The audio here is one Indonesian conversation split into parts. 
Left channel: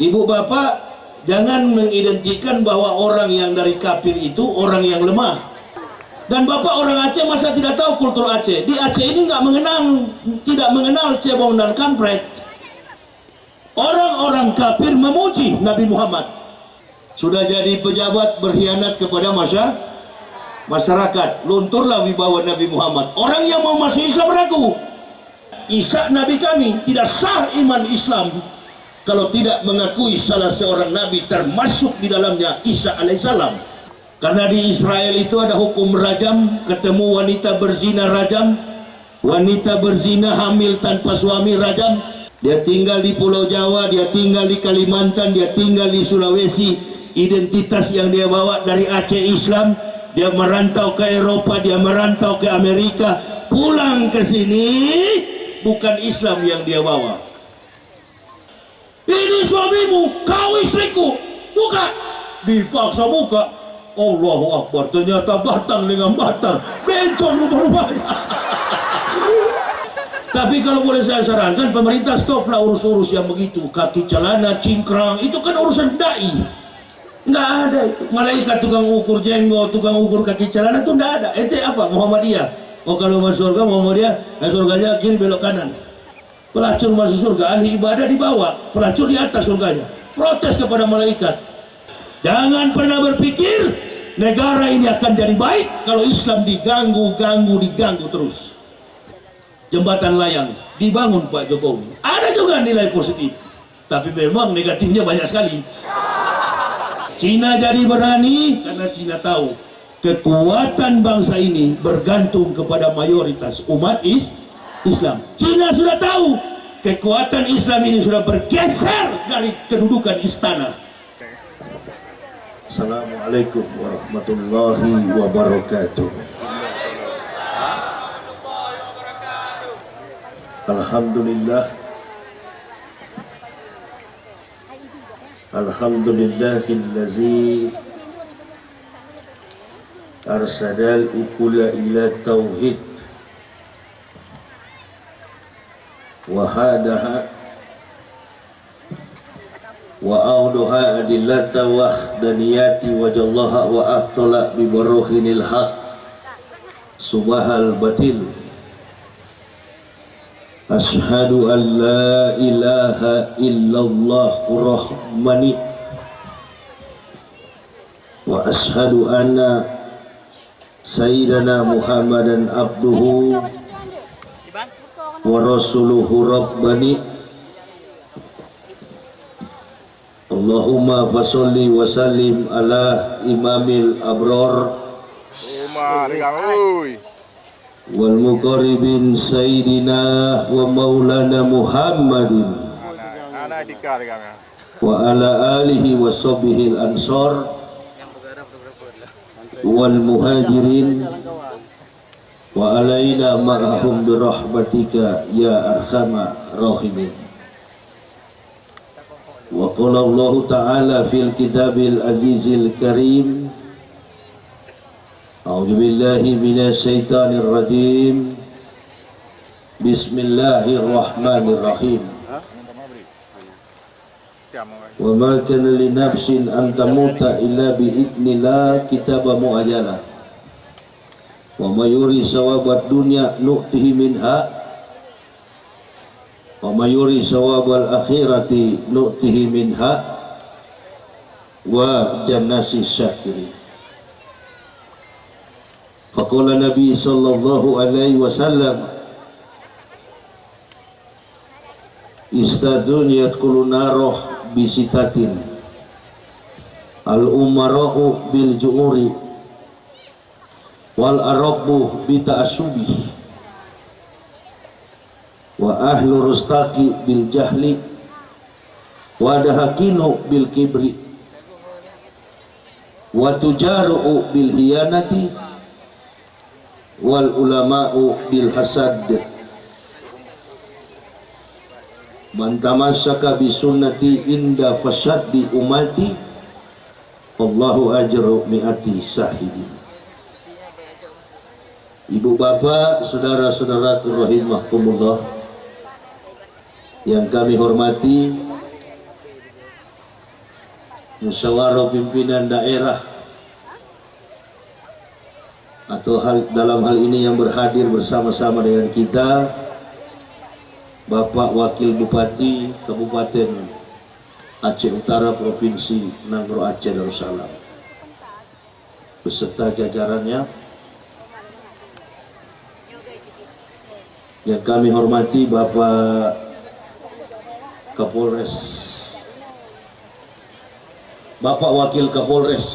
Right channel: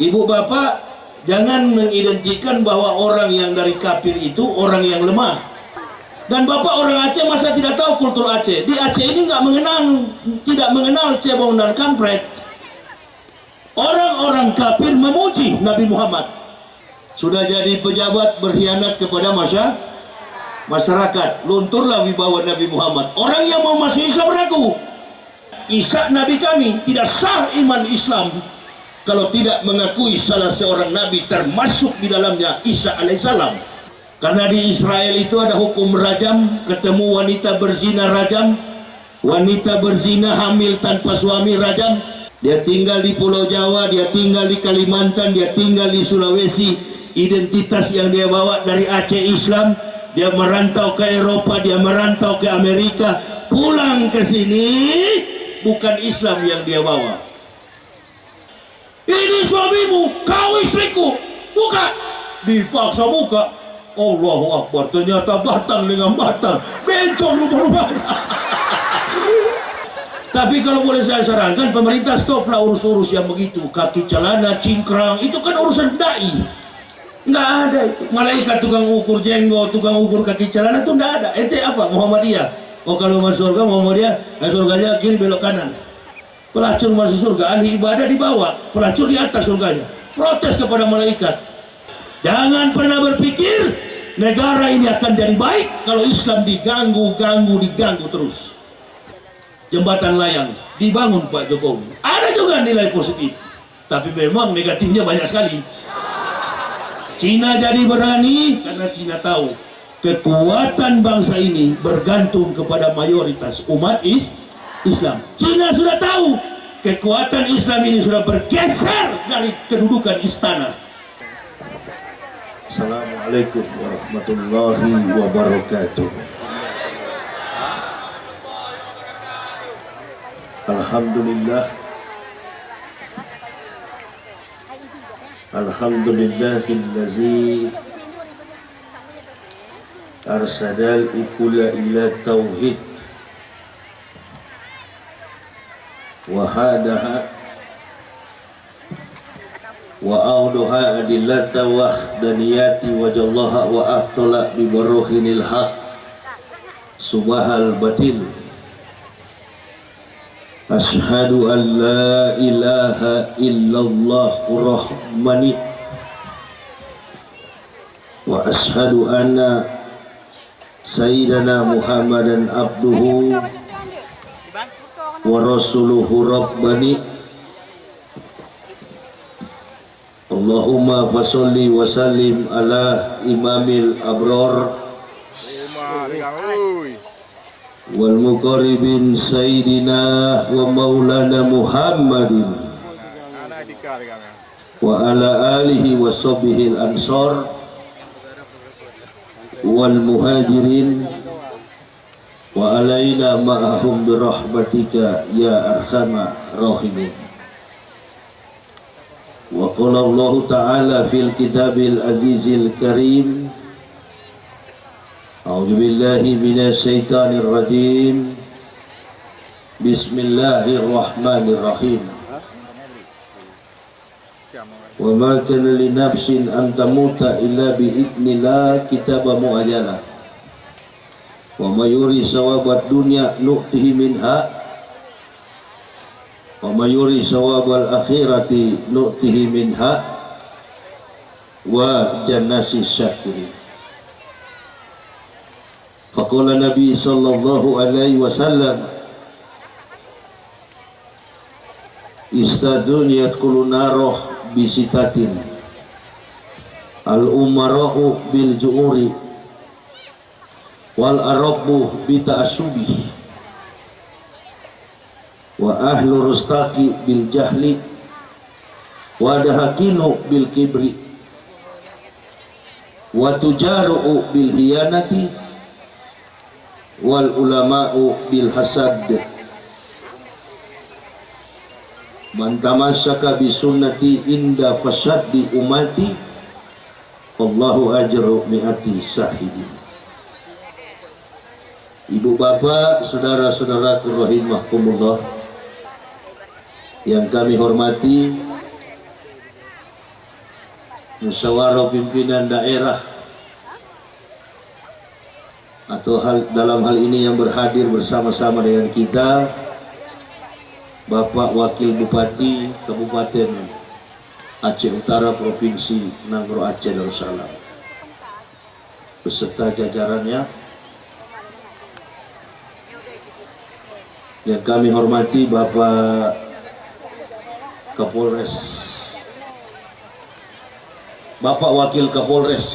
Ibu bapak jangan mengidentikan bahwa orang yang dari kafir itu orang yang lemah. Dan bapak orang Aceh masa tidak tahu kultur Aceh? Di Aceh ini tidak mengenal cebong dan kampret. Orang-orang kafir memuji Nabi Muhammad. Sudah jadi pejabat berkhianat kepada masyarakat, lunturlah wibawa Nabi Muhammad. Orang yang mau masuk Islam ragu. Isa Nabi kami, tidak sah iman Islam kalau tidak mengakui salah seorang Nabi, termasuk di dalamnya Isa alaihissalam. Karena di Israel itu ada hukum rajam, ketemu wanita berzina rajam, wanita berzina hamil tanpa suami rajam. Dia tinggal di Pulau Jawa, dia tinggal di Kalimantan, dia tinggal di Sulawesi. Identitas yang dia bawa dari Aceh Islam, dia merantau ke Eropa, dia merantau ke Amerika, pulang ke sini bukan Islam yang dia bawa. Ini suamimu, kau istriku, buka. Dipaksa buka. Allahu Akbar, ternyata batang dengan batang, bencong rumah-rumahnya. Tapi kalau boleh saya sarankan, pemerintah stoplah urus-urus yang begitu, kaki celana, cingkrang, itu kan urusan dai. Nggak ada itu. Malaikat tukang ukur jenggot, tukang ukur kaki celana itu nggak ada. Ente apa? Muhammadiyah. Oh kalau masuk surga Muhammadiyah, surganya kiri belok kanan. Pelacur masuk surga, ahli ibadah di bawah, pelacur di atas surganya. Protes kepada malaikat. Jangan pernah berpikir negara ini akan jadi baik kalau Islam diganggu terus. Jembatan layang dibangun Pak Jokowi. Ada juga nilai positif, tapi memang negatifnya banyak sekali. Cina jadi berani karena Cina tahu kekuatan bangsa ini bergantung kepada mayoritas umat Islam. Cina sudah tahu kekuatan Islam ini sudah bergeser dari kedudukan istana. Assalamualaikum warahmatullahi wabarakatuh. Alhamdulillah. Alhamdulillahillazi arsadal ukula ila tauhid wahadaha wa auduha adillata wahdaniyati wajallaha wa abtala bibaruhinil haq subahal batil. Ashhadu an la ilaha illallah rahmani wa ashhadu anna sayyidana Muhammadan abduhu wa rasuluhu rabbani. Allahumma fasolli wa sallim ala imamil abrar wal muqarribin sayyidina wa maulana Muhammadin wa ala alihi wa sahbihi al ansar wal muhajirin wa alaina ma'ahum birahmatika ya arhamar rahimin. Wa qala Allah ta'ala fil kitabil azizil karim, a'udzu billahi minasy syaithanir rajim, bismillahirrahmanirrahim. Wa ma kana li nafsin an tamuta illa bi idznillah kitaba muajjala. Wa may yuri sawabad dunya nu'tihi minha wa may yuri sawabal akhirati nu'tihi minha wa jannasi syakirin. Faqala Nabi sallallahu alaihi wasallam, istadzuniyat kullu naroh bisitatin al umara'u bil ju'uri wal arabu bi ta'assubi wa ahlu rustaqi bil jahli wa dahakinu bil kibri wa tujaru bil hiyanati wal ulama'u bil hasad. Man tamassaka bi sunnati inda fasaddi umati wallahu ajru mi'ati sahidin. Ibu bapak, saudara-saudaraku rahimahkumullah yang kami hormati, musyawarah pimpinan daerah atau dalam hal ini yang berhadir bersama-sama dengan kita Bapak Wakil Bupati Kabupaten Aceh Utara Provinsi Nangro Aceh Darussalam beserta jajarannya yang kami hormati Bapak Kapolres, Bapak Wakil Kapolres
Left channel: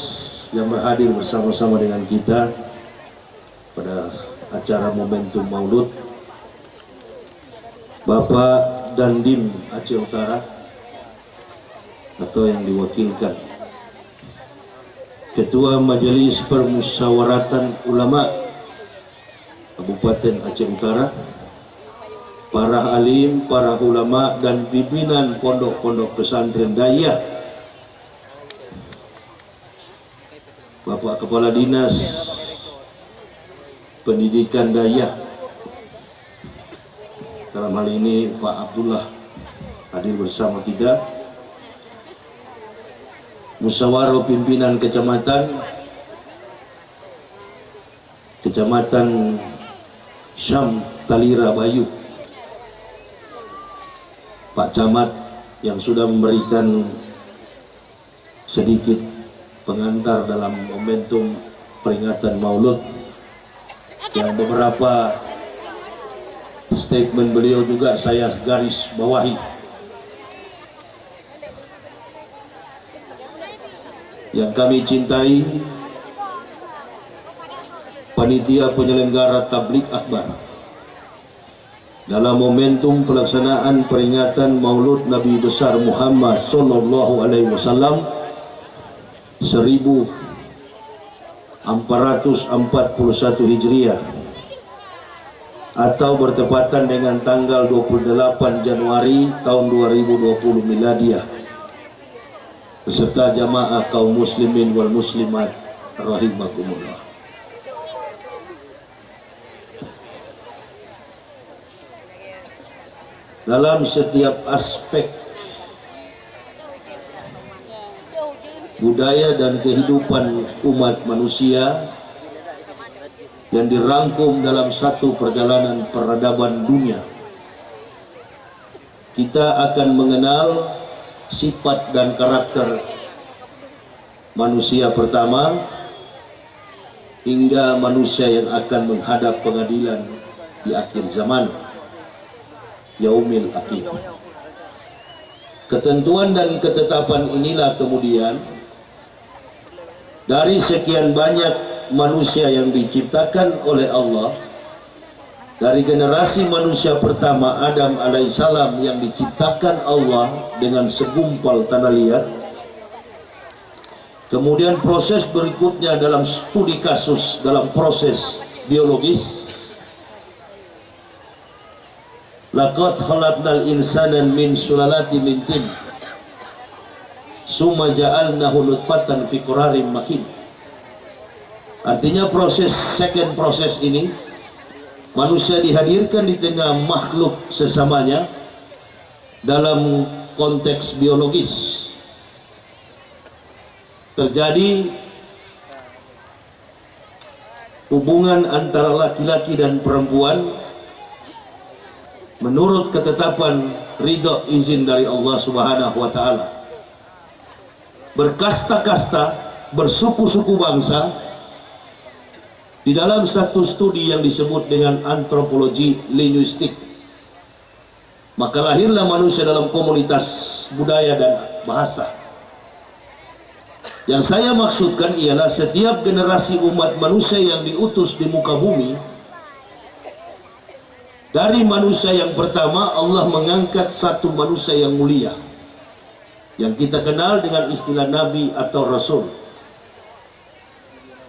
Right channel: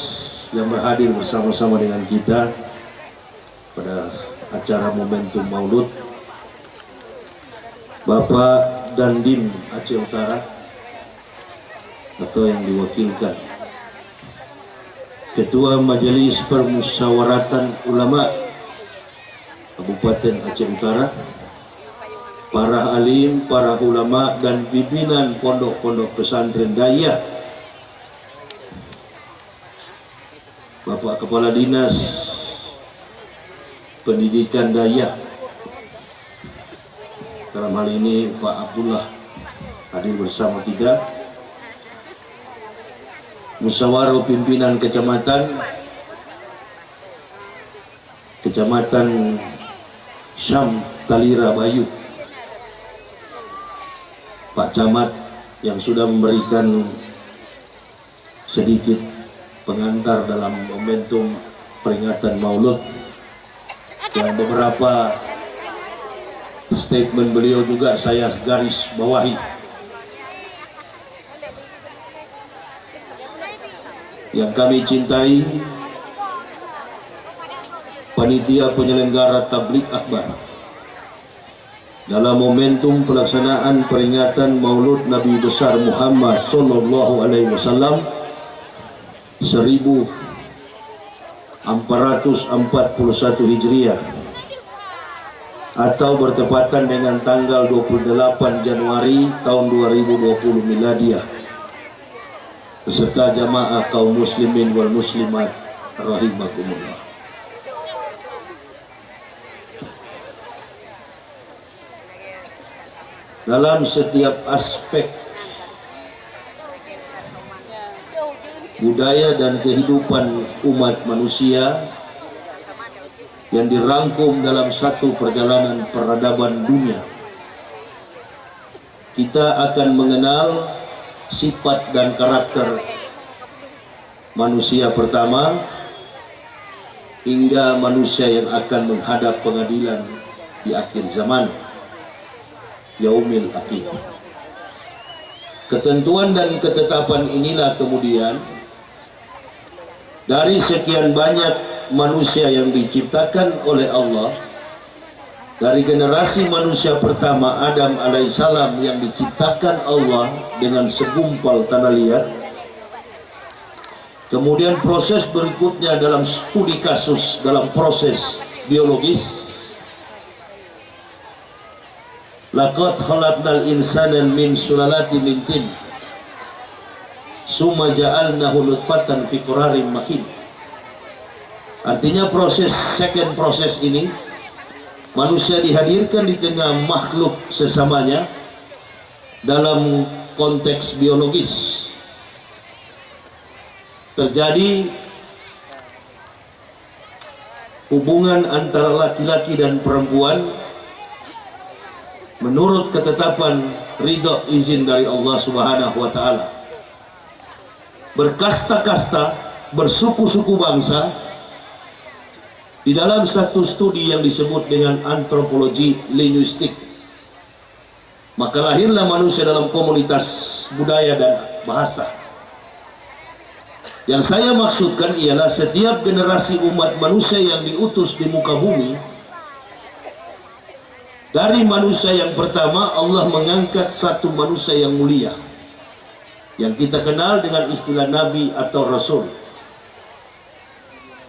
yang berhadir bersama-sama dengan kita pada acara momentum Maulud, Bapak Dandim Aceh Utara atau yang diwakilkan, Ketua Majelis Permusyawaratan Ulama Kabupaten Aceh Utara, para alim, para ulama dan pimpinan pondok-pondok pesantren Dayah, Bapak Kepala Dinas Pendidikan Dayah, dalam hal ini Pak Abdullah hadir bersama kita, musyawarah pimpinan Kecamatan Syam Talira Bayu, Pak Camat yang sudah memberikan sedikit pengantar dalam momentum peringatan Maulud, yang beberapa statement beliau juga saya garis bawahi. Yang kami cintai panitia penyelenggara Tabligh Akbar dalam momentum pelaksanaan peringatan Maulud Nabi besar Muhammad sallallahu alaihi wasallam 1441 Hijriah atau bertepatan dengan tanggal 28 Januari tahun 2020 Miladiah beserta jamaah kaum muslimin wal muslimat rahimakumullah. Dalam setiap aspek budaya dan kehidupan umat manusia yang dirangkum dalam satu perjalanan peradaban dunia, kita akan mengenal sifat dan karakter manusia pertama hingga manusia yang akan menghadap pengadilan di akhir zaman, Yaumil Akhir. Ketentuan dan ketetapan inilah kemudian dari sekian banyak manusia yang diciptakan oleh Allah, dari generasi manusia pertama Adam alaihissalam yang diciptakan Allah dengan segumpal tanah liat, kemudian proses berikutnya dalam studi kasus dalam proses biologis, laqad khalaqnal insana min sulalatin min tin summa ja'alnahu nutfatan fi qararin makin. Artinya second proses ini manusia dihadirkan di tengah makhluk sesamanya dalam konteks biologis. Terjadi hubungan antara laki-laki dan perempuan menurut ketetapan ridha izin dari Allah Subhanahu wa taala. Berkasta-kasta, bersuku-suku bangsa di dalam satu studi yang disebut dengan antropologi linguistik. Maka lahirlah manusia dalam komunitas budaya dan bahasa. Yang saya maksudkan ialah setiap generasi umat manusia yang diutus di muka bumi, dari manusia yang pertama Allah mengangkat satu manusia yang mulia yang kita kenal dengan istilah Nabi atau Rasul.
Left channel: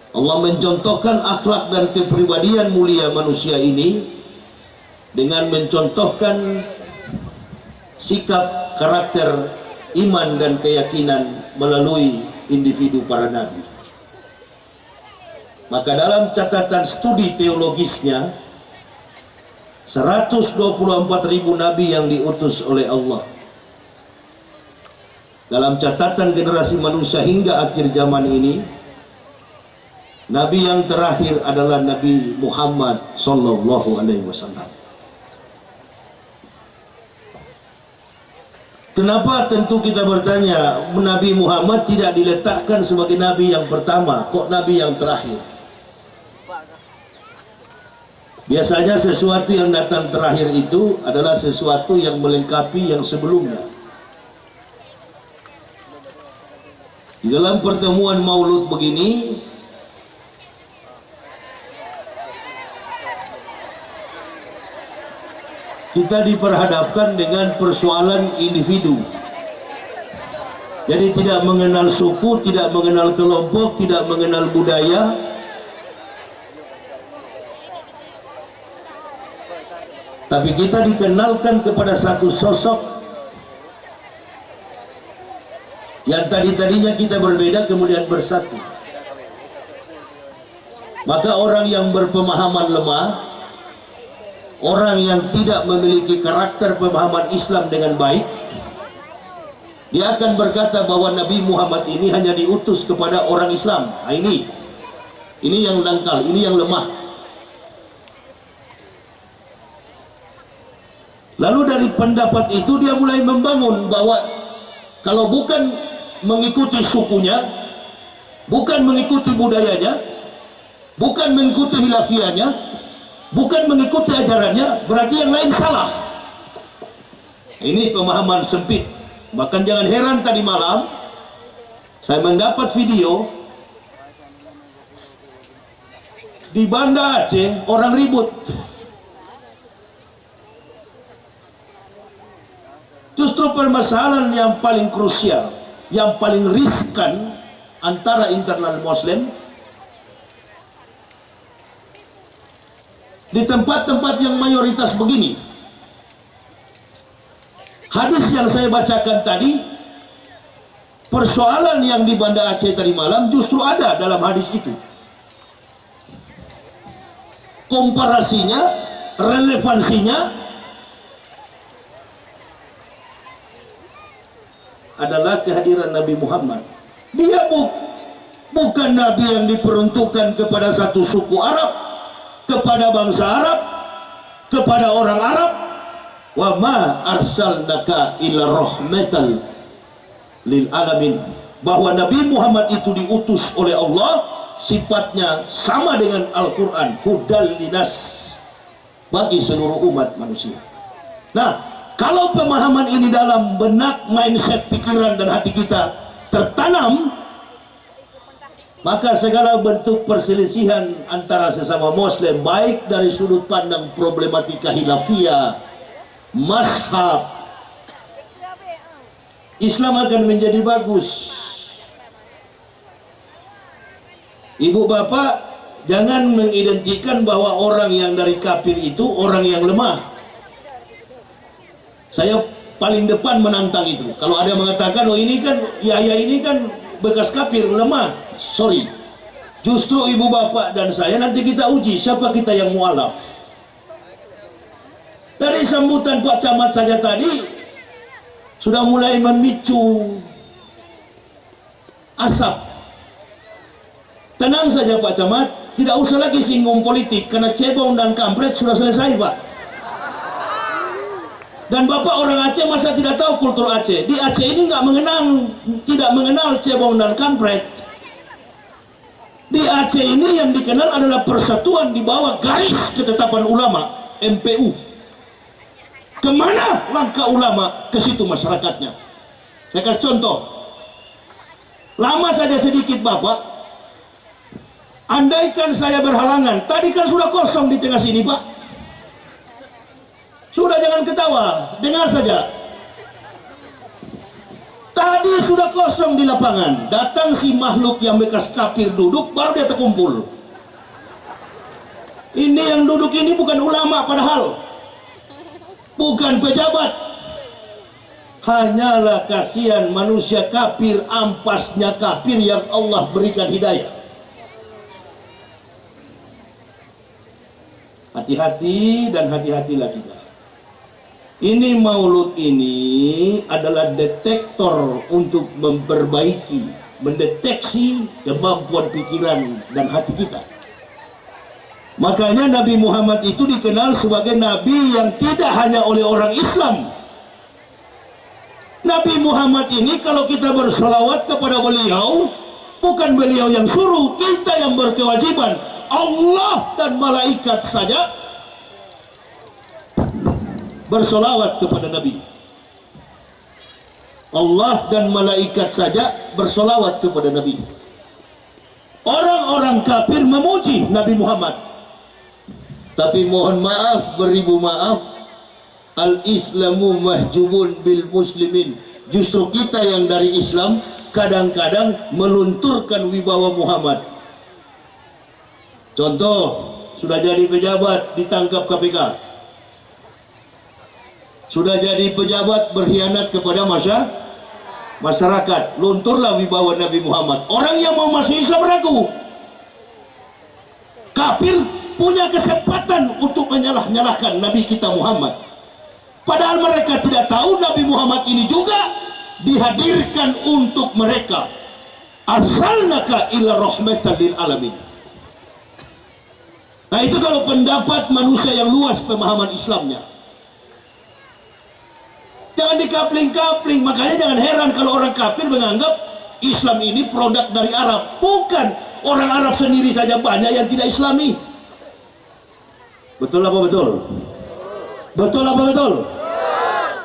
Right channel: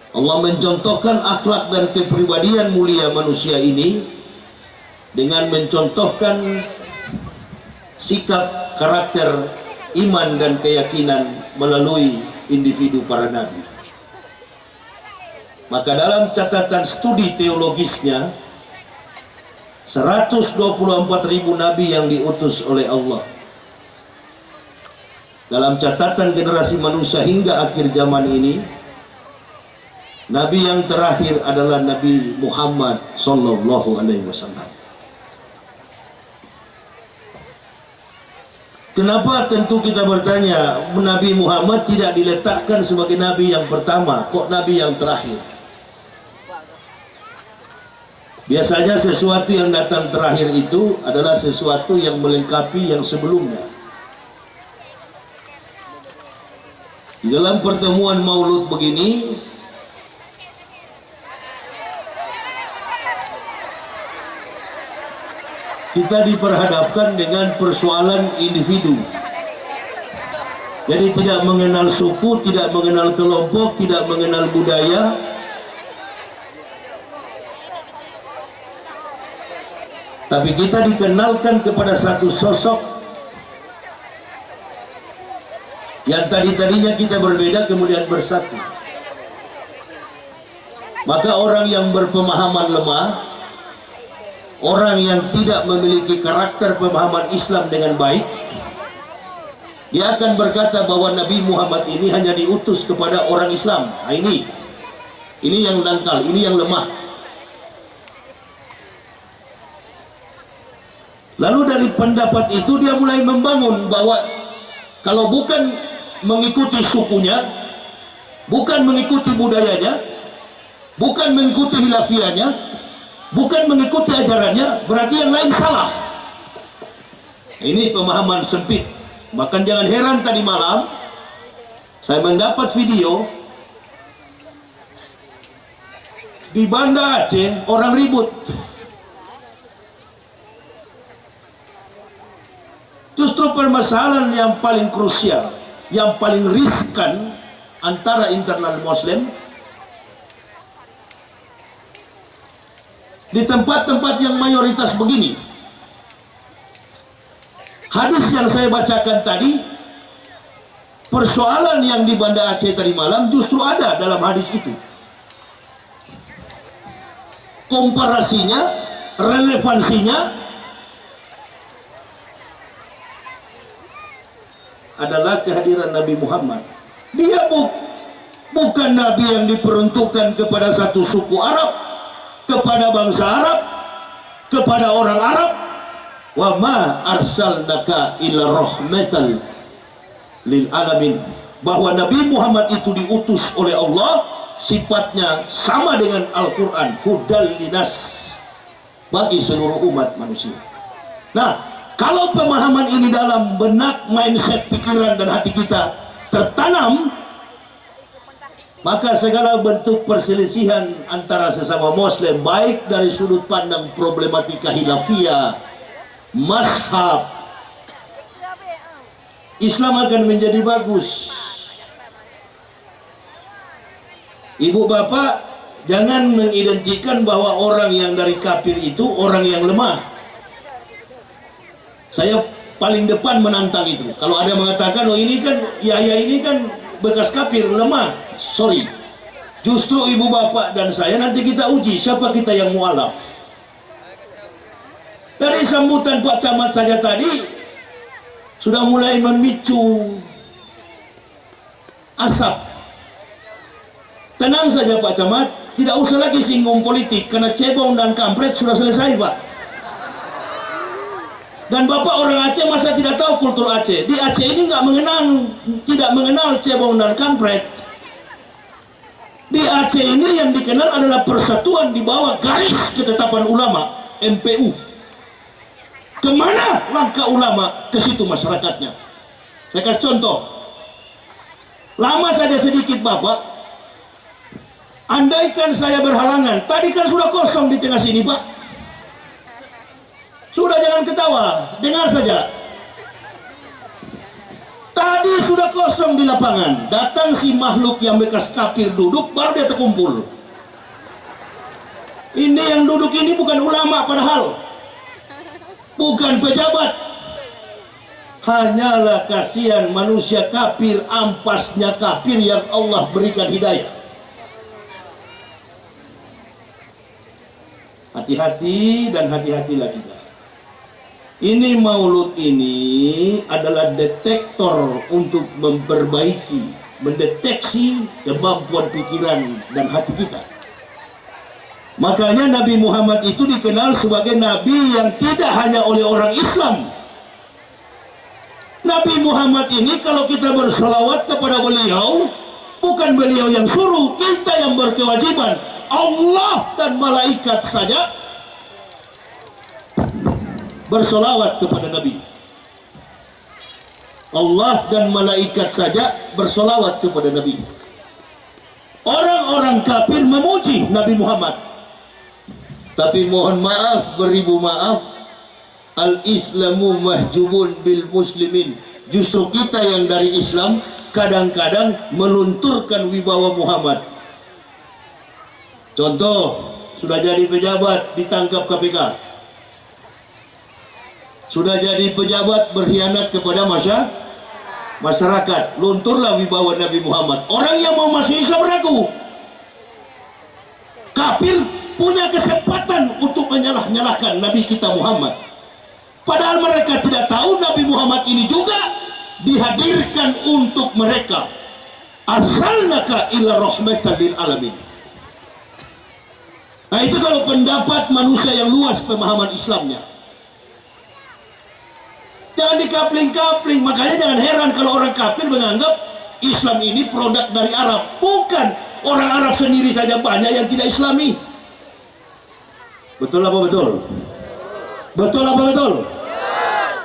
Allah mencontohkan akhlak dan kepribadian mulia manusia ini dengan mencontohkan sikap, karakter, iman dan keyakinan melalui individu para nabi. Maka dalam catatan studi teologisnya 124.000 nabi yang diutus oleh Allah, dalam catatan generasi manusia hingga akhir zaman ini, Nabi yang terakhir adalah Nabi Muhammad sallallahu alaihi wasallam. Kenapa? Tentu kita bertanya, Nabi Muhammad tidak diletakkan sebagai Nabi yang pertama, kok Nabi yang terakhir? Biasanya sesuatu yang datang terakhir itu adalah sesuatu yang melengkapi yang sebelumnya. Di dalam pertemuan Maulud begini, kita diperhadapkan dengan persoalan individu. Jadi tidak mengenal suku, tidak mengenal kelompok, tidak mengenal budaya. Tapi kita dikenalkan kepada satu sosok yang tadinya kita berbeda kemudian bersatu. Maka orang yang berpemahaman lemah, orang yang tidak memiliki karakter pemahaman Islam dengan baik, dia akan berkata bahwa Nabi Muhammad ini hanya diutus kepada orang Islam. Nah, ini yang dangkal, ini yang lemah. Lalu dari pendapat itu dia mulai membangun bahwa kalau bukan mengikuti sukunya, bukan mengikuti budayanya, bukan mengikuti hilafiahnya, bukan mengikuti ajarannya, berarti yang lain salah. Ini pemahaman sempit. Bahkan jangan heran tadi malam saya mendapat video di Banda Aceh orang ribut. Justru permasalahan yang paling krusial, yang paling riskan antara internal Muslim di tempat-tempat yang mayoritas begini. Hadis yang saya bacakan tadi, persoalan yang di Banda Aceh tadi malam justru ada dalam hadis itu. Komparasinya, relevansinya adalah kehadiran Nabi Muhammad. Dia bukan Nabi yang diperuntukkan kepada satu suku Arab, kepada bangsa Arab, kepada orang Arab. Wa ma arsalnaka illa rahmatan lil alamin. Bahwa Nabi Muhammad itu diutus oleh Allah, sifatnya sama dengan Al-Quran, hudal linas, bagi seluruh umat manusia. Nah, kalau pemahaman ini dalam benak, mindset, pikiran dan hati kita tertanam, maka segala bentuk perselisihan antara sesama Muslim, baik dari sudut pandang problematika khilafiyah, mazhab, Islam akan menjadi bagus. Ibu bapak jangan mengidentikan bahwa orang yang dari kafir itu orang yang lemah. Saya paling depan menantang itu. Kalau ada yang mengatakan, oh ini kan Yahya ini kan bekas kafir, lemah. Sorry. Justru ibu bapak dan saya nanti kita uji siapa kita yang mualaf. Dari sambutan Pak Camat saja tadi sudah mulai memicu asap. Tenang saja Pak Camat, tidak usah lagi singgung politik karena cebong dan kampret sudah selesai Pak. Dan Bapak orang Aceh masa tidak tahu kultur Aceh? Di Aceh ini tidak mengenal cebong dan kampret. Di Aceh ini yang dikenal adalah persatuan di bawah garis ketetapan ulama, MPU. Kemana langkah ulama, ke situ masyarakatnya. Saya kasih contoh. Lama saja sedikit Bapak. Andaikan saya berhalangan, tadi kan sudah kosong di tengah sini Pak. Sudah, jangan ketawa, dengar saja. Tadi sudah kosong di lapangan. Datang si makhluk yang bekas kafir duduk, baru dia terkumpul. Ini yang duduk ini bukan ulama padahal, bukan pejabat. Hanyalah kasihan manusia kafir, ampasnya kafir yang Allah berikan hidayah. Hati-hati dan hati-hatilah kita. Ini maulud ini adalah detektor untuk memperbaiki, mendeteksi kemampuan pikiran dan hati kita. Makanya Nabi Muhammad itu dikenal sebagai Nabi yang tidak hanya oleh orang Islam. Nabi Muhammad ini kalau kita bersolawat kepada beliau, bukan beliau yang suruh, kita yang berkewajiban. Allah dan malaikat saja bersolawat kepada Nabi. Allah dan malaikat saja bersolawat kepada Nabi. Orang-orang kafir memuji Nabi Muhammad. Tapi mohon maaf, beribu maaf, al-islamu mahjubun bil muslimin. Justru kita yang dari Islam kadang-kadang melunturkan wibawa Muhammad. Contoh, sudah jadi pejabat ditangkap KPK. Sudah jadi pejabat berkhianat kepada masyarakat, lunturlah wibawa Nabi Muhammad. Orang yang mau masuk Islam ragu. Kafir punya kesempatan untuk menyalah-nyalahkan Nabi kita Muhammad. Padahal mereka tidak tahu Nabi Muhammad ini juga dihadirkan untuk mereka. Arsalnaka ila rahmatan lil alamin. Nah itu kalau pendapat manusia yang luas pemahaman Islamnya. Jangan dikapling-kapling. Makanya jangan heran kalau orang kafir menganggap Islam ini produk dari Arab. Bukan. Orang Arab sendiri saja banyak yang tidak Islami. Betul apa betul? Betul apa betul?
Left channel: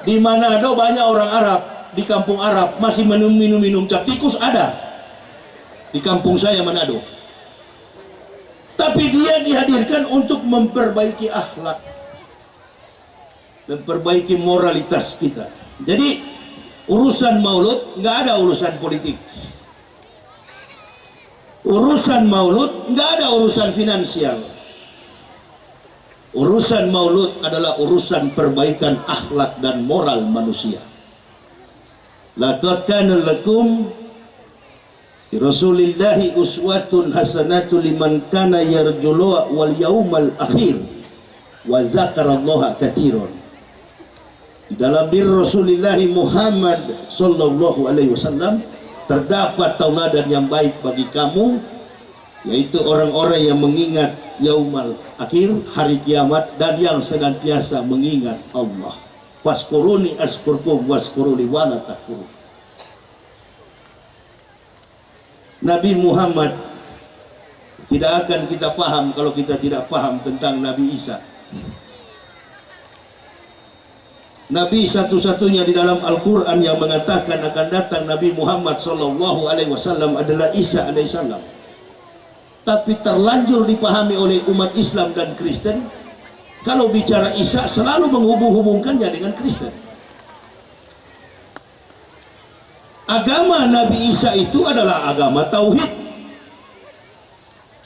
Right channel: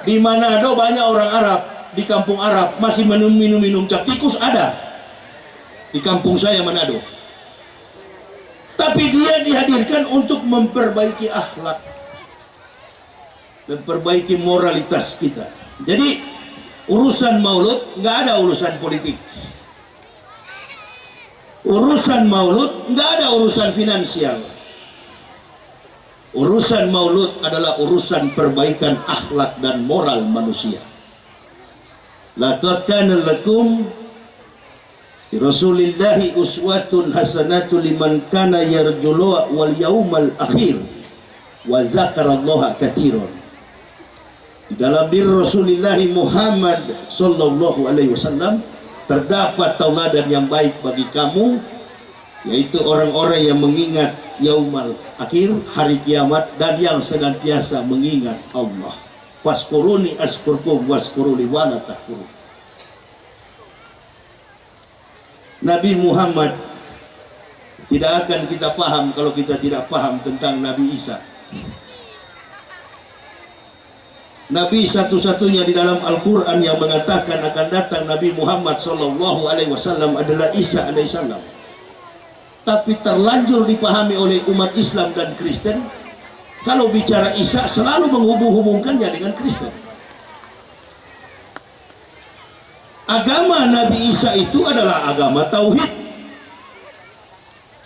Di Manado banyak orang Arab. Di kampung Arab masih minum cap tikus ada. Di kampung saya Manado. Tapi dia dihadirkan untuk memperbaiki akhlak dan perbaiki moralitas kita. Jadi urusan maulud nggak ada urusan politik. Urusan maulud nggak ada urusan finansial. Urusan maulud adalah urusan perbaikan akhlak dan moral manusia. Laqad kana lakum fi Rasulillahi uswatun hasanatun liman kana yarjullah wal yaumal akhir wa zakarallaha katsiran. Di dalam diri Rasulullah Muhammad sallallahu alaihi wasallam terdapat tauladan yang baik bagi kamu, yaitu orang-orang yang mengingat yaumal akhir, hari kiamat, dan yang senantiasa mengingat Allah. Waskuruni askurkum waskuruni wala takfurun. Nabi Muhammad tidak akan kita paham kalau kita tidak paham tentang Nabi Isa. Nabi satu-satunya di dalam Al-Quran yang mengatakan akan datang Nabi Muhammad sallallahu alaihi wasallam adalah Isa alaihissalam. Tapi terlanjur dipahami oleh umat Islam dan Kristen, kalau bicara Isa selalu menghubung-hubungkannya dengan Kristen. Agama Nabi Isa itu adalah agama tauhid,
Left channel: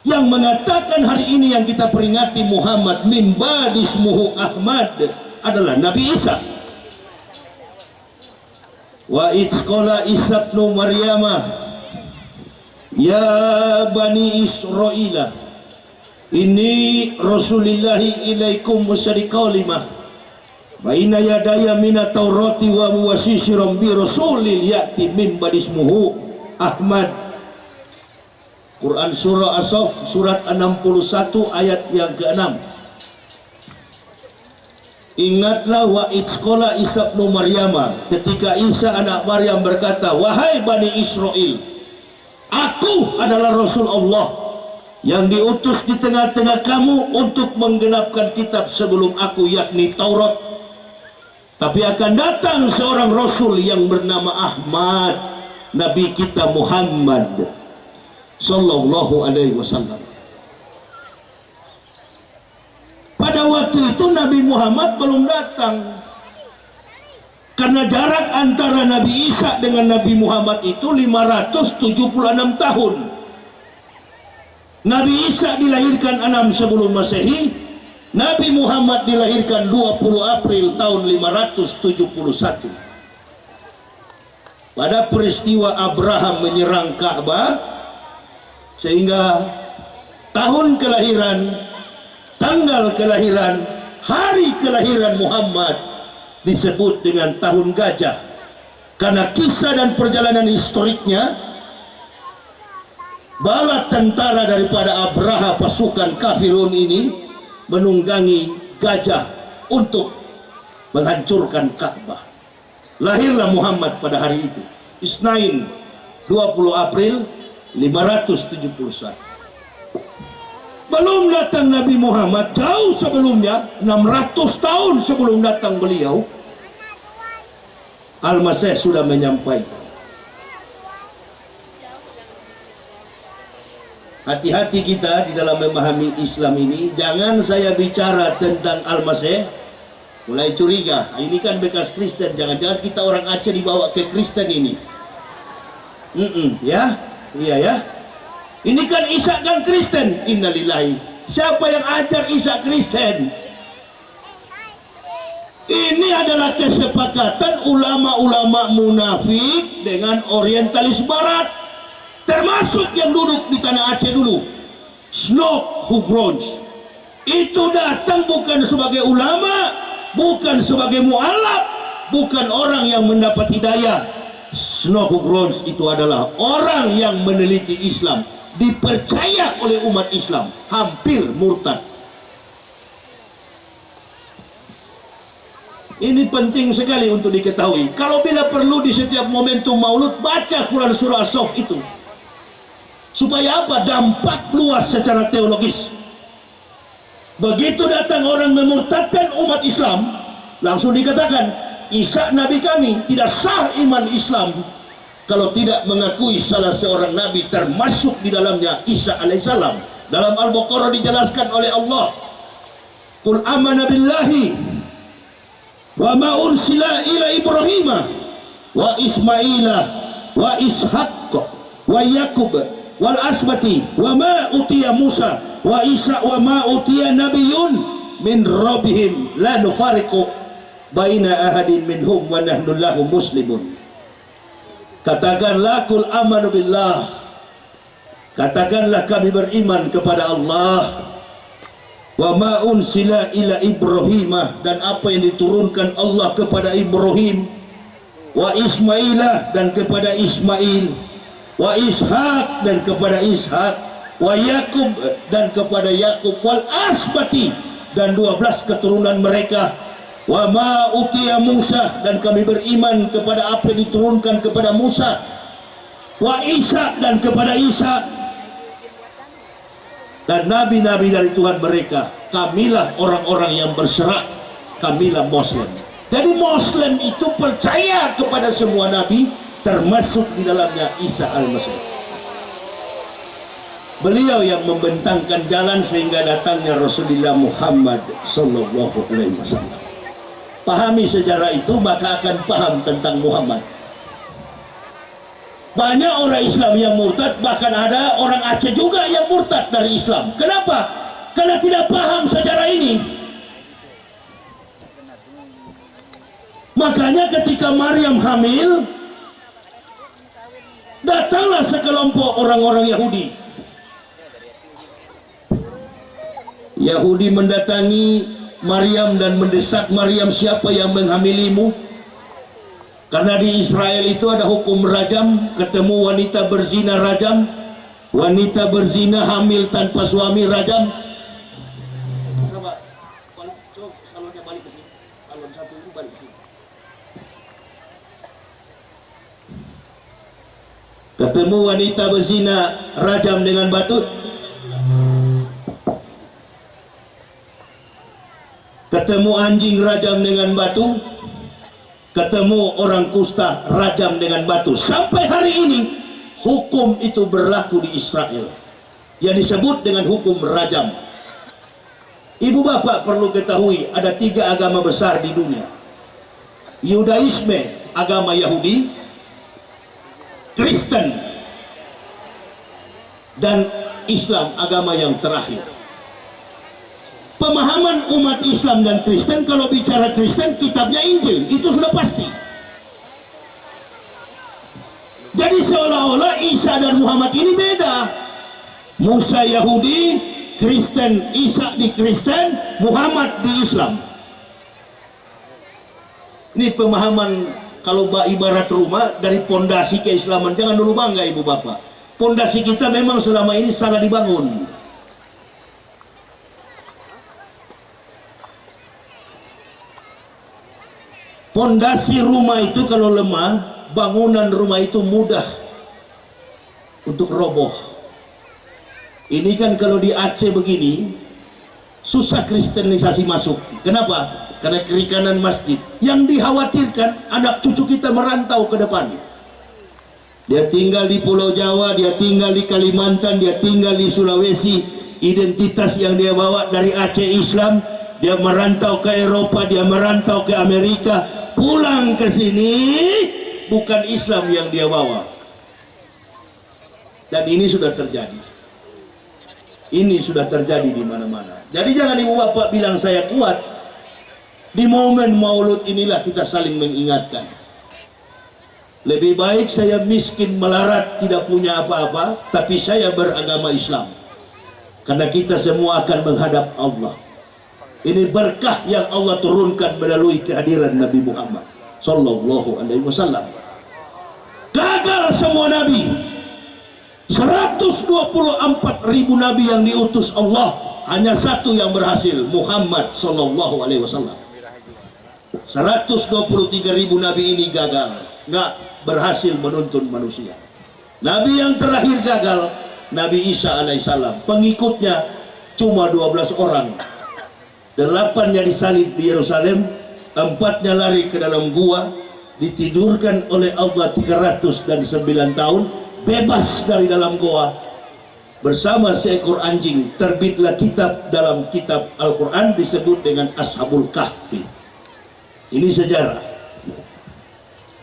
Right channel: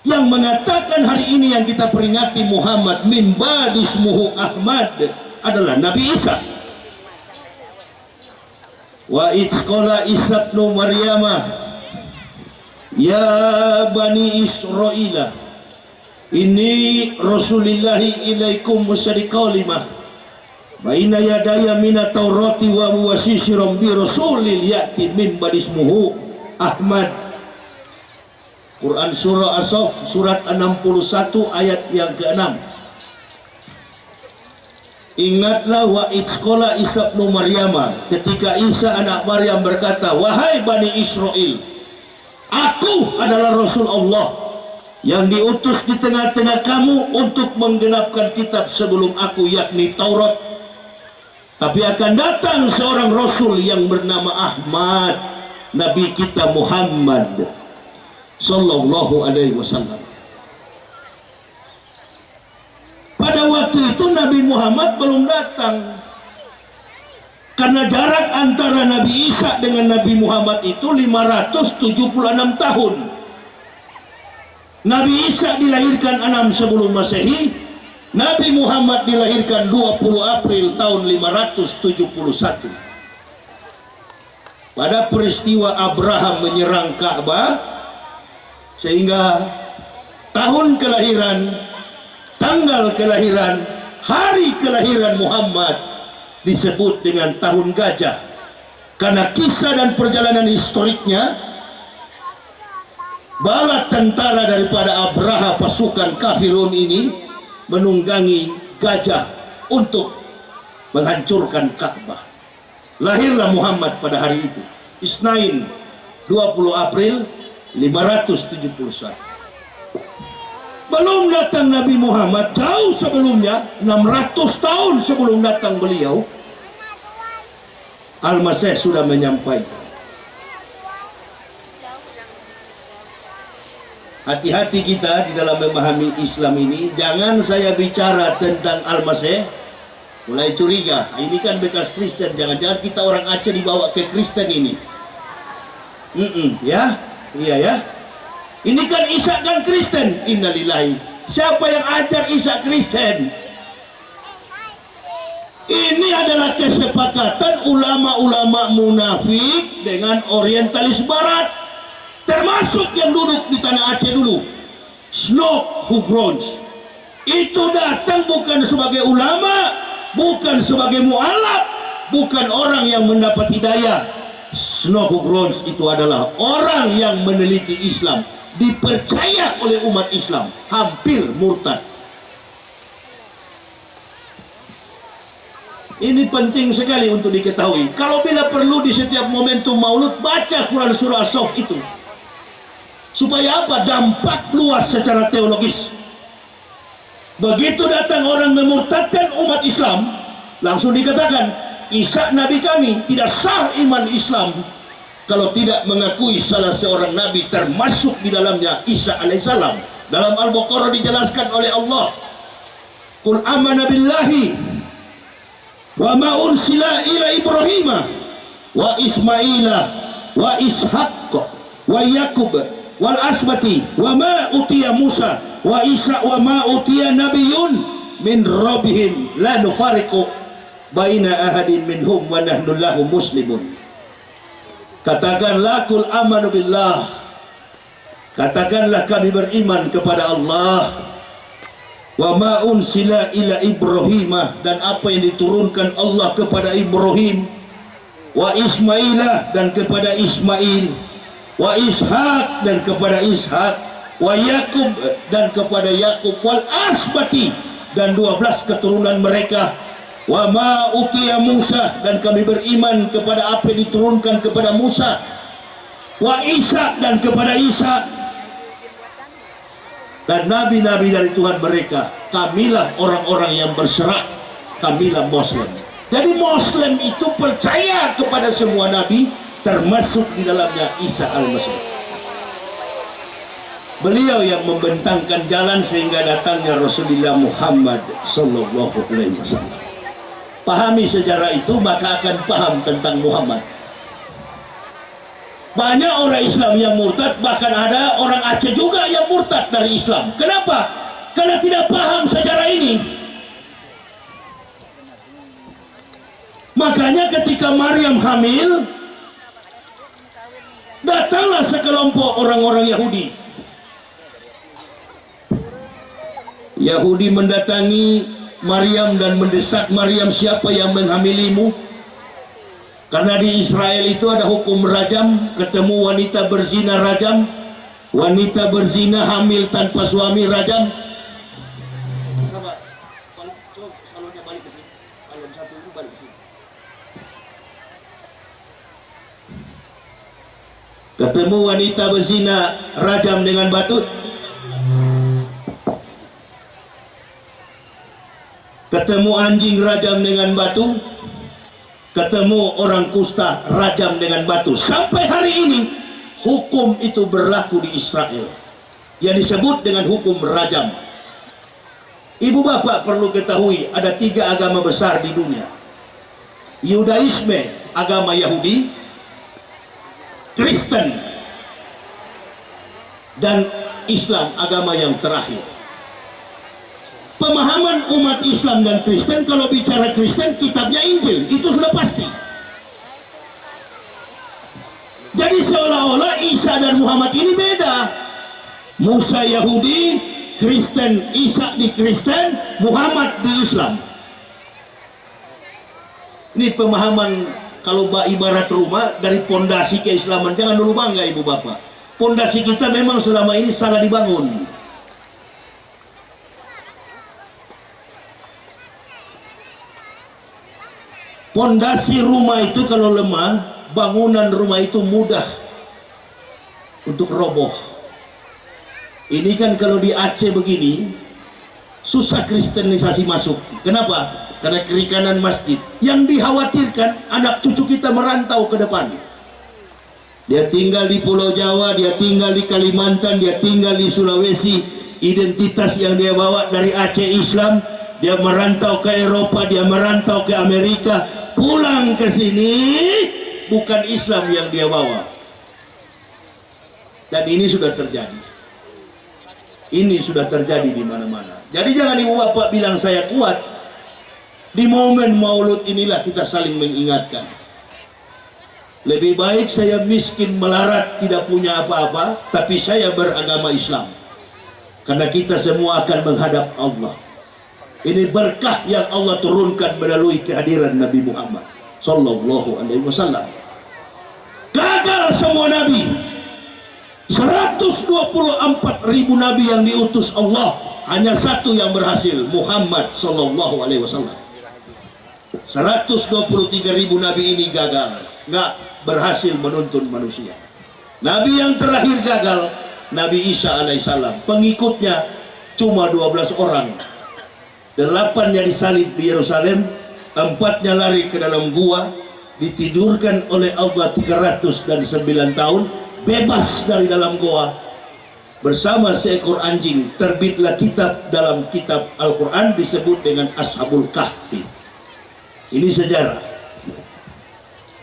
yang mengatakan hari ini yang kita peringati Muhammad min ba'dismuhu Ahmad adalah Nabi Isa. Wa idzqala Isa ibnu Maryamah ya bani Israila inni rasulillahi ilaikum musaddiqan lima baina yadaya minat taurati wa muwassisiran bi rasulil ya'ti min ba'dismuhu Ahmad. Quran surah As-Saff surat 61 ayat yang ke-6. Ingatlah wa idzqala Isa ibnu Maryam, ketika Isa anak Maryam berkata, wahai Bani Israel, aku adalah Rasul Allah yang diutus di tengah-tengah kamu untuk menggenapkan kitab sebelum aku, yakni Taurat. Tapi akan datang seorang Rasul yang bernama Ahmad, Nabi kita Muhammad sallallahu alaihi wasallam. Pada waktu itu Nabi Muhammad belum datang, karena jarak antara Nabi Isa dengan Nabi Muhammad itu 576 tahun. Nabi Isa dilahirkan 6 sebelum Masehi, Nabi Muhammad dilahirkan 20 April tahun 571. Pada peristiwa Abraham menyerang Ka'bah, sehingga tahun kelahiran, tanggal kelahiran, hari kelahiran Muhammad disebut dengan tahun gajah karena kisah dan perjalanan historiknya bala tentara daripada Abraha pasukan kafirun ini menunggangi gajah untuk menghancurkan Ka'bah. Lahirlah Muhammad pada hari itu, Isnain 20 April 571. Belum datang Nabi Muhammad, jauh sebelumnya, 600 tahun sebelum datang beliau, Al-Masih sudah menyampaikan. Hati-hati kita di dalam memahami Islam ini. Jangan saya bicara tentang Al-Masih mulai curiga, ini kan bekas Kristen, jangan-jangan kita orang Aceh dibawa ke Kristen ini. Ya, iya ya. Ini kan Isa kan Kristen, innalillahi. Siapa yang ajar Isa Kristen? Ini adalah kesepakatan ulama-ulama munafik dengan orientalis barat, termasuk yang duduk di tanah Aceh dulu, Snok Hugrons. Itu datang bukan sebagai ulama, bukan sebagai mualaf, bukan orang yang mendapat hidayah. Snok Hugrons itu adalah orang yang meneliti Islam, dipercaya oleh umat Islam, hampir murtad. Ini penting sekali untuk diketahui. Kalau bila perlu di setiap momentum maulud, baca Quran surah As-Saff itu. Supaya apa? Dampak luas secara teologis. Begitu datang orang memurtadkan umat Islam, langsung dikatakan, Isa Nabi kami, tidak sah iman Islam kalau tidak mengakui salah seorang Nabi, termasuk di dalamnya Isa alaihissalam. Dalam Al-Baqarah dijelaskan oleh Allah, Qul amana billahi wa ma ursila ila Ibrahim wa Ismaila wa Ishaq wa Yakub wal asbati wa ma utiya Musa wa Isa wa ma utiya nabiyyun min rabbihim la nufariqu baina ahadin minhum wa nahnu lahu muslimun. Katakanlah kul amanu billah, katakanlah kami beriman kepada Allah, wa ma unsila ila Ibrahim, dan apa yang diturunkan Allah kepada Ibrahim, wa Ismailah, dan kepada Ismail, wa Ishaq, dan kepada Ishaq, wa Yakub, dan kepada Yakub, wal asbati, dan 12 keturunan mereka, wa ma utiya Musa, dan kami beriman kepada apa yang diturunkan kepada Musa, wa Isa, dan kepada Isa, dan nabi-nabi dari Tuhan mereka. Kamilah orang-orang yang berserak, kamilah Muslim. Jadi Muslim itu percaya kepada semua nabi, termasuk di dalamnya Isa al-Masih. Beliau yang membentangkan jalan sehingga datangnya Rasulullah Muhammad sallallahu alaihi wasallam. Pahami sejarah itu, maka akan paham tentang Muhammad. Banyak orang Islam yang murtad, bahkan ada orang Aceh juga yang murtad dari Islam. Kenapa? Karena tidak paham sejarah ini. Makanya ketika Maryam hamil, datanglah sekelompok orang-orang Yahudi. Yahudi mendatangi Maryam dan mendesak Maryam, siapa yang menghamilimu? Karena di Israel itu ada hukum rajam, ketemu wanita berzina rajam, wanita berzina hamil tanpa suami rajam. Ketemu wanita berzina rajam dengan batu. Ketemu anjing rajam dengan batu. Ketemu orang kusta rajam dengan batu. Sampai hari ini hukum itu berlaku di Israel, yang disebut dengan hukum rajam. Ibu bapak perlu ketahui, ada 3 agama besar di dunia. Yudaisme, agama Yahudi, Kristen, dan Islam, agama yang terakhir. Pemahaman umat Islam dan Kristen, kalau bicara Kristen, kitabnya Injil, itu sudah pasti. Jadi seolah-olah Isa dan Muhammad ini beda. Musa Yahudi, Kristen, Isa di Kristen, Muhammad di Islam. Ini pemahaman kalau ibarat rumah dari pondasi keislaman. Jangan dulu bangga ibu bapak. Pondasi kita memang selama ini salah dibangun. Pondasi rumah itu kalau lemah, bangunan rumah itu mudah untuk roboh. Ini kan kalau di Aceh begini, susah kristenisasi masuk. Kenapa? Karena kiri kanan masjid. Yang dikhawatirkan anak cucu kita merantau ke depan. Dia tinggal di Pulau Jawa, dia tinggal di Kalimantan, dia tinggal di Sulawesi. Identitas yang dia bawa dari Aceh Islam, dia merantau ke Eropa, dia merantau ke Amerika. Pulang ke sini bukan Islam yang dia bawa. Dan ini sudah terjadi. Ini sudah terjadi di mana-mana. Jadi jangan ibu bapak bilang saya kuat. Di momen Maulud inilah kita saling mengingatkan. Lebih baik saya miskin melarat tidak punya apa-apa, tapi saya beragama Islam. Karena kita semua akan menghadap Allah. Ini berkah yang Allah turunkan melalui kehadiran Nabi Muhammad sallallahu alaihi wasallam. Gagal semua nabi. 124.000 nabi yang diutus Allah, hanya satu yang berhasil, Muhammad sallallahu alaihi wasallam. 123.000 nabi ini gagal, nggak berhasil menuntun manusia. Nabi yang terakhir gagal, Nabi Isa alaihissalam. Pengikutnya cuma 12 orang. 8-nya disalib di Yerusalem, 4-nya lari ke dalam gua, ditidurkan oleh Allah 309 tahun, bebas dari dalam gua bersama seekor anjing. Terbitlah kitab dalam kitab Al-Quran disebut dengan Ashabul Kahfi. Ini sejarah.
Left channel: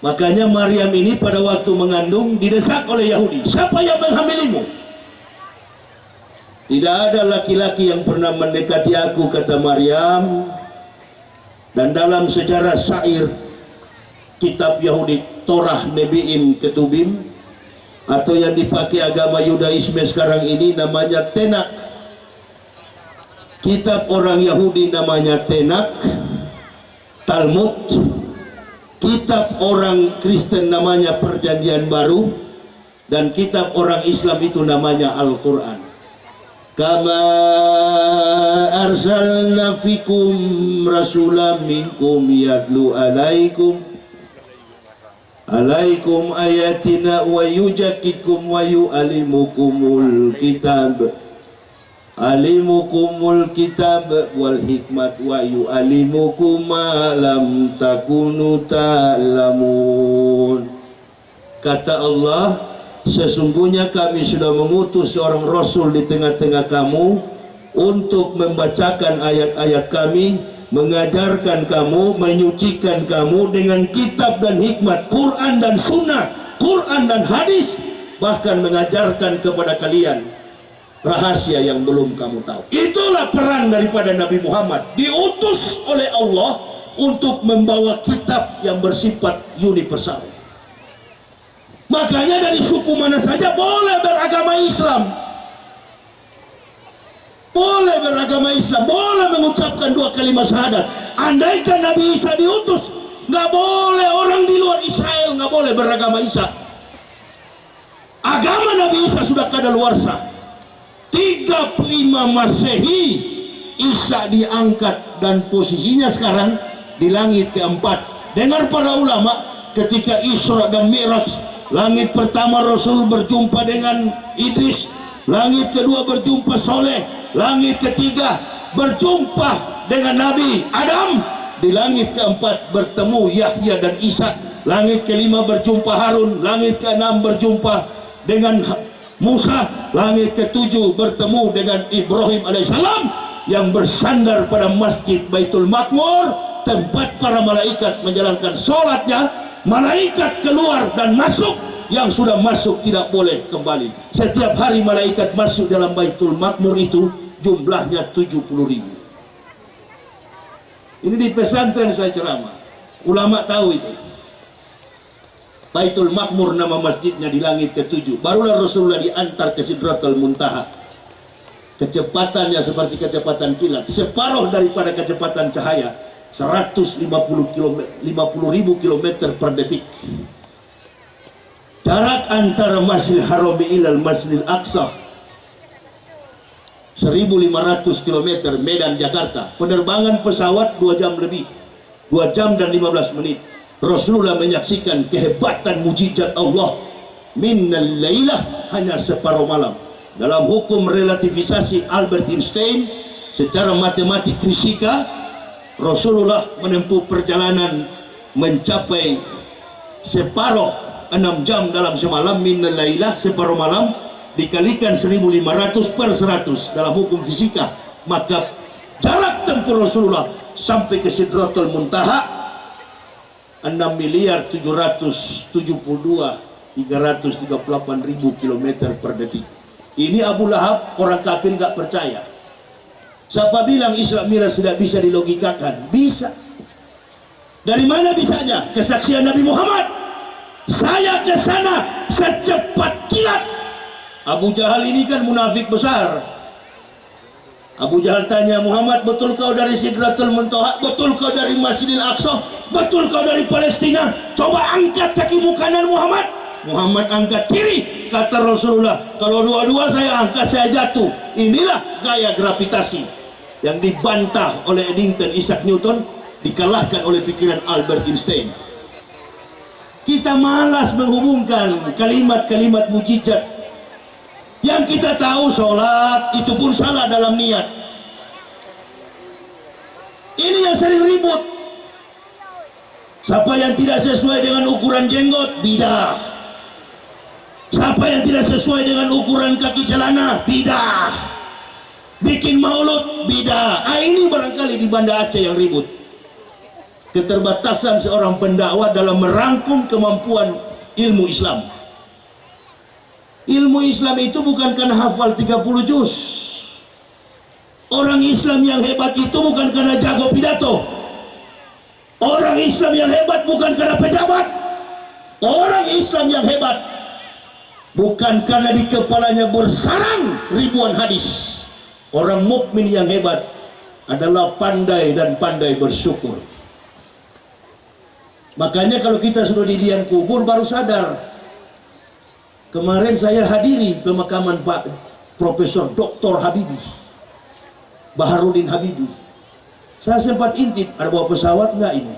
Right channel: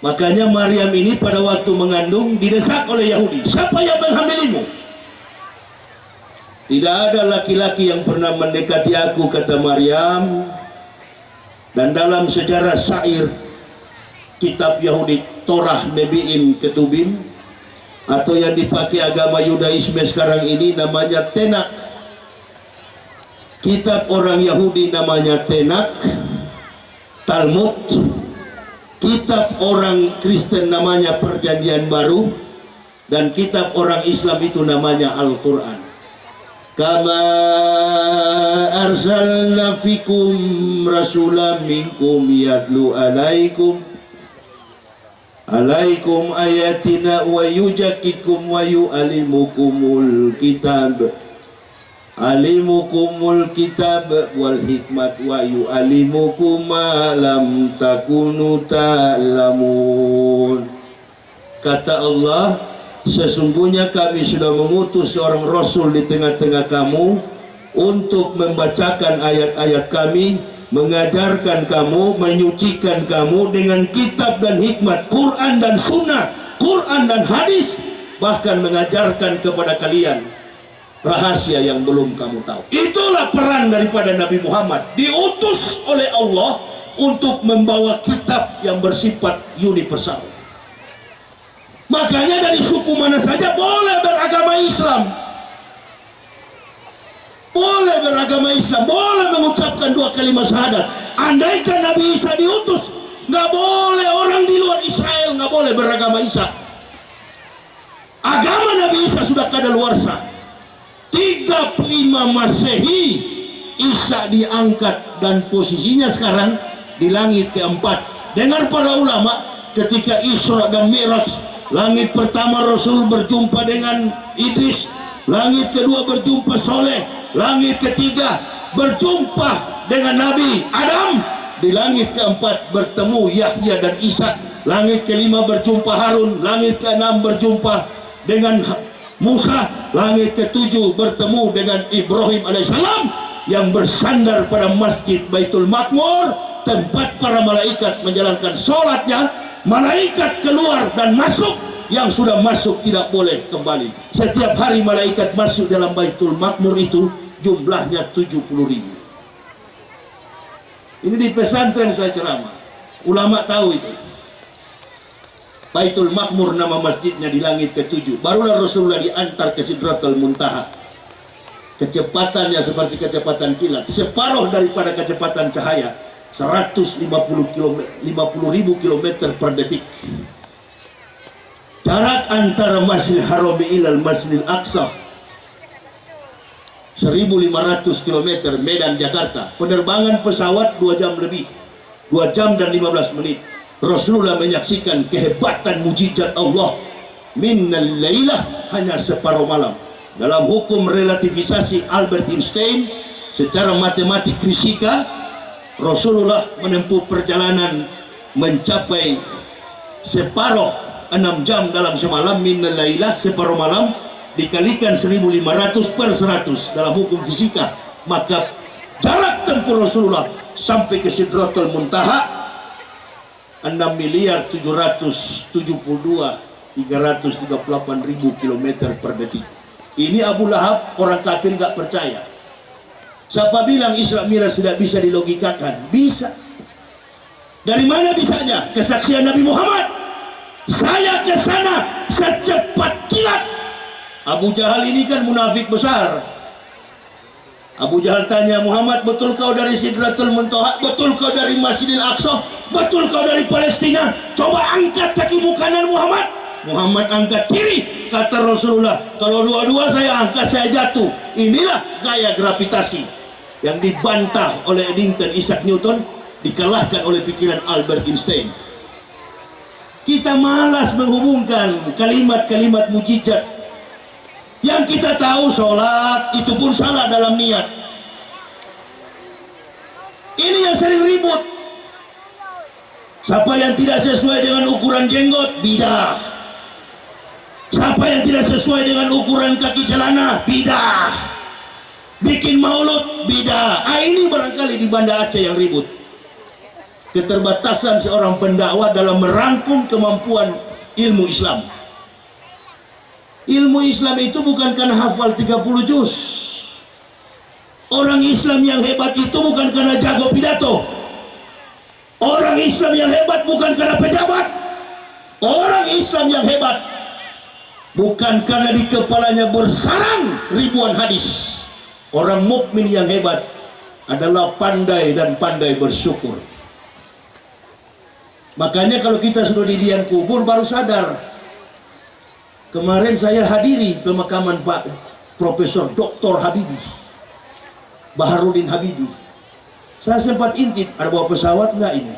Makanya Maryam ini pada waktu mengandung didesak oleh Yahudi, siapa yang menghamilimu? Tidak ada laki-laki yang pernah mendekati aku, kata Maryam. Dan dalam sejarah syair kitab Yahudi Torah Nebi'im Ketubim, atau yang dipakai agama Yudaisme sekarang ini namanya Tenak. Kitab orang Yahudi namanya Tenak, Talmud. Kitab orang Kristen namanya Perjanjian Baru. Dan kitab orang Islam itu namanya Al-Quran. Kama arsalna fikum rasulam minkum yatlu alaikum ayatina wa yujakkikum wa yu'alimukumul kitab wal hikmat wa yu'alimukum ma lam takunu ta'lamun. Kata Allah, sesungguhnya kami sudah mengutus seorang Rasul di tengah-tengah kamu untuk membacakan ayat-ayat kami, mengajarkan kamu, menyucikan kamu dengan kitab dan hikmat, Quran dan Sunnah, Quran dan hadis, bahkan mengajarkan kepada kalian rahasia yang belum kamu tahu. Itulah peran daripada Nabi Muhammad, diutus oleh Allah untuk membawa kitab yang bersifat universal. Makanya dari suku mana saja boleh beragama Islam, boleh beragama Islam, boleh mengucapkan 2 kalimat syahadat. Andaikan Nabi Isa diutus, nggak boleh orang di luar Israel nggak boleh beragama Isa. Agama Nabi Isa sudah kadaluarsa. 35 Masehi Isa diangkat dan posisinya sekarang di langit keempat. Dengar para ulama, ketika Isra dan Mi'raj, langit pertama Rasul berjumpa dengan Idris, langit kedua berjumpa Soleh, langit ketiga berjumpa dengan Nabi Adam, di langit keempat bertemu Yahya dan Isa, langit kelima berjumpa Harun, langit keenam berjumpa dengan Musa, langit ketujuh bertemu dengan Ibrahim alaihissalam yang bersandar pada masjid Baitul Makmur, tempat para malaikat menjalankan sholatnya. Malaikat keluar dan masuk, yang sudah masuk tidak boleh kembali. Setiap hari malaikat masuk dalam Baitul Makmur itu jumlahnya 70.000. Ini di pesantren saya ceramah, ulama tahu itu. Baitul Makmur nama masjidnya di langit ke-7. Barulah Rasulullah diantar ke Sidratul Muntaha. Kecepatannya seperti kecepatan kilat, separuh daripada kecepatan cahaya. 50.000 kilometer per detik. Jarak antara Masjidil Haram ilal Masjidil Aqsa 1.500 km, Medan Jakarta. Penerbangan pesawat 2 jam lebih, 2 jam dan 15 menit. Rasulullah menyaksikan kehebatan mujizat Allah. Minnal lailah, hanya separuh malam. Dalam hukum relativisasi Albert Einstein, secara matematik fisika, Rasulullah menempuh perjalanan mencapai separuh 6 jam dalam semalam. Minnal lailah, separuh malam, dikalikan 1.500 per 100 dalam hukum fisika, maka jarak tempuh Rasulullah sampai ke Sidratul Muntaha 6.772.338.000 km per detik. Ini Abu Lahab, orang kafir gak percaya. Siapa bilang Isra Mi'raj tidak bisa dilogikakan? Bisa. Dari mana bisanya? Kesaksian Nabi Muhammad. Saya ke sana secepat kilat. Abu Jahal ini kan munafik besar. Abu Jahal tanya Muhammad, betul kau dari Sidratul Muntaha? Betul kau dari Masjidil Aqsa? Betul kau dari Palestina? Coba angkat kakimu kanan Muhammad. Muhammad angkat kiri. Kata Rasulullah, kalau dua-dua saya angkat saya jatuh. Inilah gaya gravitasi yang dibantah oleh Eddington Isaac Newton, dikalahkan oleh pikiran Albert Einstein. Kita malas menghubungkan kalimat-kalimat mujizat. Yang kita tahu sholat itu pun salah dalam niat. Ini yang sering ribut. Siapa yang tidak sesuai dengan ukuran jenggot, bidah. Siapa yang tidak sesuai dengan ukuran kaki celana, bidah. Bikin maulud, bidah. Ini barangkali di Banda Aceh yang ribut. Keterbatasan seorang pendakwah dalam merangkum kemampuan ilmu Islam. Ilmu Islam itu bukan karena hafal 30 juz. Orang Islam yang hebat itu bukan karena jago pidato. Orang Islam yang hebat bukan karena pejabat. Orang Islam yang hebat bukan karena di kepalanya bersarang ribuan hadis. Orang mukmin yang hebat adalah pandai dan pandai bersyukur. Makanya kalau kita sudah di liang kubur baru sadar. Kemarin saya hadiri pemakaman Pak Profesor Dr. Habibie, Baharudin Habibie. Saya sempat intip, ada bawa pesawat nggak ini?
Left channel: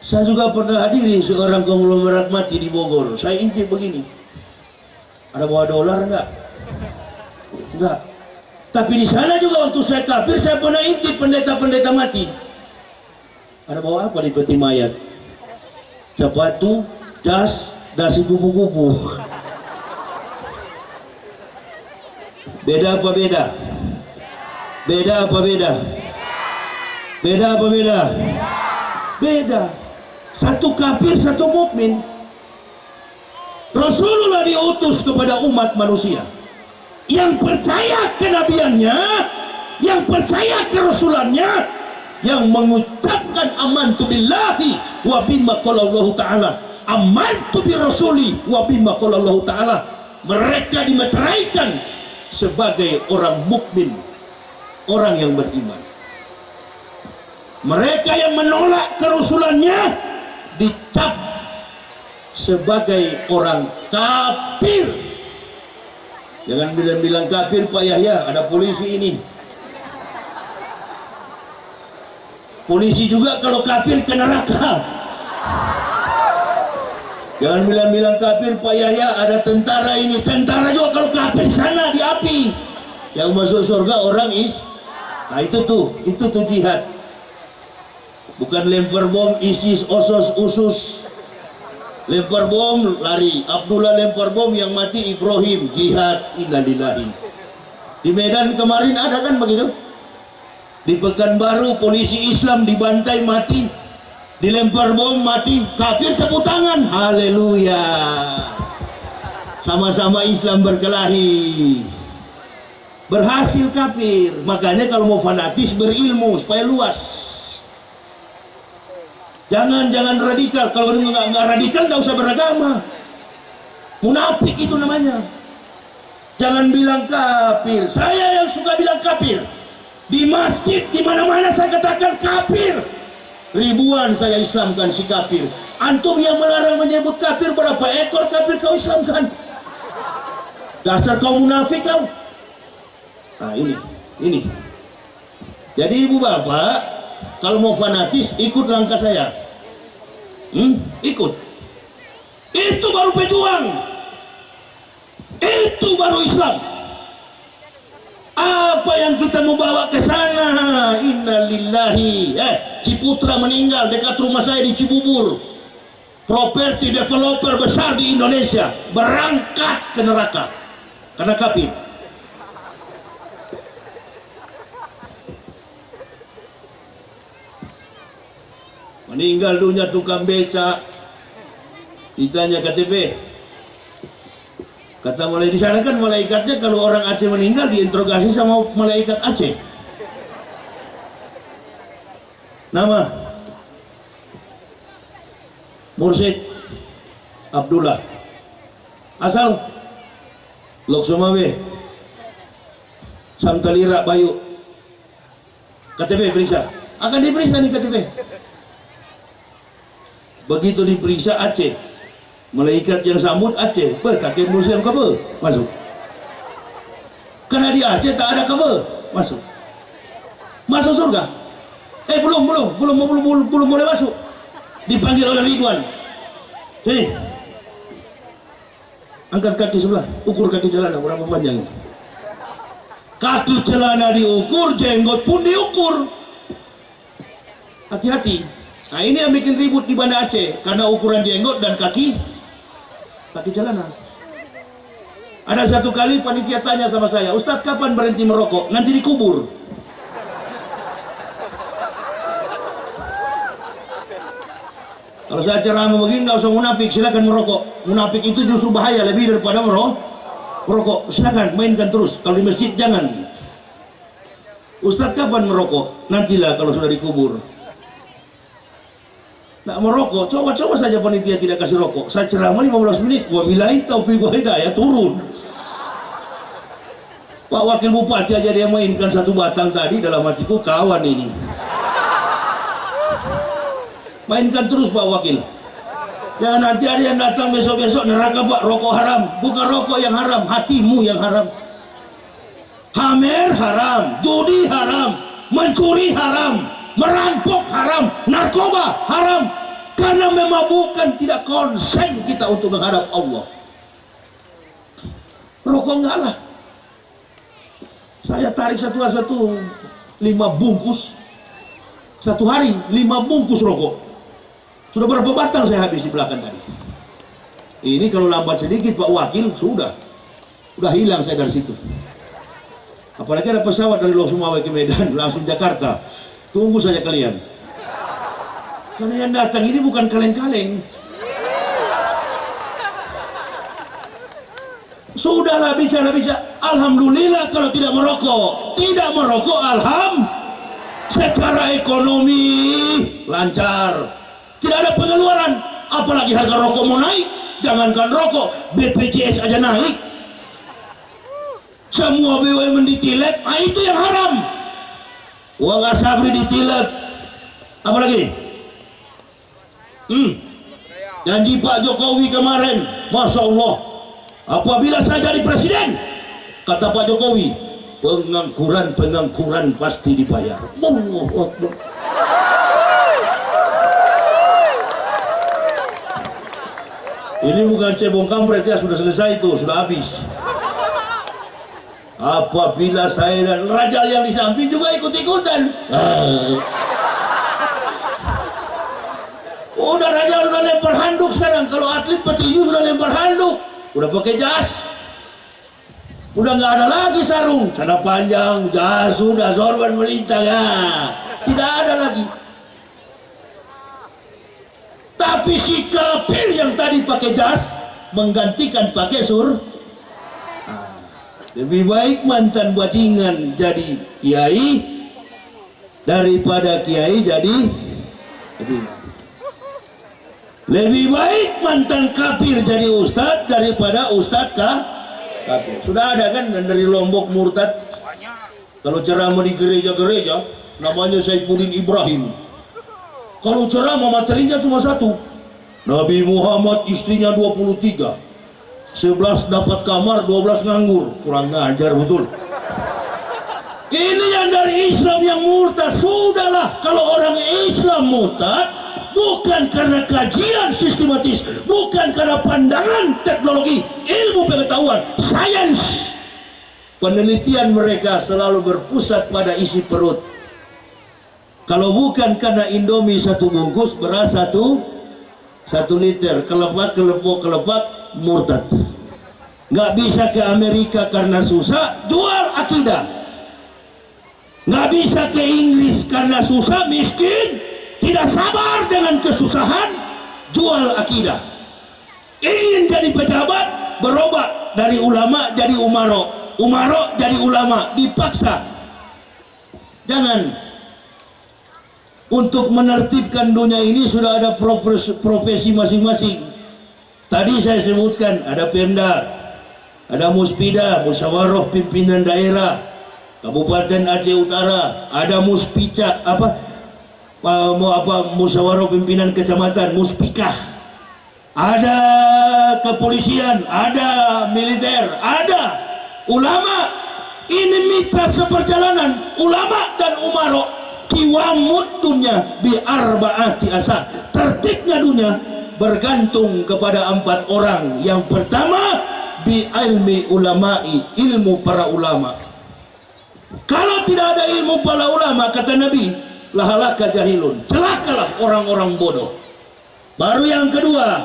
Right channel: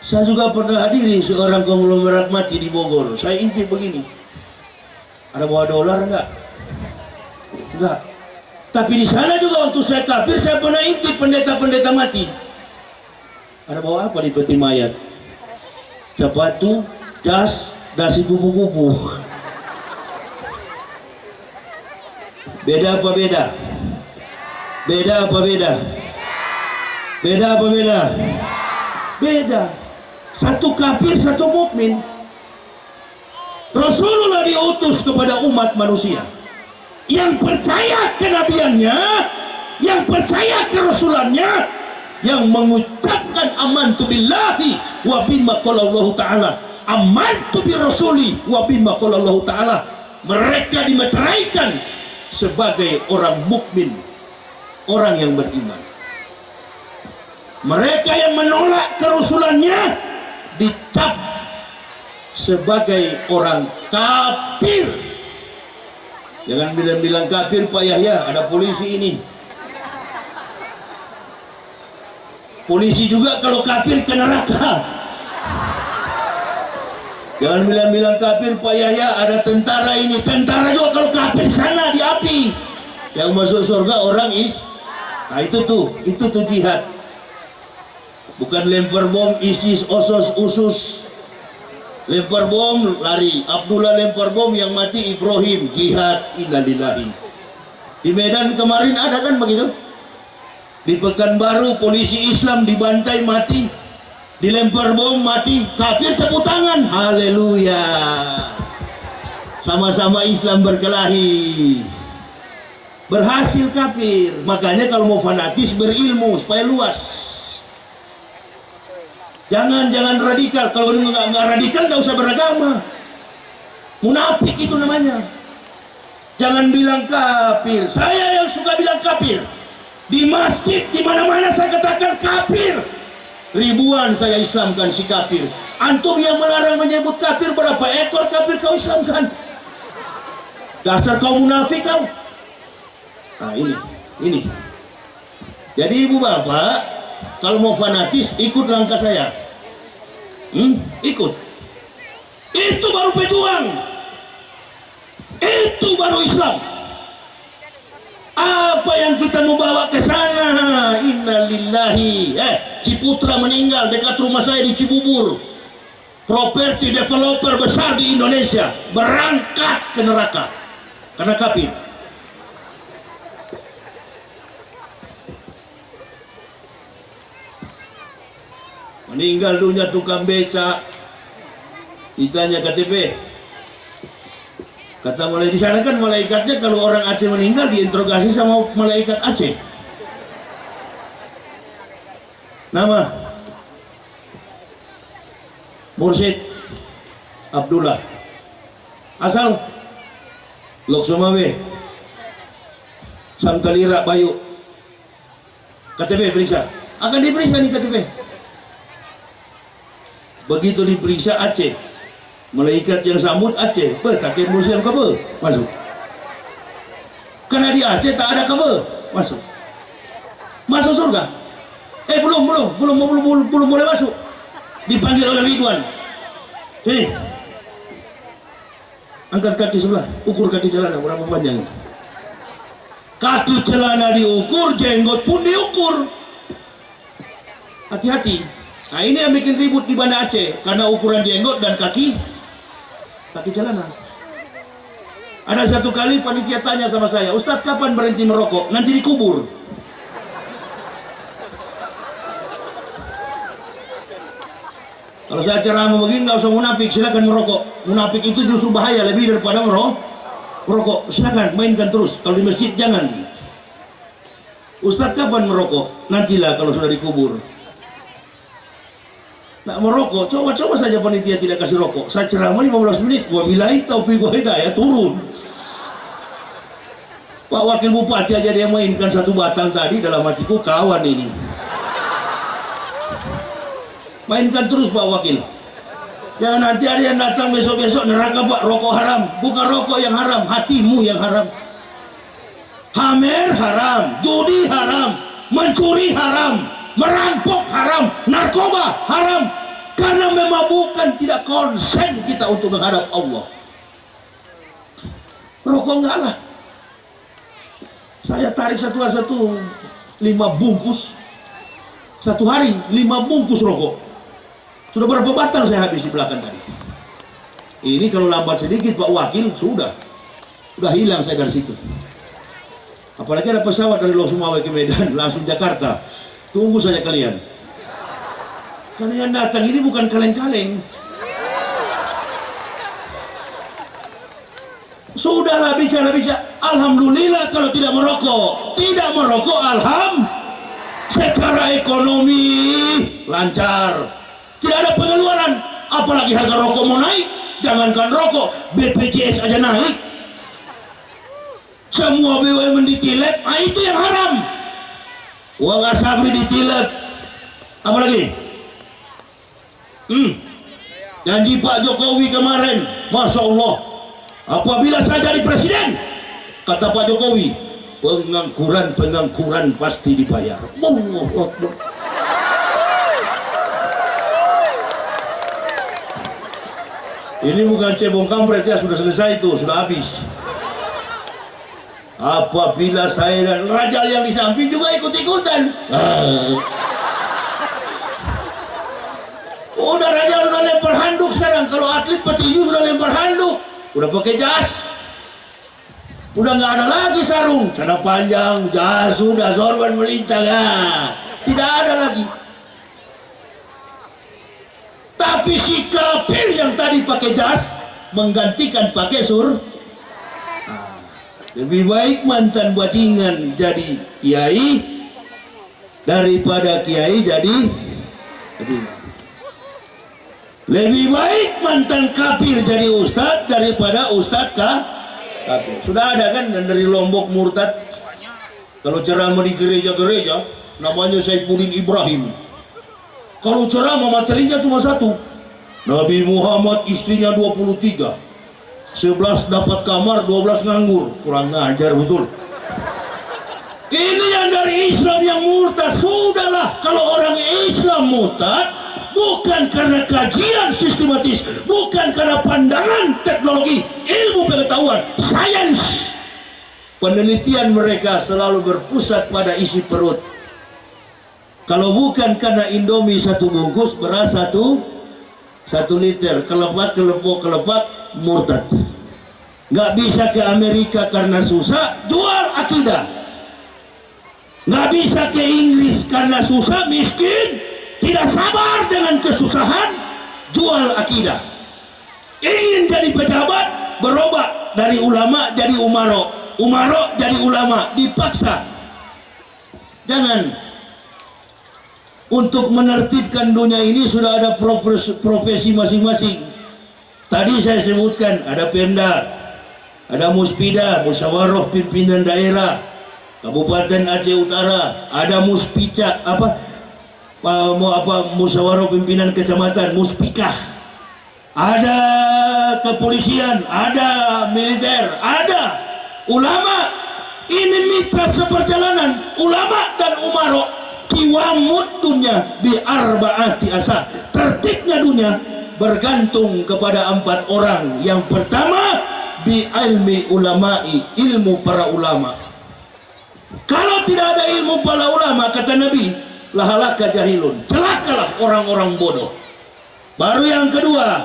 Saya juga pernah hadiri seorang konglomerat mati di Bogor. Saya intip begini, ada bawa dolar nggak? Nggak. Tapi di sana juga waktu saya kafir, saya pernah intip pendeta-pendeta mati. Ada bawa apa di peti mayat? Sepatu, das, dasi kupu-kupu. Beda apa beda? Beda apa beda? Beda apa beda? Beda. Satu kafir, satu mukmin. Rasulullah diutus kepada umat manusia yang percaya kenabiannya, yang percaya kerasulannya, yang mengucapkan amantu billahi wa bima qala Allah Ta'ala, amantu bi rasuli wa bima qala Allah Ta'ala. Mereka dimeteraikan sebagai orang mukmin, orang yang beriman. Mereka yang menolak kerasulannya dicap sebagai orang kafir. Jangan bilang-bilang kafir Pak Yahya, ada polisi ini. Polisi juga kalau kafir ke neraka. Jangan bilang-bilang kafir Pak Yahya, ada tentara ini. Tentara juga kalau kafir sana di api. Yang masuk surga orang nah itu tuh jihad. Bukan lempar bom ISIS, OSOS, USUS. Lempar bom lari. Abdullah lempar bom, yang mati Ibrahim, jihad. Innalillahi. Di Medan kemarin ada kan begitu? Di Pekanbaru polisi Islam dibantai mati, dilempar bom mati, kafir tepuk tangan, haleluya. Sama-sama Islam berkelahi, berhasil kafir. Makanya kalau mau fanatis berilmu supaya luas. Jangan radikal. Kalau nggak radikal nggak usah beragama. Munafik itu namanya. Jangan bilang kafir. Saya yang suka bilang kafir. Di masjid, di mana-mana saya katakan kafir. Ribuan saya Islamkan si kafir. Antum yang melarang menyebut kafir, berapa ekor kafir kau Islamkan? Dasar kau munafik kau. Nah ini. Jadi ibu bapak, kalau mau fanatis ikut langkah saya. Ikut. Itu baru pejuang. Itu baru Islam. Apa yang kita mau bawa ke sana? Innalillahi. Ciputra meninggal dekat rumah saya di Cibubur. Properti developer besar di Indonesia berangkat ke neraka karena kafir. Meninggal dunia tukang beca. Ditanya KTP. Kata mulai di sana kan malaikatnya kalau orang Aceh meninggal diinterogasi sama malaikat Aceh. Nama Mursyid Abdullah. Asal Lok Sumawe Sangkalira Bayu. KTP periksa. Akan diperiksa nih KTP. Begitu diperiksa Aceh, malaikat yang sambut Aceh, kakek Muslim kabar masuk. Karena di Aceh tak ada kabar masuk. Masuk surga. Belum boleh masuk. Dipanggil oleh Ridwan. Sini. Angkat kaki sebelah, ukur kaki celana berapa panjang. Kaki celana diukur, jenggot pun diukur. Hati-hati. Nah ini yang bikin ribut di Banda Aceh karena ukuran jenggot dan kaki celana. Ada satu kali panitia tanya sama saya, Ustadz kapan berhenti merokok? Nanti dikubur. Kalau saya ceramah begini nggak usah munafik, silakan merokok. Munafik itu justru bahaya lebih daripada merokok. Silakan mainkan terus. Kalau di masjid jangan. Ustadz kapan merokok? Nantilah kalau sudah dikubur. Nak merokok, coba saja panitia tidak kasih rokok. Saya ceramah 15 menit, wabillahi taufiq wa hidayah, turun. Pak Wakil Bupati aja dia mainkan satu batang tadi, dalam hatiku kawan ini. Mainkan terus Pak Wakil. Jangan nanti ada yang datang besok-besok neraka Pak, rokok haram. Bukan rokok yang haram, hatimu yang haram. Hamer haram, judi haram, mencuri haram, merampok haram, narkoba haram. Karena memabukkan, tidak konsen kita untuk menghadap Allah. Rokok enggak lah. Saya tarik satu hari 5 bungkus. Satu hari 5 bungkus rokok. Sudah berapa batang saya habis di belakang tadi. Ini kalau lambat sedikit Pak Wakil sudah hilang saya dari situ. Apalagi ada pesawat dari Lok Sumawe ke Medan langsung Jakarta. Tunggu saja kalian. Karena yang datang ini bukan kaleng-kaleng. Sudahlah bicara. Alhamdulillah kalau tidak merokok. Tidak merokok secara ekonomi lancar. Tidak ada pengeluaran. Apalagi harga rokok mau naik. Jangankan rokok, BPJS aja naik. Semua BUMN ditilep. Itu yang haram. Uang asabri ditilep. Apa lagi? Janji Pak Jokowi kemarin, Masya Allah, apabila saya jadi presiden, kata Pak Jokowi, pengangguran pasti dibayar. Ini bukan cebong kampret ya, sudah selesai itu, sudah habis. Apabila saya dan Rajal yang di samping juga ikut-ikutan. Udah Rajal udah lempar handuk sekarang. Kalau atlet petinju sudah lempar handuk, udah pakai jas. Udah nggak ada lagi sarung, celana panjang, jas sudah, sorban melintang ya. Tidak ada lagi. Tapi si kafir yang tadi pakai jas menggantikan pakai lebih baik mantan bajingan jadi kiai daripada kiai jadi lebih baik mantan kafir jadi ustadz daripada ustadz Kafir. Sudah ada kan dari Lombok murtad. Kalau ceramah di gereja-gereja, namanya Saifuddin Ibrahim. Kalau ceramah materinya cuma satu. Nabi Muhammad istrinya 23. 11 dapat kamar, 12 nganggur. Kurang ngajar betul. Ini yang dari Islam yang murtad. Sudahlah, kalau orang Islam murtad bukan karena kajian sistematis, bukan karena pandangan teknologi, ilmu pengetahuan, sains. Penelitian mereka selalu berpusat pada isi perut. Kalau bukan karena Indomie satu bungkus, beras satu liter, kelepak, murtad. Nggak bisa ke Amerika karena susah, jual akidah. Nggak bisa ke Inggris karena susah, miskin, tidak sabar dengan kesusahan, jual akidah. Ingin jadi pejabat, berubah dari ulama jadi umaro, jadi ulama, dipaksa. Jangan. Untuk menertibkan dunia ini sudah ada profesi masing-masing. Tadi saya sebutkan ada Pemda, ada Muspida, Musyawarah Pimpinan Daerah Kabupaten Aceh Utara, ada Muspicak, Musyawarah Pimpinan Kecamatan, Muspikah, ada kepolisian, ada militer, ada ulama. Ini mitra seperjalanan ulama dan umaro. Kiwamud dunia bi arbaati asar. Tertibnya dunia bergantung kepada 4 orang. Yang pertama, bi ilmi ulama'i, ilmu para ulama. Kalau tidak ada ilmu para ulama, kata Nabi, lahalaka jahilun, celakalah orang-orang bodoh. Baru yang kedua,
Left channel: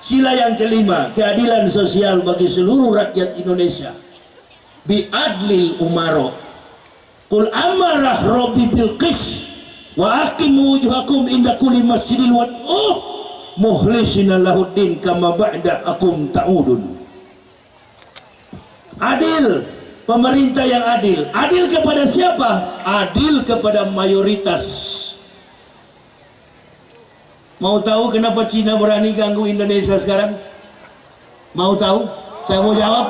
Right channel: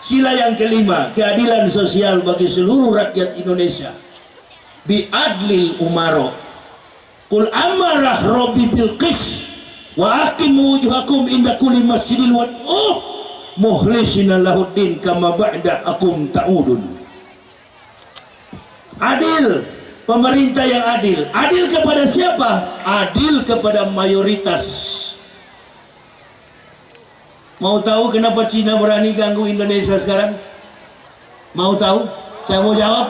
sila yang kelima, keadilan sosial bagi seluruh rakyat Indonesia. Bi adlil umaro. Qul amarah Rabbi bil qis wa aqimu wujuhakum inda kulli masjidil wad'uh muhlisina lahuddin kama ba'da'akum ta'udun. Adil, pemerintah yang adil. Adil kepada siapa? Adil kepada mayoritas. Mau tahu kenapa Cina berani ganggu Indonesia sekarang? Mau tahu? Saya mau jawab.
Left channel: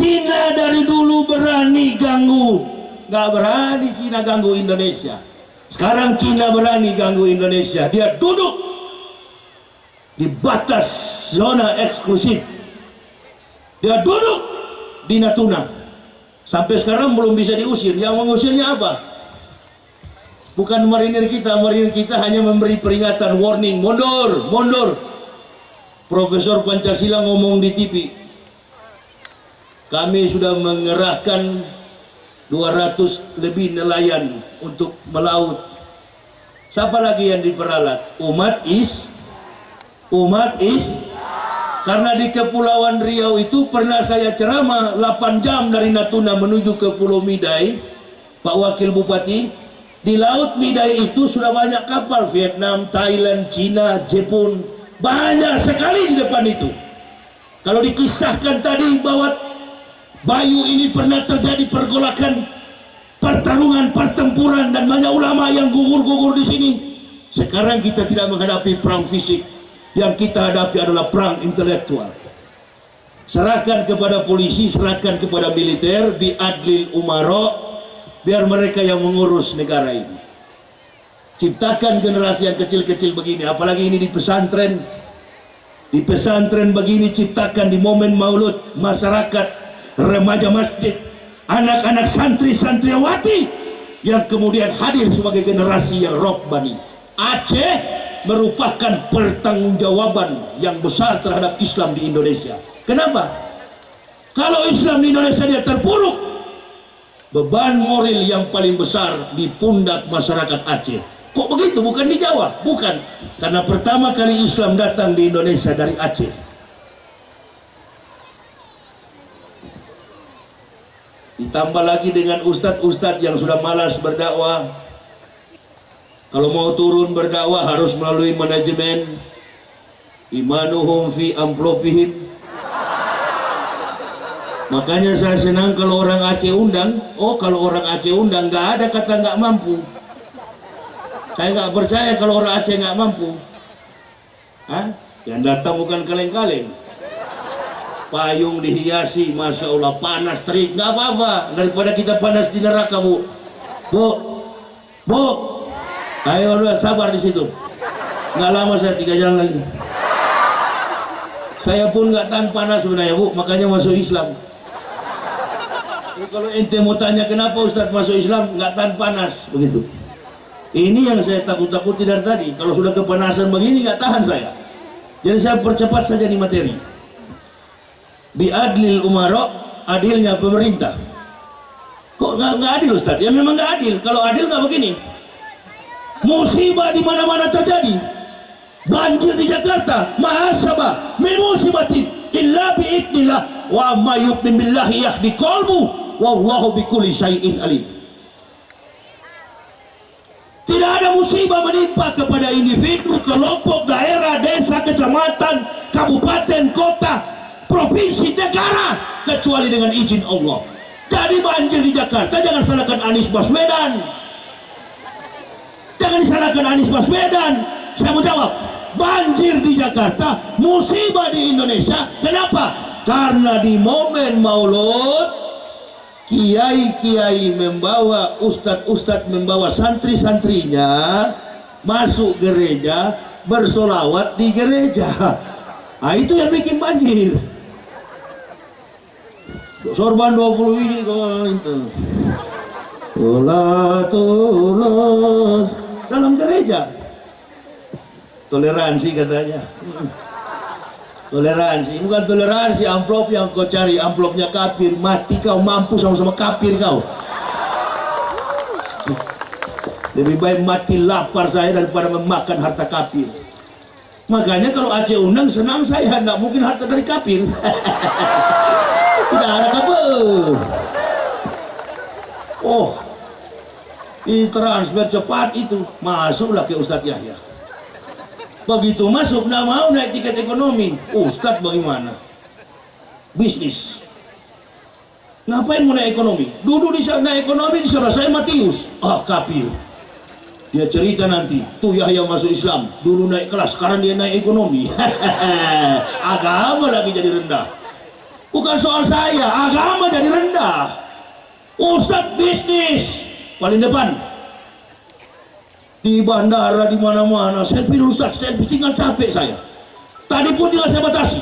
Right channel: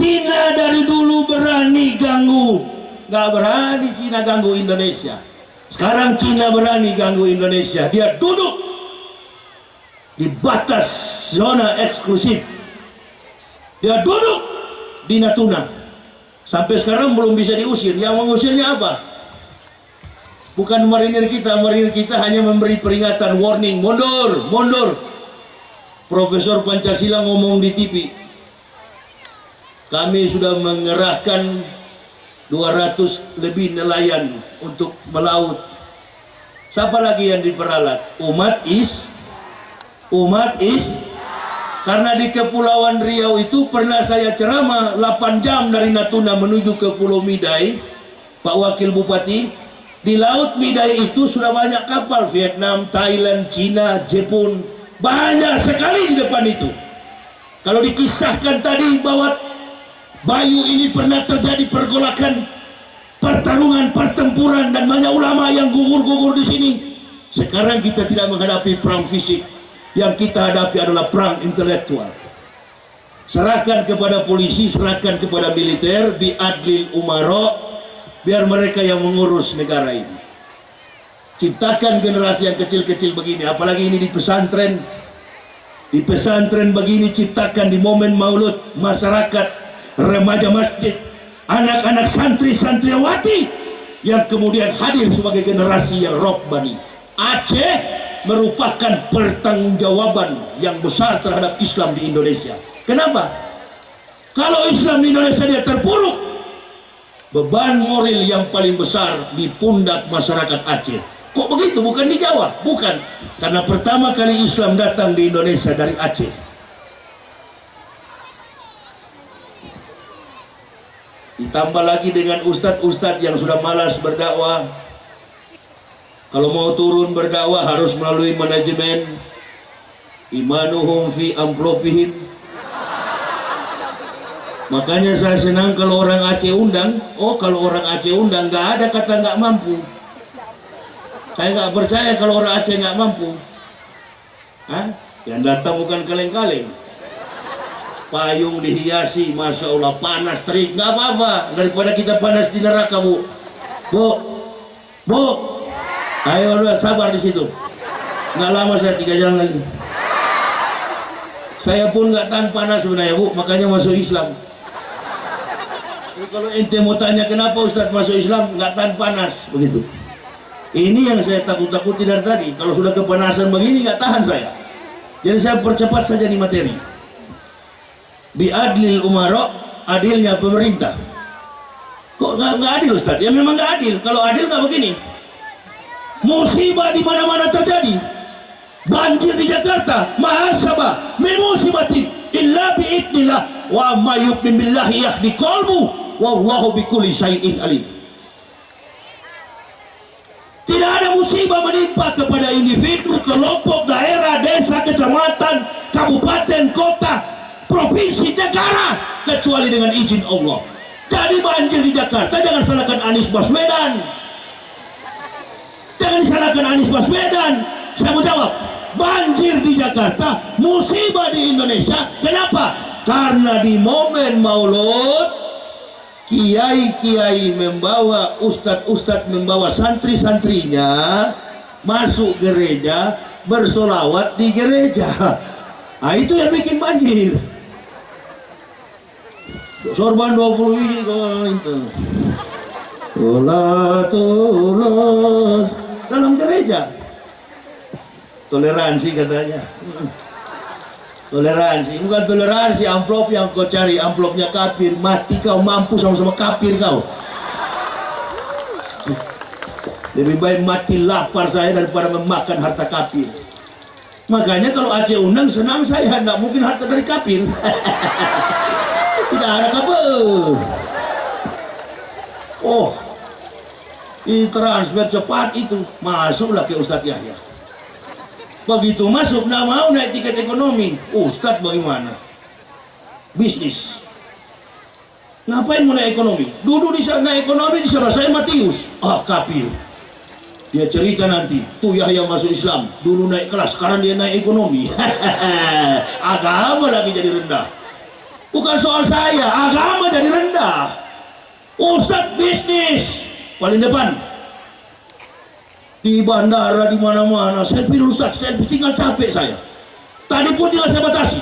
Cina dari dulu berani ganggu. Nggak berani Cina ganggu Indonesia. Sekarang Cina berani ganggu Indonesia. Dia duduk di batas zona eksklusif. Dia duduk di Natuna. Sampai sekarang belum bisa diusir. Yang mengusirnya apa? Bukan marinir kita hanya memberi peringatan, warning, mundur, mundur. Profesor Pancasila ngomong di TV. Kami sudah mengerahkan 200 lebih nelayan untuk melaut. Siapa lagi yang diperalat? Umat karena di Kepulauan Riau itu pernah saya ceramah 8 jam dari Natuna menuju ke Pulau Midai, Pak Wakil Bupati. Di Laut Midai itu sudah banyak kapal Vietnam, Thailand, Cina, Jepun, banyak sekali di depan itu. Kalau dikisahkan tadi bahwa Bayu ini pernah terjadi pergolakan, pertarungan, pertempuran, dan banyak ulama yang gugur-gugur di sini. Sekarang kita tidak menghadapi perang fisik, yang kita hadapi adalah perang intelektual. Serahkan kepada polisi, serahkan kepada militer, biadlil umaro, biar mereka yang mengurus negara ini. Ciptakan generasi yang kecil-kecil begini, apalagi ini di pesantren. Di pesantren begini ciptakan di momen maulud, masyarakat, remaja masjid, anak-anak santri-santriwati yang kemudian hadir sebagai generasi yang robbani. Aceh merupakan pertanggungjawaban yang besar terhadap Islam di Indonesia. Kenapa? Kalau Islam di Indonesia dia terpuruk, beban moral yang paling besar di pundak masyarakat Aceh. Kok begitu? Bukan di Jawa? Bukan. Karena pertama kali Islam datang di Indonesia dari Aceh. Ditambah lagi dengan ustadz-ustadz yang sudah malas berdakwah. Kalau mau turun berdakwah harus melalui manajemen. Imanuhum fi amplopihim. Makanya saya senang kalau orang Aceh undang. Oh, kalau orang Aceh undang nggak ada kata nggak mampu. Saya nggak percaya kalau orang Aceh nggak mampu. Hah? Yang datang bukan kaleng-kaleng. payung dihiasi, masya Allah, panas terik, nggak apa-apa daripada kita panas di neraka. Bu, ayo udah sabar di situ, nggak lama saya 3 jam lagi. Saya pun nggak tahan panas sebenarnya, Bu, makanya masuk Islam. Jadi kalau ente mau tanya kenapa Ustadz masuk Islam, nggak tahan panas, begitu. Ini yang saya takut-takuti dari tadi. Kalau sudah kepanasan begini nggak tahan saya. Jadi saya percepat saja di materi. Biadlil umara, adilnya pemerintah. Kok nggak adil Ustadz? Ya memang nggak adil. Kalau adil nggak begini. Musibah di mana-mana terjadi. Banjir di Jakarta, mahasabah, min musibatin illa biidnillah wa ma yu'min billahi yahdi qalbu wallahu bikulli syai'in alim. Tidak ada musibah menimpa kepada individu, kelompok, daerah, desa, kecamatan, kabupaten, kota, provinsi, negara kecuali dengan izin Allah. Jadi banjir di Jakarta jangan salahkan Anies Baswedan. Jangan disalahkan Anies Baswedan. Saya mau jawab, banjir di Jakarta, musibah di Indonesia. Kenapa? Karena di momen Maulud kiai-kiai membawa, ustadz-ustadz membawa santri-santrinya masuk gereja, bersolawat di gereja. Nah, itu yang bikin banjir. Sorban 20 biji kalau itu. Tulos dalam gereja. Toleransi katanya. Toleransi, bukan toleransi amplop yang kau cari, amplopnya kafir, mati kau, mampu sama-sama kafir kau. Lebih baik mati lapar saya daripada memakan harta kafir. Makanya kalau Aceh undang senang saya, tidak mungkin harta dari kafir. Tidak ada kabar. Oh, ini transfer cepat itu, masuklah ke Ustadz Yahya. Begitu masuk, nggak mau naik tiket ekonomi. Ustadz bagaimana? Bisnis. Ngapain mau naik ekonomi? Duduk di sana naik ekonomi di sana saya Matius. Ah, kafir. Dia cerita nanti, tuh Yahya masuk Islam, dulu naik kelas, sekarang dia naik ekonomi. Agama lagi jadi rendah. Bukan soal saya, agama jadi rendah. Ustadz bisnis paling depan. Di bandara, di mana-mana, saya pilih Ustadz, saya tinggal capek saya. Tadi pun tinggal saya batasi.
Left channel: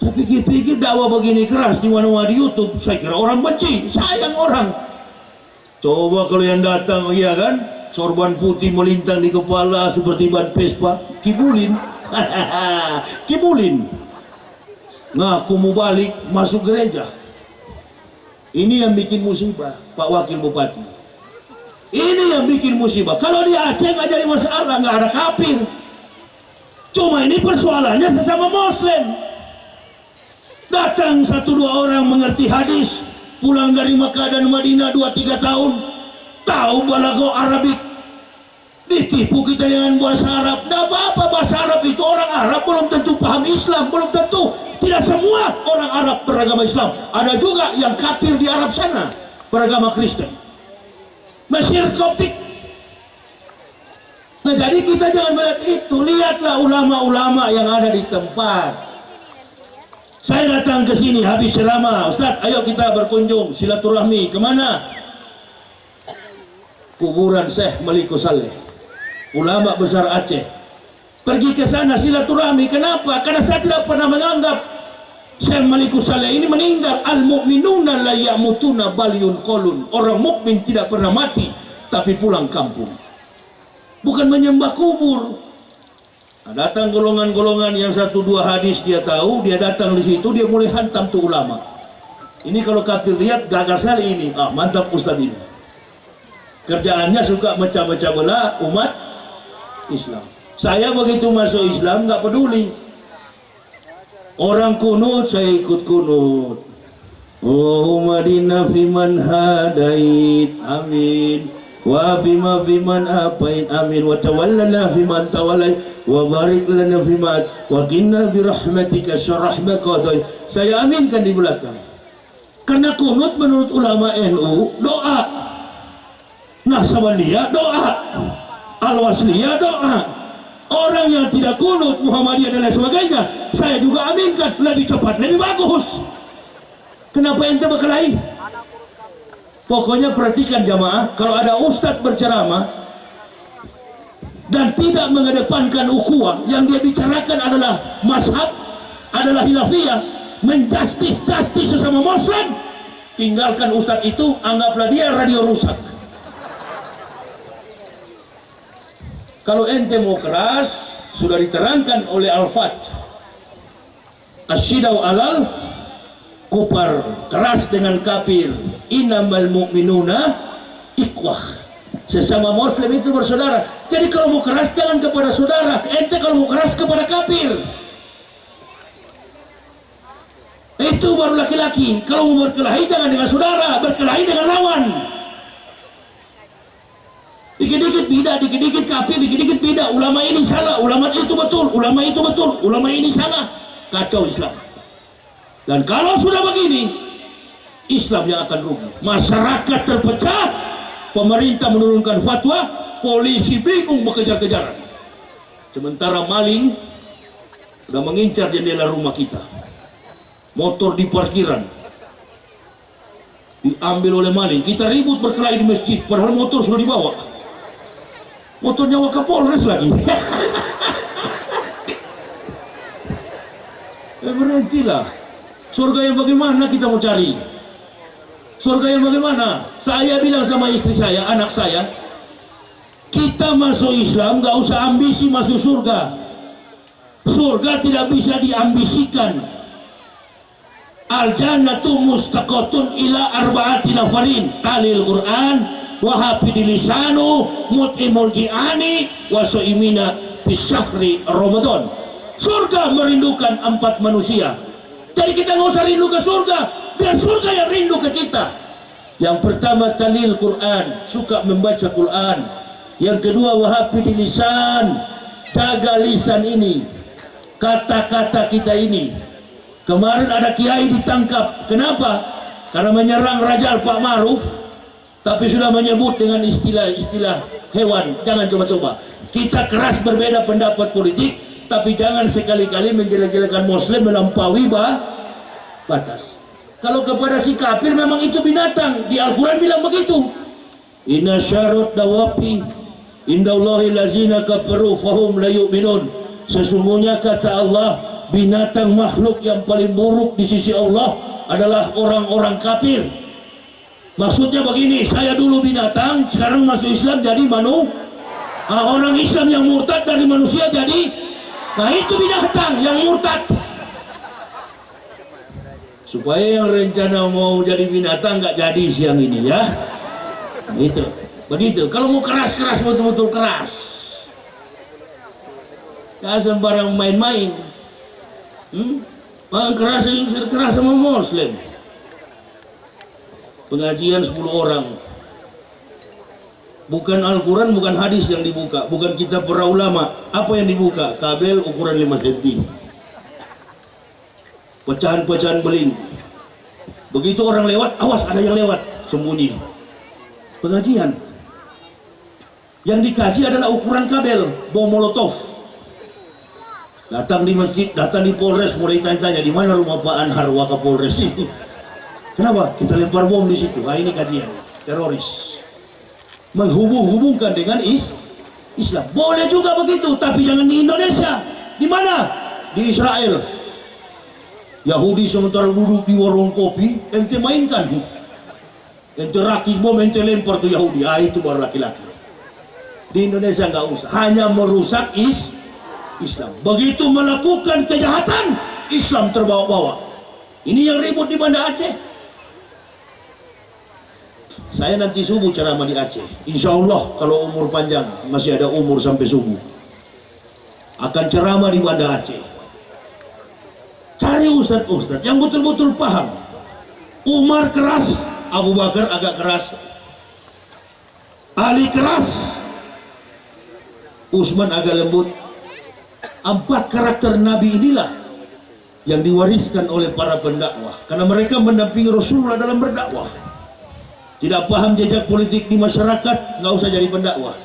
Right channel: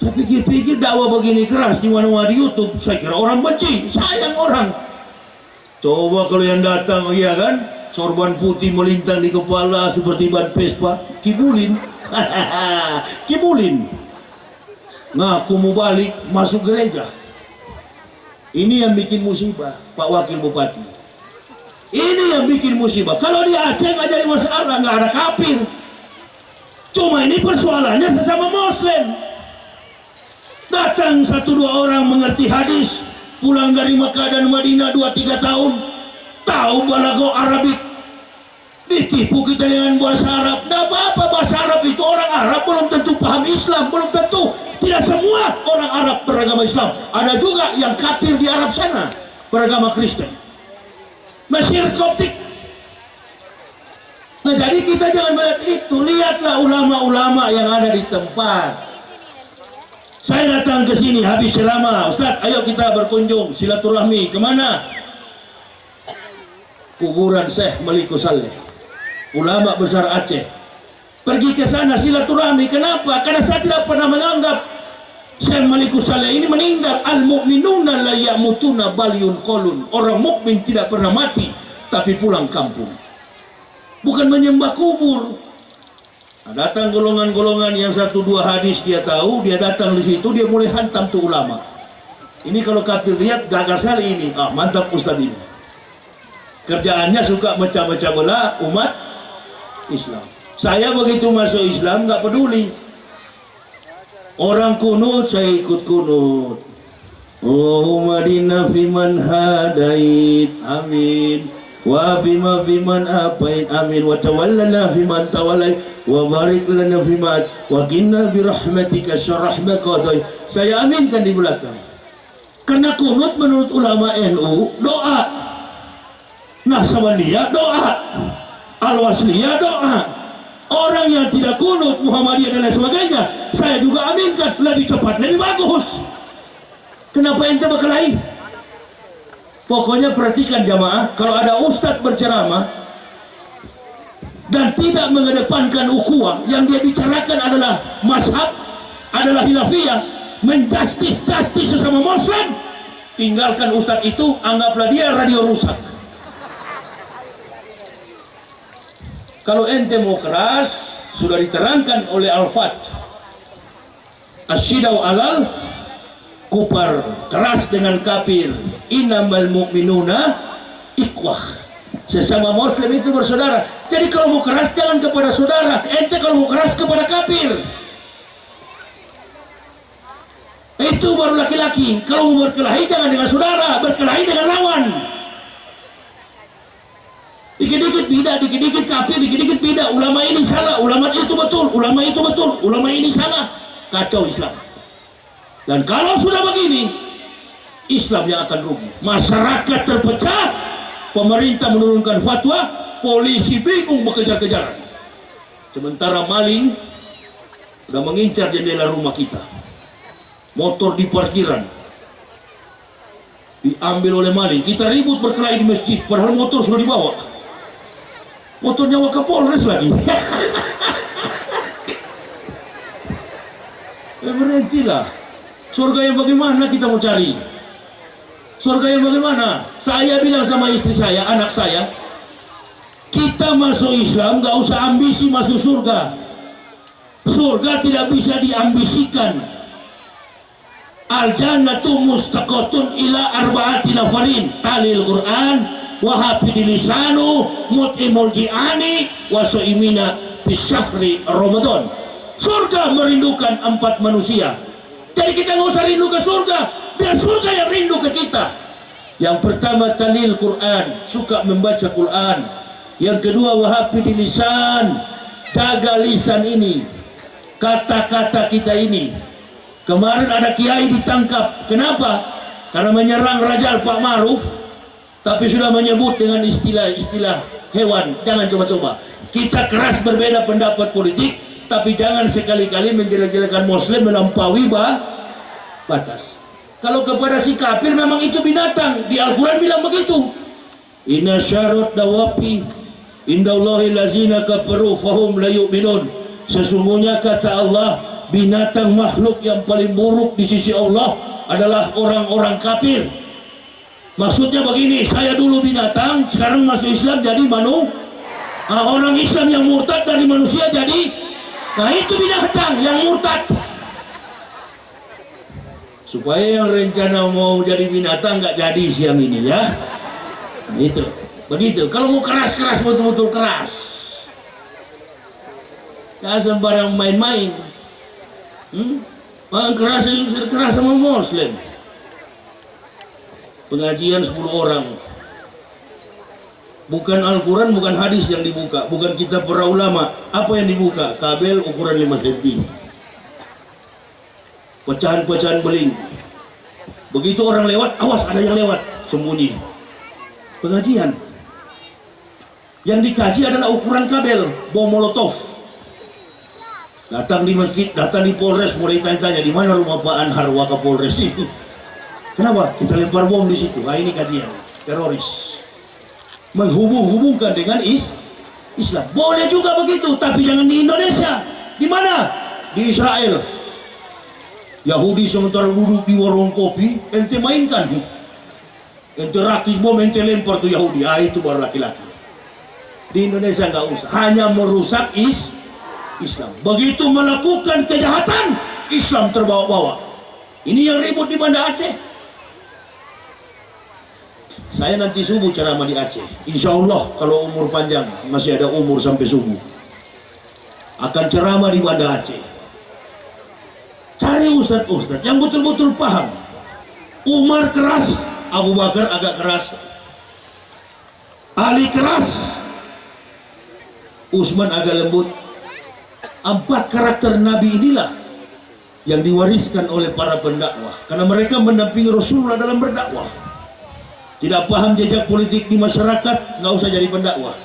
Saya pikir-pikir dakwah begini keras di mana-mana di YouTube, saya kira orang benci, sayang orang. Coba kalau yang datang, iya kan, sorban putih melintang di kepala seperti ban Vespa, kibulin. Kibulin. Ngaku mau balik, masuk gereja. Ini yang bikin musibah, Pak Wakil Bupati. Ini yang bikin musibah. Kalau di Aceh nggak jadi masalah, nggak ada kafir. Cuma ini persoalannya sesama Muslim. Datang 1-2 orang mengerti hadis, pulang dari Makkah dan Madinah 2-3 tahun, tahu balago Arabik, ditipu kita dengan bahasa Arab. Nggak apa-apa, bahasa Arab itu orang Arab belum tentu paham Islam, belum tentu. Tidak semua orang Arab beragama Islam. Ada juga yang kafir di Arab sana beragama Kristen. Mesir Koptik. Nah, jadi kita jangan melihat itu, lihatlah ulama-ulama yang ada di tempat. Saya datang ke sini habis ceramah, Ustadz, ayo kita berkunjung silaturahmi. Kemana? Kuburan Syekh Malikus Saleh, ulama besar Aceh. Pergi ke sana silaturahmi. Kenapa? Karena saya tidak pernah menganggap Syekh Malikus Saleh ini meninggal. Al-mu'minuna la ya'mutuna bal yunqalun. Orang mukmin tidak pernah mati tapi pulang kampung. Bukan menyembah kubur. Nah, datang golongan-golongan yang 1-2 hadis dia tahu, dia datang di situ, dia mulai hantam tuh ulama. Ini kalau kafir lihat gagal sekali ini. Ah, mantap Ustadz ini. Kerjaannya suka mecah-mecah belah umat Islam. Saya begitu masuk Islam nggak peduli. Orang kunut, saya ikut kunut. Allahumma dinna fiman hadait, amin. Wa fiman apait, amin. Wa tawallana fiman tawallait, wa barik lana fiman, wa qina birahmatika syarrah ma qadai. Saya aminkan di belakang. Karena kunut menurut ulama NU doa. Nahsabaniyah doa. Al-Wasliyah doa. Orang yang tidak kunut, Muhammadiyah dan lain sebagainya, saya juga aminkan, lebih cepat, lebih bagus. Kenapa ente berkelahi? Pokoknya perhatikan jamaah, kalau ada ustadz berceramah dan tidak mengedepankan ukhuwah, yang dia bicarakan adalah mazhab, adalah hilafiyah, menjustis sesama muslim, tinggalkan ustadz itu, anggaplah dia radio rusak. Kalau ente mau keras, sudah diterangkan oleh Al-Fat, asyidau alal kupar, keras dengan kafir, innamal mu'minuna ikhwah, sesama muslim itu bersaudara. Jadi kalau mau keras jangan kepada saudara, ente kalau mau keras kepada kafir, itu baru laki-laki. Kalau mau berkelahi jangan dengan saudara, berkelahi dengan lawan. Dikit-dikit bidah, dikit-dikit kafir, dikit-dikit bidah. Ulama ini salah, ulama itu betul, ulama itu betul, ulama ini salah. Kacau Islam. Dan kalau sudah begini, Islam yang akan rugi. Masyarakat terpecah, pemerintah menurunkan fatwa, polisi bingung mengejar-kejaran. Sementara maling sudah mengincar jendela rumah kita. Motor di parkiran diambil oleh maling. Kita ribut berkelahi di masjid, padahal motor sudah dibawa. Motornya Wakapolres lagi. Berhentilah. Surga yang bagaimana kita mau cari? Surga yang bagaimana? Saya bilang sama istri saya, anak saya, kita masuk Islam gak usah ambisi masuk surga. Surga tidak bisa diambisikan. Al-jannatu mustaqatun ila arba'ati nafarin, talil Quran wa hafidil lisanu mut'imul ji'ani wa su'imina bisyahri Ramadan. Surga merindukan 4 manusia. Jadi kita nggak usah rindu ke surga, biar surga yang rindu ke kita. Yang pertama talil Quran, suka membaca Quran. Yang kedua wahafidil lisan, jaga lisan ini, kata-kata kita ini. Kemarin ada kiai ditangkap, kenapa? Karena menyerang Rajal Pak Maruf, tapi sudah menyebut dengan istilah-istilah hewan. Jangan coba-coba. Kita keras berbeda pendapat politik, tapi jangan sekali-kali menjelek-jelekan muslim melampaui batas. Kalau kepada si kafir memang itu binatang, di Al-Quran bilang begitu. Inna syarut dawapi indallahi lazina kafaru fahum la yu'minun. Sesungguhnya kata Allah, binatang makhluk yang paling buruk di sisi Allah adalah orang-orang kafir. Maksudnya begini, saya dulu binatang, sekarang masuk Islam jadi orang Islam yang murtad dari manusia jadi, nah itu binatang yang murtad. Supaya yang rencana mau jadi binatang nggak jadi siang ini ya. Begitu. Kalau mau keras-keras, betul-betul keras. Gak sembarang main-main. Keras sama muslim. Pengajian 10 orang. Bukan Al-Quran, bukan hadis yang dibuka, bukan kitab para ulama. Apa yang dibuka? Kabel ukuran 5 cm. Pecahan-pecahan beling. Begitu orang lewat, awas ada yang lewat, sembunyi. Pengajian. Yang dikaji adalah ukuran kabel, bom molotov. Datang di masjid, datang di Polres, mulai tanya-tanya di mana rumah Pak Anhar Wakapolres ini. Kenapa? Kita lempar bom di situ. Nah, ini kajian teroris. Menghubung-hubungkan dengan Islam. Boleh juga begitu, tapi jangan di Indonesia. Di mana? Di Israel. Yahudi sementara duduk di warung kopi, ente mainkan. Ente rakit bom, ente lempar tuh Yahudi. Itu baru laki-laki. Di Indonesia nggak usah, hanya merusak Islam. Begitu melakukan kejahatan, Islam terbawa-bawa. Ini yang ribut di Banda Aceh. Saya nanti subuh ceramah di Aceh. Insya Allah kalau umur panjang, masih ada umur sampai subuh, akan ceramah di Banda Aceh. Cari ustadz-ustadz yang betul-betul paham. Umar keras, Abu Bakar agak keras, Ali keras, Utsman agak lembut. 4 karakter Nabi inilah yang diwariskan oleh para pendakwah, karena mereka mendampingi Rasulullah dalam berdakwah. Tidak paham jejak politik di masyarakat, nggak usah jadi pendakwah.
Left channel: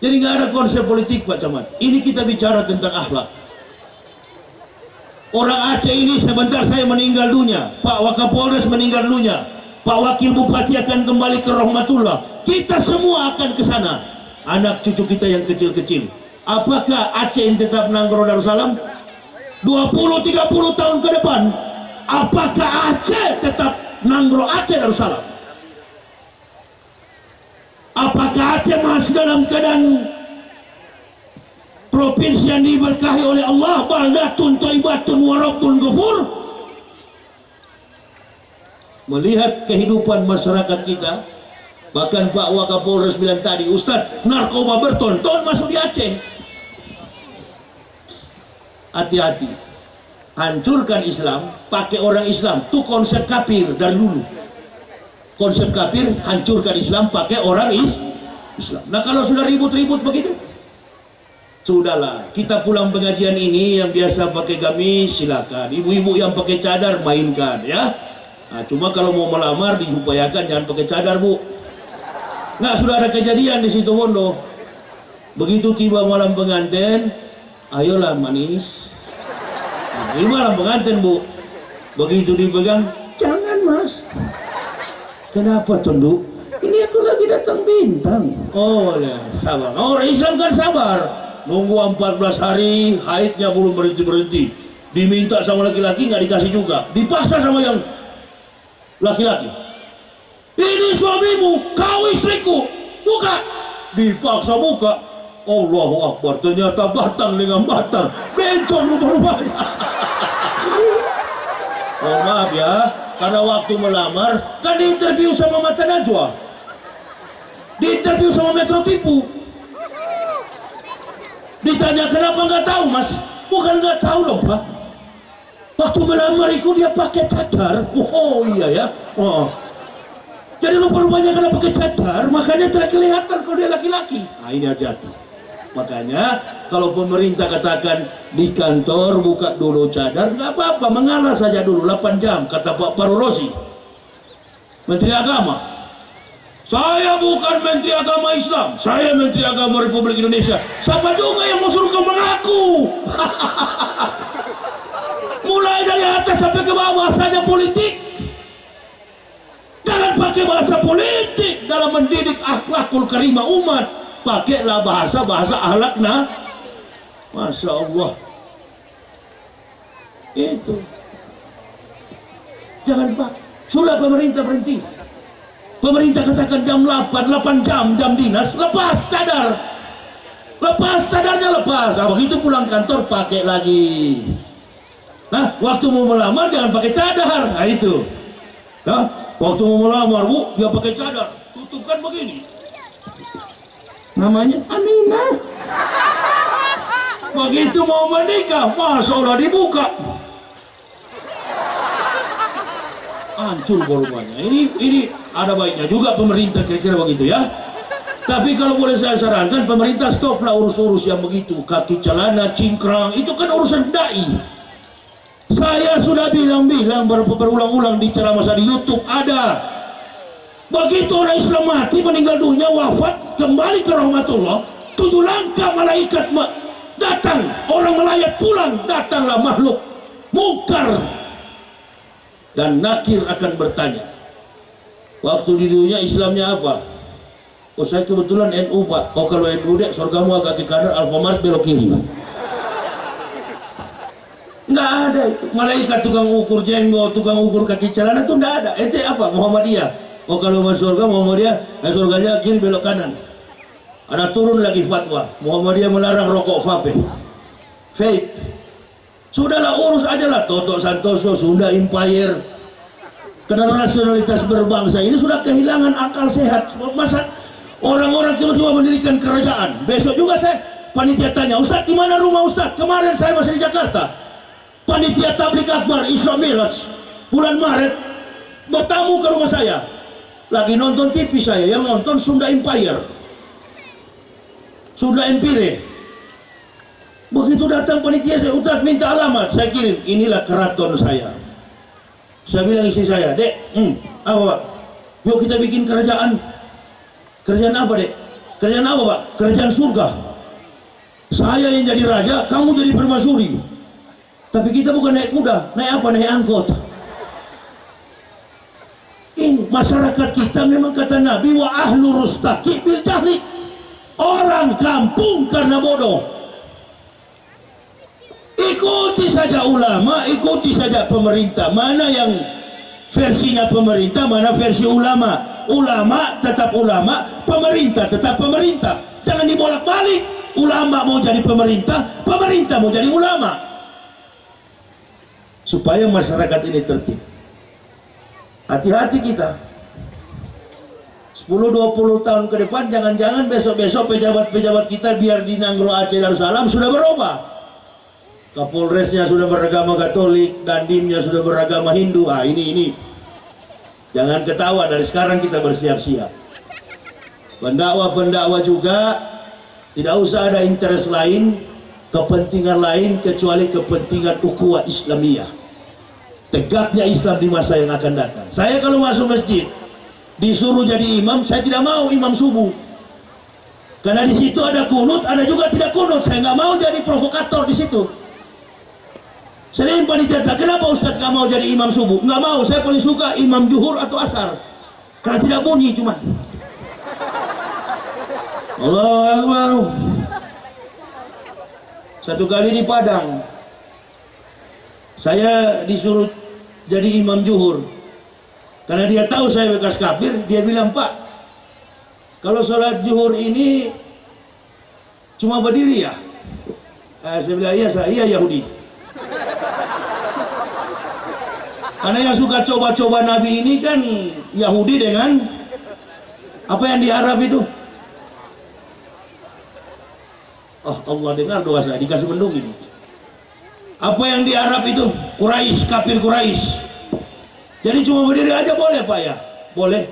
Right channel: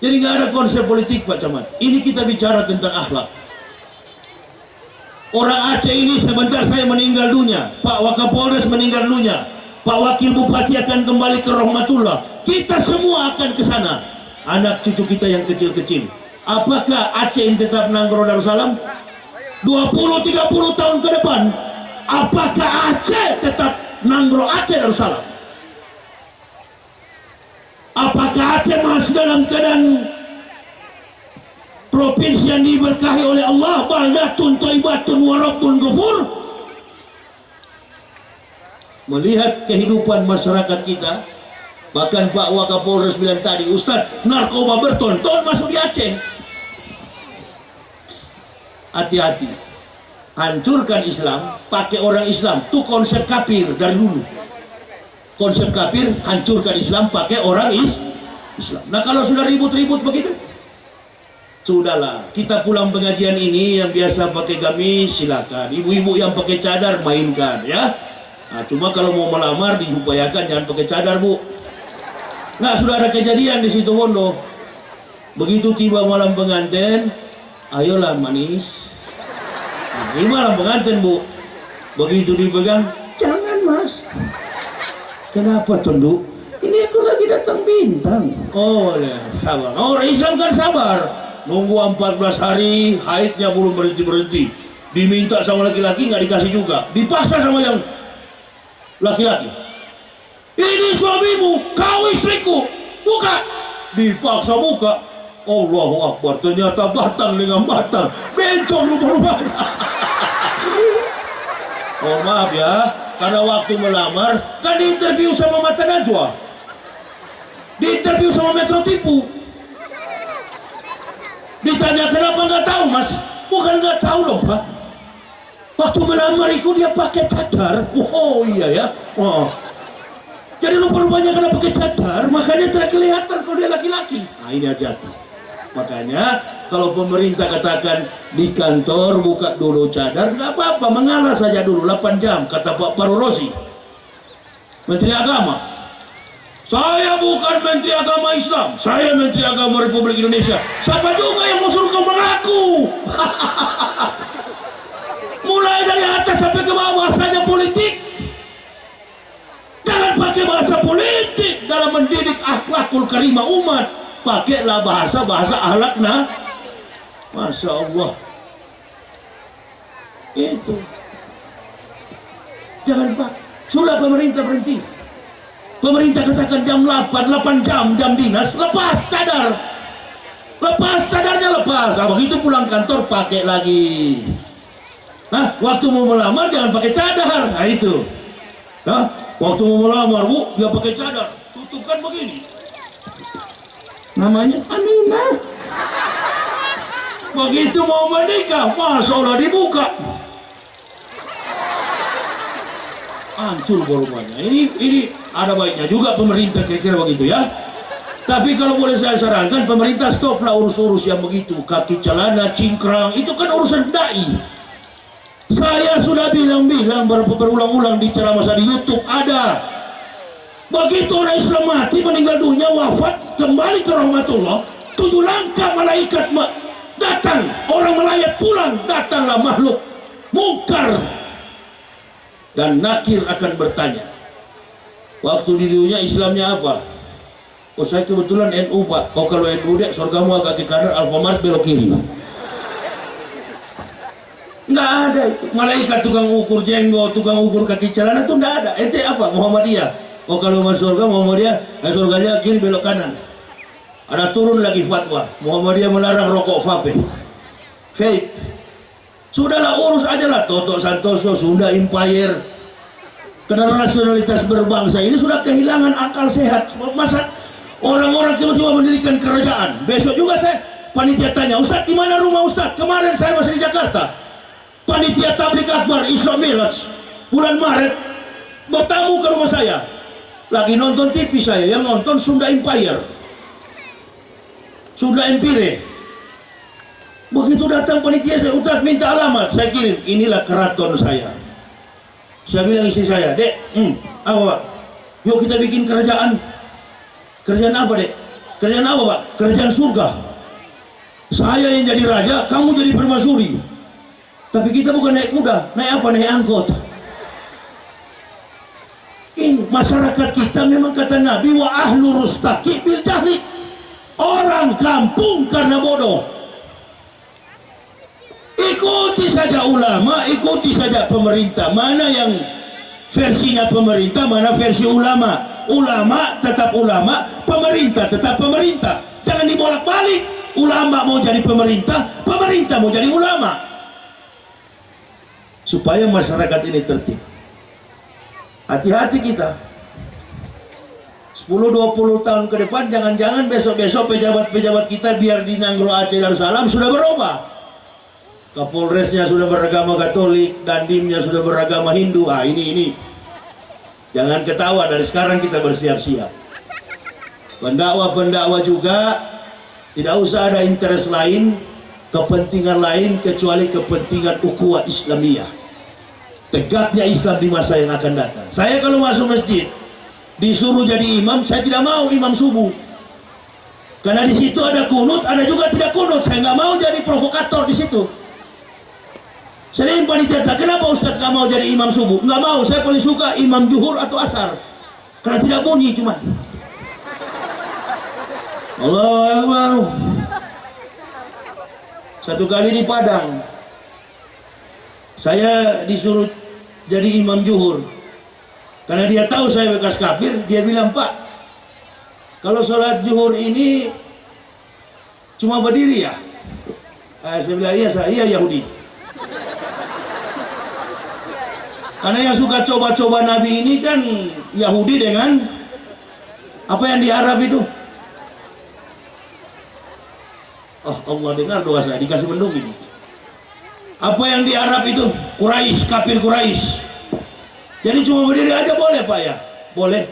Jadi nggak ada konsep politik Pak Camat. Ini kita bicara tentang akhlak. Orang Aceh ini sebentar saya meninggal dunia, Pak Wakapolres meninggal dunia, Pak Wakil Bupati akan kembali ke rahmatullah, kita semua akan ke sana, anak cucu kita yang kecil-kecil. Apakah Aceh ini tetap Nanggro Darussalam 20-30 tahun ke depan? Apakah Aceh tetap Nanggro Aceh Darussalam? Apakah Aceh masih dalam keadaan provinsi yang diberkahi oleh Allah, baldatun thayyibatun wa rabbun ghafur? Melihat kehidupan masyarakat kita, bahkan Pak Wakapolres bilang tadi, Ustaz, narkoba bertonton masuk di Aceh. Hati-hati, hancurkan Islam pakai orang Islam, itu konsep kafir dari dulu. Konsep kafir, hancurkan Islam pakai orang Islam. Nah kalau sudah ribut-ribut begitu, sudahlah, kita pulang pengajian ini yang biasa pakai gamis silakan, ibu-ibu yang pakai cadar mainkan ya. Nah, cuma kalau mau melamar diupayakan jangan pakai cadar, Bu. Nggak, sudah ada kejadian di situ Bondo. Begitu tiba malam pengantin, ayolah manis. Nah, ini malam pengantin, Bu. Begitu dipegang, jangan Mas. Kenapa tunduk? Ini aku lagi datang bintang. Oh ya, sabar. Orang Islam kan sabar. Nunggu 14 hari, haidnya belum berhenti-berhenti. Diminta sama laki-laki nggak dikasih juga. Dipaksa sama yang laki-laki. Ini suamimu, kau istriku. Buka. Dipaksa buka. Allahu Akbar. Ternyata batang dengan batang. Bencong rumah-rumahnya. Oh maaf ya, karena waktu melamar kan diinterview sama Mata Najwa, diinterview sama Metro Tipu. Ditanya kenapa nggak tahu Mas? Bukan nggak tahu loh Pak. Waktu melamar itu dia pakai cadar. Oh iya ya. Oh. Jadi rupa-rupanya karena pakai cadar, makanya tidak kelihatan kalau dia laki-laki. Nah ini hati-hati. Makanya kalau pemerintah katakan di kantor buka dulu cadar, nggak apa-apa, mengalah saja dulu 8 jam, kata Pak Parosi, Menteri Agama. Saya bukan Menteri Agama Islam, saya Menteri Agama Republik Indonesia. Siapa juga yang mau suruh kau mengaku? Mulai dari atas sampai ke bawah bahasanya politik. Jangan pakai bahasa politik dalam mendidik akhlakul karimah umat. Pakailah bahasa-bahasa akhlakna. Masya Allah. Itu. Jangan Pak. Sudah pemerintah berhenti. Pemerintah katakan jam 8 jam dinas, lepas cadar. Lepas cadarnya lepas. Nah, begitu pulang kantor pakai lagi. Nah, waktu mau melamar jangan pakai cadar. Nah itu. Nah, waktu mau melamar Bu, dia pakai cadar. Tutupkan begini. Namanya Aminah. Begitu mau menikah, Masya Allah dibuka. Hancur korbannya. Ini ada baiknya juga pemerintah kira-kira begitu ya. Tapi kalau boleh saya sarankan, pemerintah stoplah urus-urus yang begitu, kaki celana, cingkrang, itu kan urusan dai. Saya sudah bilang berulang-ulang di ceramah saya di YouTube ada. Begitu orang Islam mati, meninggal dunia, wafat, kembali ke rahmatullah, 7 langkah malaikat datang, orang melayat pulang, datanglah makhluk mungkar dan nakir akan bertanya. Waktu di dunia Islamnya apa? Oh saya kebetulan NU Pak. Oh kalau NU dek, surgamu agak ke kanan, Alfamart belok kiri. Nggak ada itu. Malaikat tukang ukur jenggot, tukang ukur kaki celana itu nggak ada. Ente apa? Muhammadiyah. Oh kalau masuk surga Muhammadiyah, surganya kiri belok kanan. Ada turun lagi fatwa, Muhammadiyah melarang rokok vape. Vape. Sudahlah urus aja lah Toto Santoso, Sunda Empire. Karena nasionalitas berbangsa ini sudah kehilangan akal sehat. Masa orang-orang tiba-tiba mendirikan kerajaan. Besok juga saya panitia tanya, Ustadz di mana rumah Ustadz? Kemarin saya masih di Jakarta. Panitia Tabligh Akbar Isra Miraj bulan Maret bertamu ke rumah saya. Lagi nonton TV saya, yang nonton Sunda Empire, Sunda Empire. Begitu datang panitia saya, Ustaz minta alamat, saya kirim, inilah keraton saya. Saya bilang istri saya, Dek, apa Pak? Yuk kita bikin kerajaan. Kerajaan apa Dek? Kerajaan apa Pak? Kerajaan surga. Saya yang jadi raja, kamu jadi permaisuri. Tapi kita bukan naik kuda, naik apa? Naik angkot. Ini masyarakat kita memang kata Nabi, wa ahlu rustaqi bil jahli. Orang kampung karena bodoh. Ikuti saja ulama, ikuti saja pemerintah. Mana yang versinya pemerintah, mana versi ulama. Ulama tetap ulama, pemerintah tetap pemerintah. Jangan dibolak-balik. Ulama mau jadi pemerintah, pemerintah mau jadi ulama. Supaya masyarakat ini tertib. Hati-hati kita. 10-20 tahun ke depan, jangan-jangan besok-besok pejabat-pejabat kita biar di Nanggro Aceh Darussalam sudah berubah. Kapolresnya sudah beragama Katolik, Dandimnya sudah beragama Hindu. Ini jangan ketawa, dari sekarang kita bersiap-siap. Pendakwa-pendakwa juga tidak usah ada interest lain, kepentingan lain kecuali kepentingan ukhuwah Islamiyah, tegaknya Islam di masa yang akan datang. Saya kalau masuk masjid disuruh jadi imam, saya tidak mau imam subuh, karena di situ ada kunut, ada juga tidak kunut. Saya nggak mau jadi provokator di situ. Sering panitia, kenapa Ustadz nggak mau jadi imam subuh? Nggak mau, saya paling suka imam zuhur atau asar, karena tidak bunyi cuma. Allahu Akbar. Satu kali di Padang, saya disuruh jadi imam zuhur. Karena dia tahu saya bekas kafir, dia bilang, Pak, kalau sholat zuhur ini cuma berdiri ya? Saya bilang, iya Yahudi. Karena yang suka coba-coba Nabi ini kan Yahudi dengan apa yang di Arab itu. Oh, Allah dengar doa saya, dikasih mendung ini. Apa yang di Arab itu? Quraisy, kafir Quraisy. Jadi cuma berdiri aja boleh Pak ya? Boleh.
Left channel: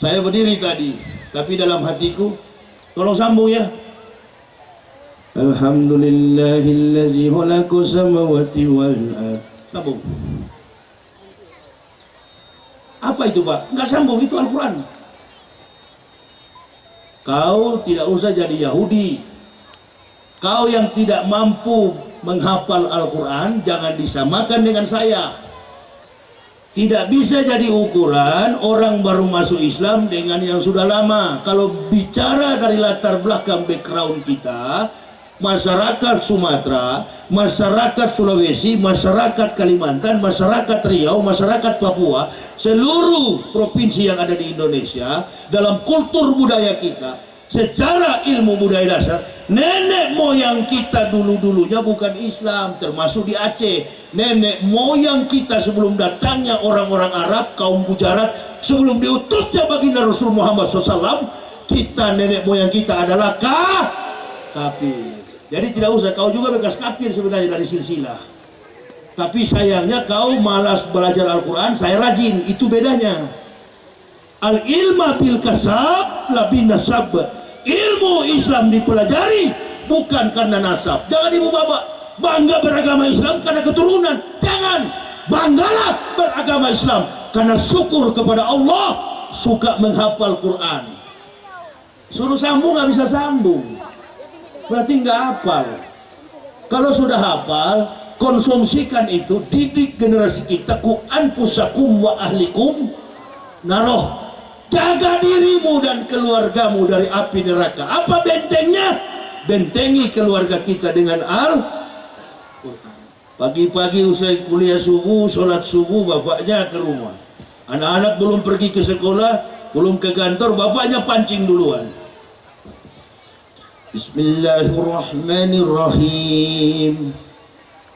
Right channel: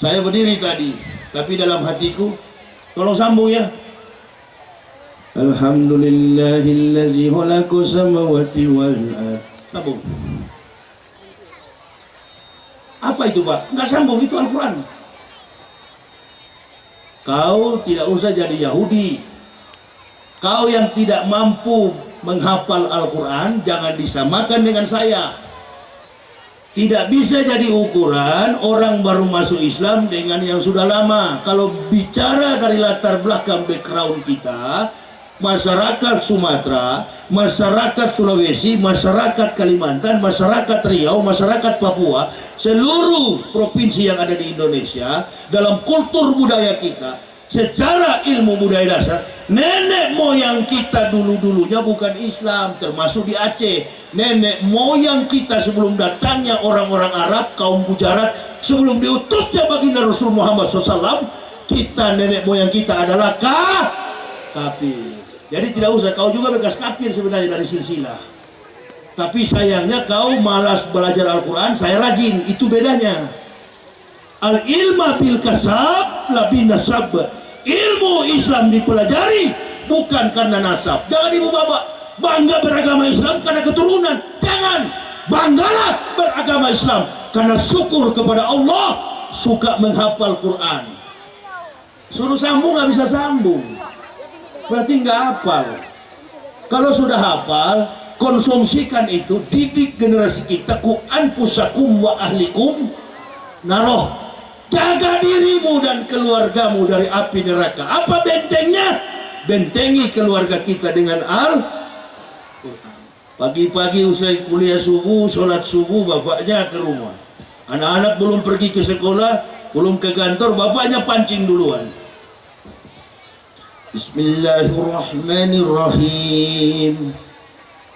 Saya berdiri tadi, tapi dalam hatiku, tolong sambung ya. Alhamdulillahillazi khalaqa samawati wal ardh. Sambung. Apa itu Pak? Enggak sambung, itu Al-Quran. Kau tidak usah jadi Yahudi. Kau yang tidak mampu menghafal Al-Quran, jangan disamakan dengan saya. Tidak bisa jadi ukuran orang baru masuk Islam dengan yang sudah lama. Kalau bicara dari latar belakang background kita, masyarakat Sumatera, masyarakat Sulawesi, masyarakat Kalimantan, masyarakat Riau, masyarakat Papua, seluruh provinsi yang ada di Indonesia, dalam kultur budaya kita, secara ilmu budaya dasar, nenek moyang kita dulu-dulunya bukan Islam, termasuk di Aceh. Nenek moyang kita sebelum datangnya orang-orang Arab, kaum Gujarat, sebelum diutusnya baginda Rasul Muhammad SAW, kita, nenek moyang kita adalah kafir. Jadi tidak usah, kau juga bekas kafir sebenarnya dari silsilah. Tapi sayangnya kau malas belajar Al-Quran, saya rajin, itu bedanya. Al-ilma bil kasab la bin nasab. Ilmu Islam dipelajari bukan karena nasab. Jangan ibu bapak bangga beragama Islam karena keturunan. Jangan, banggalah beragama Islam karena syukur kepada Allah, suka menghafal Quran. Suruh sambung nggak bisa sambung, berarti nggak hafal. Kalau sudah hafal, konsumsikan itu, didik generasi kita. Ku anfusakum wa ahlikum naroh. Jaga dirimu dan keluargamu dari api neraka. Apa bentengnya? Bentengi keluarga kita dengan Al-Quran. Pagi-pagi usai kuliah subuh, sholat subuh, bapaknya ke rumah. Anak-anak belum pergi ke sekolah, belum ke kantor, bapaknya pancing duluan. Bismillahirrahmanirrahim.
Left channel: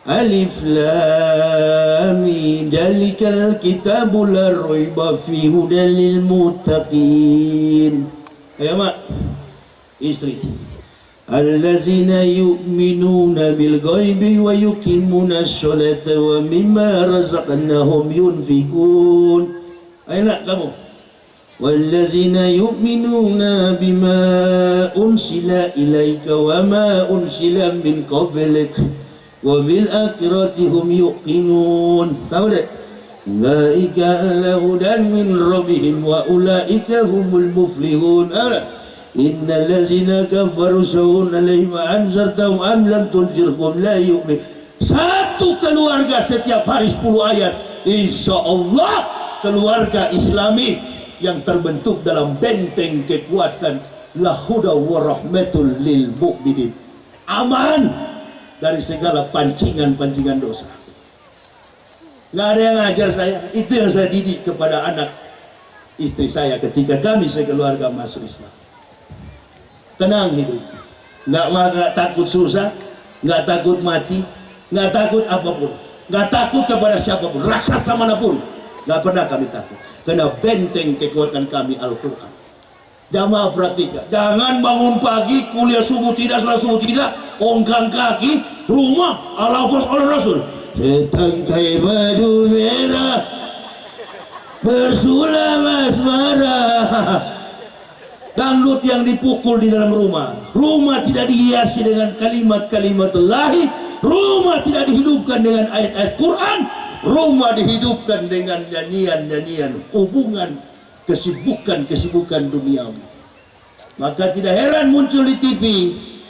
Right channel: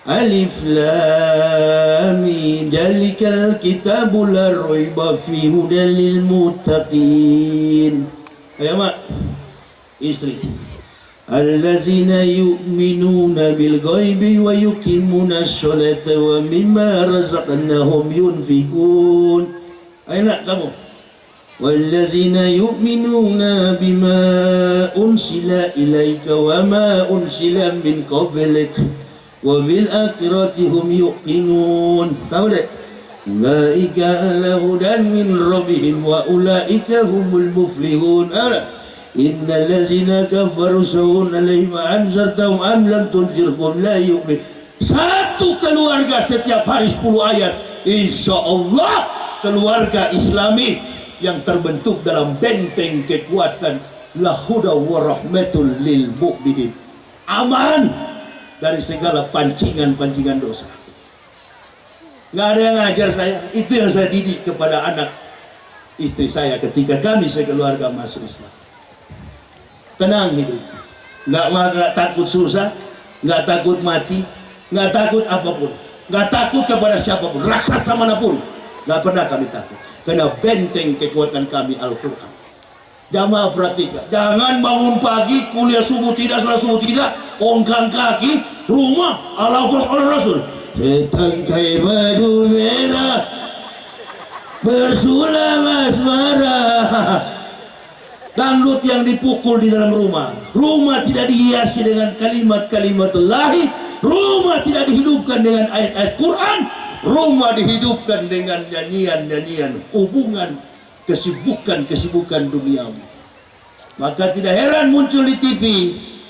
Alif lam mim, zalikal kitabu la raiba fihi hudal lil muttaqin. Ayo mak, istri. Allazina yu'minuna bil ghaibi wa yuqimuna sholata wa mimma razaqnahum yunfikun. Ayo nak kamu. Wallazina yu'minuna bima unsila ilaika wa ma unsila min qablik wa bil akhirati hum yuqinun. Tahu dek? Ulaika ala hudan min rabbihim wa ulaika humul muflihun. Innal ladzina kafaru sawun alaihim anzartahum am lam tunzirhum la yu'min. Satu keluarga setiap hari 10 ayat, insya Allah keluarga Islami yang terbentuk dalam benteng kekuatan lahuda wa rahmatul lil mu'minin, aman dari segala pancingan-pancingan dosa. Nggak ada yang ngajar saya, itu yang saya didik kepada anak istri saya ketika kami sekeluarga masuk Islam. Tenang hidup, nggak takut susah, nggak takut mati, nggak takut apapun, nggak takut kepada siapapun, raksasa manapun, nggak pernah kami takut. Karena benteng kekuatan kami Al-Quran. Jamaah perhatikan, jangan bangun pagi, kuliah subuh tidak, sholat subuh tidak, ongkang kaki, rumah, al-lafaz oleh Rasul. Setangkai madu merah, bersulam asmara. Dangdut yang dipukul di dalam rumah, rumah tidak dihiasi dengan kalimat-kalimat lahi, rumah tidak dihidupkan dengan ayat-ayat Quran, rumah dihidupkan dengan nyanyian-nyanyian hubungan, kesibukan duniawi. Maka tidak heran muncul di TV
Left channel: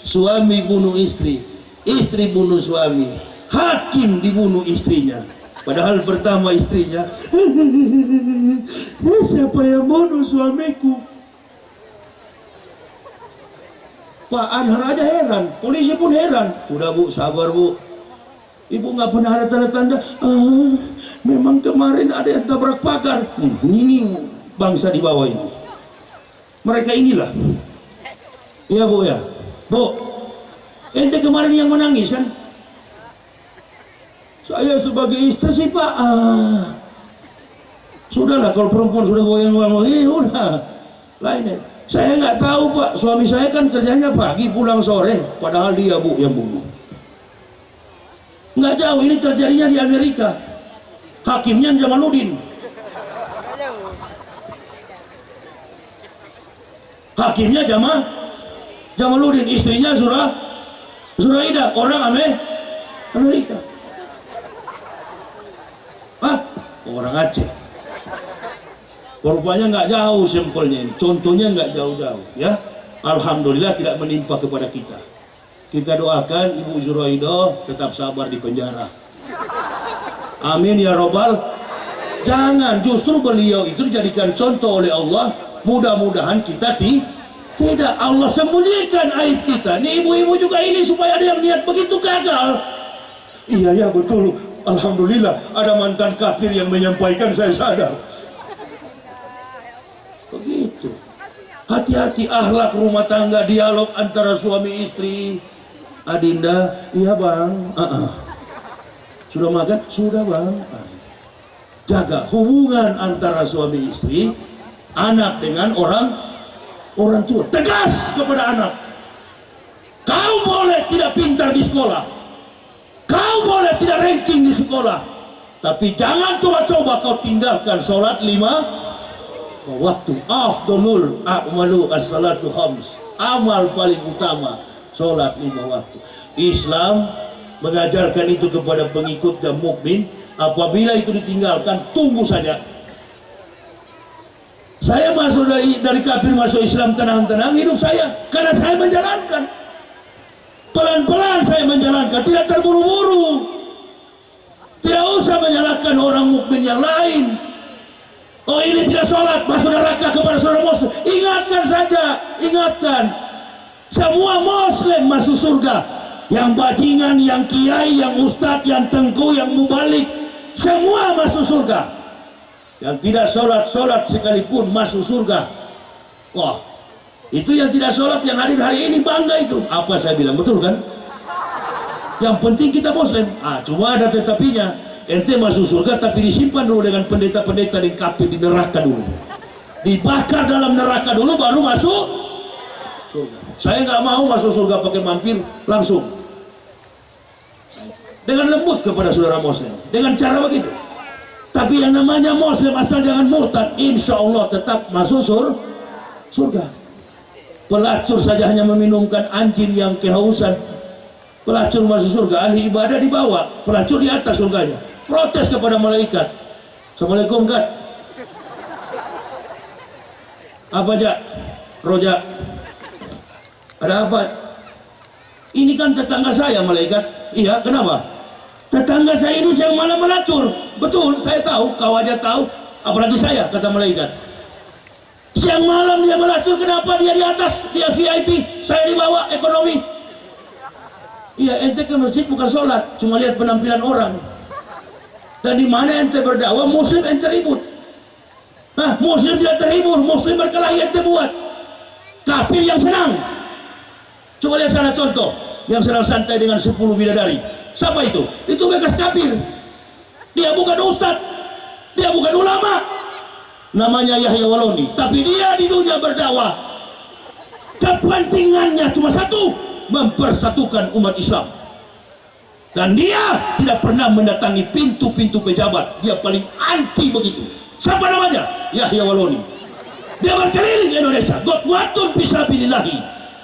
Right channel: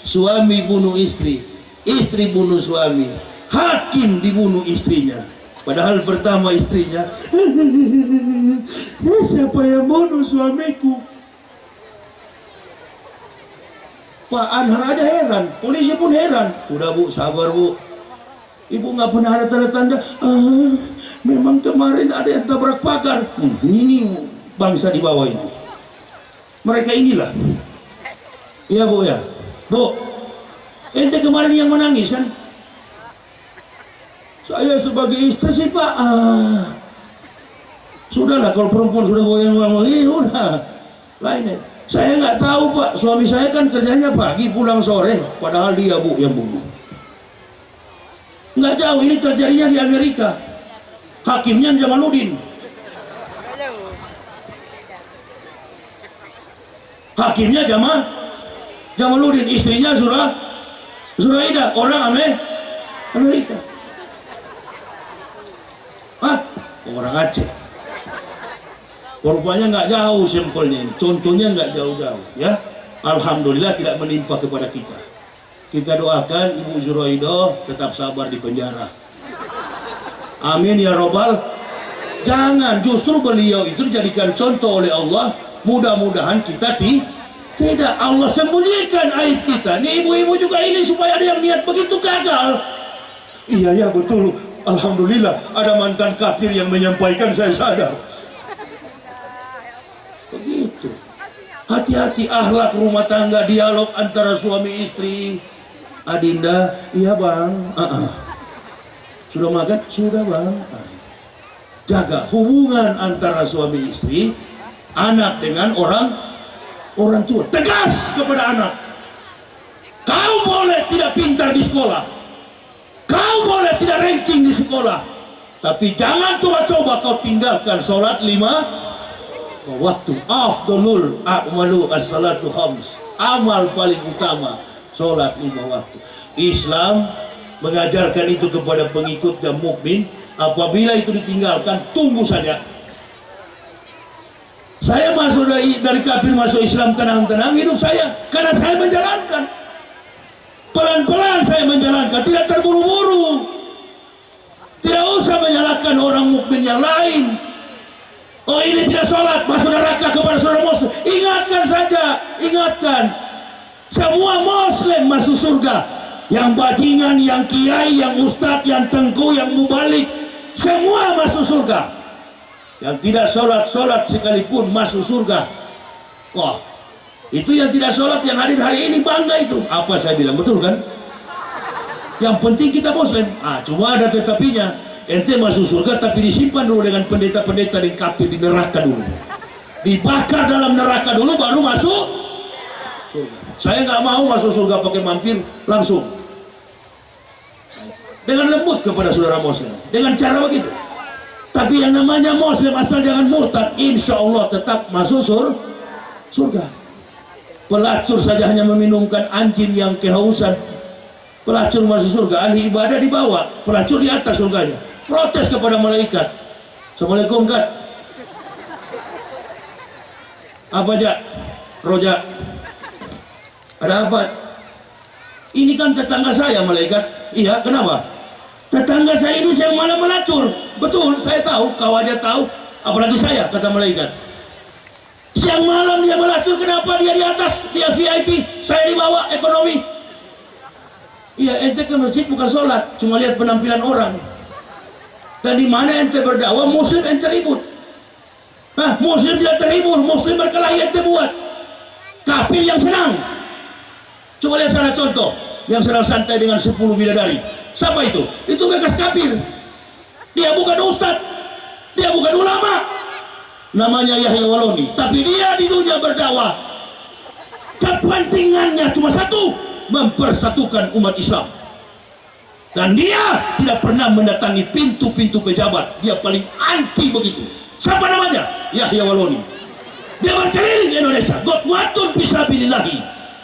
suami bunuh istri, istri bunuh suami, hakim dibunuh istrinya. Padahal pertama istrinya, siapa yang bunuh suamiku? Pak Anhar aja heran, polisi pun heran. Udah bu, sabar bu, ibu nggak pernah ada tanda-tanda. Memang kemarin ada yang tabrak pagar. Ini bangsa di bawah ini, mereka inilah. Iya bu ya, bu, ente kemarin yang menangis kan? Saya sebagai istri sih pak, sudahlah kalau perempuan sudah goyang-goyang, udah lainnya. Saya nggak tahu pak, suami saya kan kerjanya pagi pulang sore, padahal dia bu yang bunuh. Nggak jauh ini terjadinya di Amerika, hakimnya Jamaluddin. Hakimnya Jamaluddin, istrinya Zuraida, orang Amerika. Orang Aceh. Rupanya nggak jauh sampelnya ini, contohnya nggak jauh-jauh ya. Alhamdulillah tidak menimpa kepada kita. Kita doakan Ibu Zuraida tetap sabar di penjara. Amin ya robbal. Jangan, justru beliau itu dijadikan contoh oleh Allah. Mudah-mudahan kita tidak Allah sembunyikan aib kita. Nih ibu-ibu juga ini supaya ada yang niat begitu gagal. Iya ya betul. Alhamdulillah ada mantan kafir yang menyampaikan, saya sadar. Begitu. Hati-hati akhlak rumah tangga, dialog antara suami istri. Adinda, iya bang. Sudah makan? Sudah bang. Jaga hubungan antara suami istri, anak dengan orang tua. Tegas kepada anak. Kau boleh tidak pintar di sekolah, kau boleh tidak ranking di sekolah, tapi jangan coba-coba kau tinggalkan sholat 5 waktu. Afdalul a'malu as-salatu khams. Amal paling utama sholat 5 waktu. Islam mengajarkan itu kepada pengikut dan mukmin. Apabila itu ditinggalkan, tunggu saja. Saya masuk dari kafir masuk Islam tenang-tenang hidup saya, karena saya menjalankan pelan-pelan, saya menjalankan, tidak terburu-buru. Tidak usah menyalahkan orang mukmin yang lain. Oh ini tidak sholat, masuk neraka kepada saudara muslim. Ingatkan saja, ingatkan. Semua muslim masuk surga. Yang bajingan, yang kiai, yang ustadz, yang tengku, yang mubalik, semua masuk surga. Yang tidak sholat sekalipun masuk surga. Wah, itu yang tidak sholat yang hadir hari ini bangga itu. Apa saya bilang betul kan? Yang penting kita muslim. Cuma ada tetapinya. Ente masuk surga tapi disimpan dulu dengan pendeta-pendeta dan kafir di neraka dulu. Dibakar dalam neraka dulu baru masuk surga. Saya nggak mau masuk surga pakai mampir langsung. Dengan lembut kepada saudara muslim, dengan cara begitu. Tapi yang namanya muslim asal jangan murtad, insya Allah tetap masuk surga. Pelacur saja hanya meminumkan anjing yang kehausan, pelacur masuk surga. Ahli ibadah di bawah, pelacur di atas surganya. Protes kepada malaikat. Assalamualaikum kan? Apa aja? Roja, Ada apa? Ini kan tetangga saya malaikat. Iya, kenapa? Tetangga saya ini yang malam melacur. Betul, saya tahu, kau aja tahu. Apalagi saya, kata malaikat. Siang malam dia melacur, kenapa dia di atas? Dia VIP, saya di bawah, ekonomi. Iya, ente ke masjid bukan sholat, cuma lihat penampilan orang. Dan di mana ente berdakwah, muslim ente ribut. Hah, muslim tidak terhibur, muslim berkelahi ente buat. Kafir yang senang. Coba lihat sana contoh, yang senang santai dengan 10 bidadari. Siapa itu? Itu bekas kafir. Dia bukan ustadz, dia bukan ulama. Namanya Yahya Waloni, tapi dia di dunia berdakwah. Kepentingannya cuma satu, mempersatukan umat Islam. Dan dia tidak pernah mendatangi pintu-pintu pejabat. Dia paling anti begitu. Siapa namanya? Yahya Waloni. Dia berkeliling Indonesia. Gotwatun fisabilillahi,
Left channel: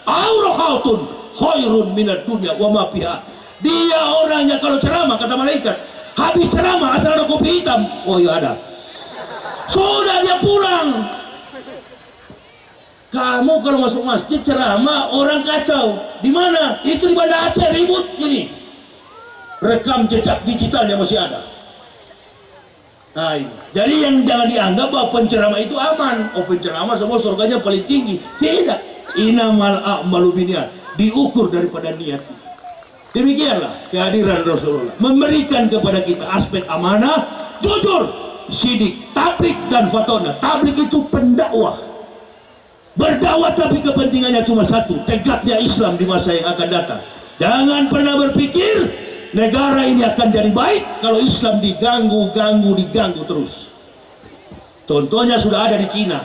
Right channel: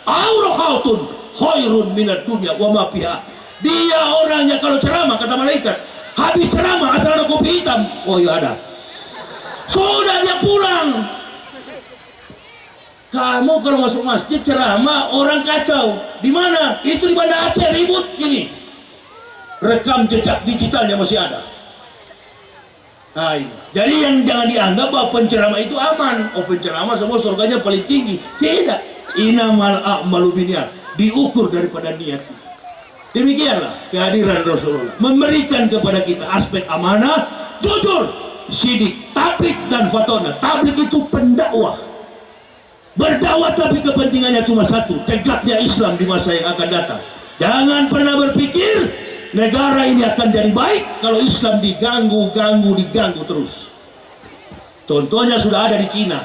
aurohautun khairun minad dunya wa ma fiha. Dia orangnya kalau ceramah, kata malaikat, habis ceramah asal ada kopi hitam. Oh iya ada. Sudah dia pulang. Kamu kalau masuk masjid ceramah orang kacau. Di mana? Itu di Banda Aceh ribut ini. Rekam jejak digitalnya masih ada. Nah ini. Jadi yang jangan dianggap bahwa penceramah itu aman. Oh penceramah semua surganya paling tinggi. Tidak. Inamal a'malu binniyat. Diukur daripada niat. Demikianlah kehadiran Rasulullah. Memberikan kepada kita aspek amanah, jujur, sidik, tablik dan fatona. Tablik itu pendakwah. Berdakwah tapi kepentingannya cuma satu, tegaknya Islam di masa yang akan datang. Jangan pernah berpikir negara ini akan jadi baik kalau Islam diganggu terus. Contohnya sudah ada di Cina.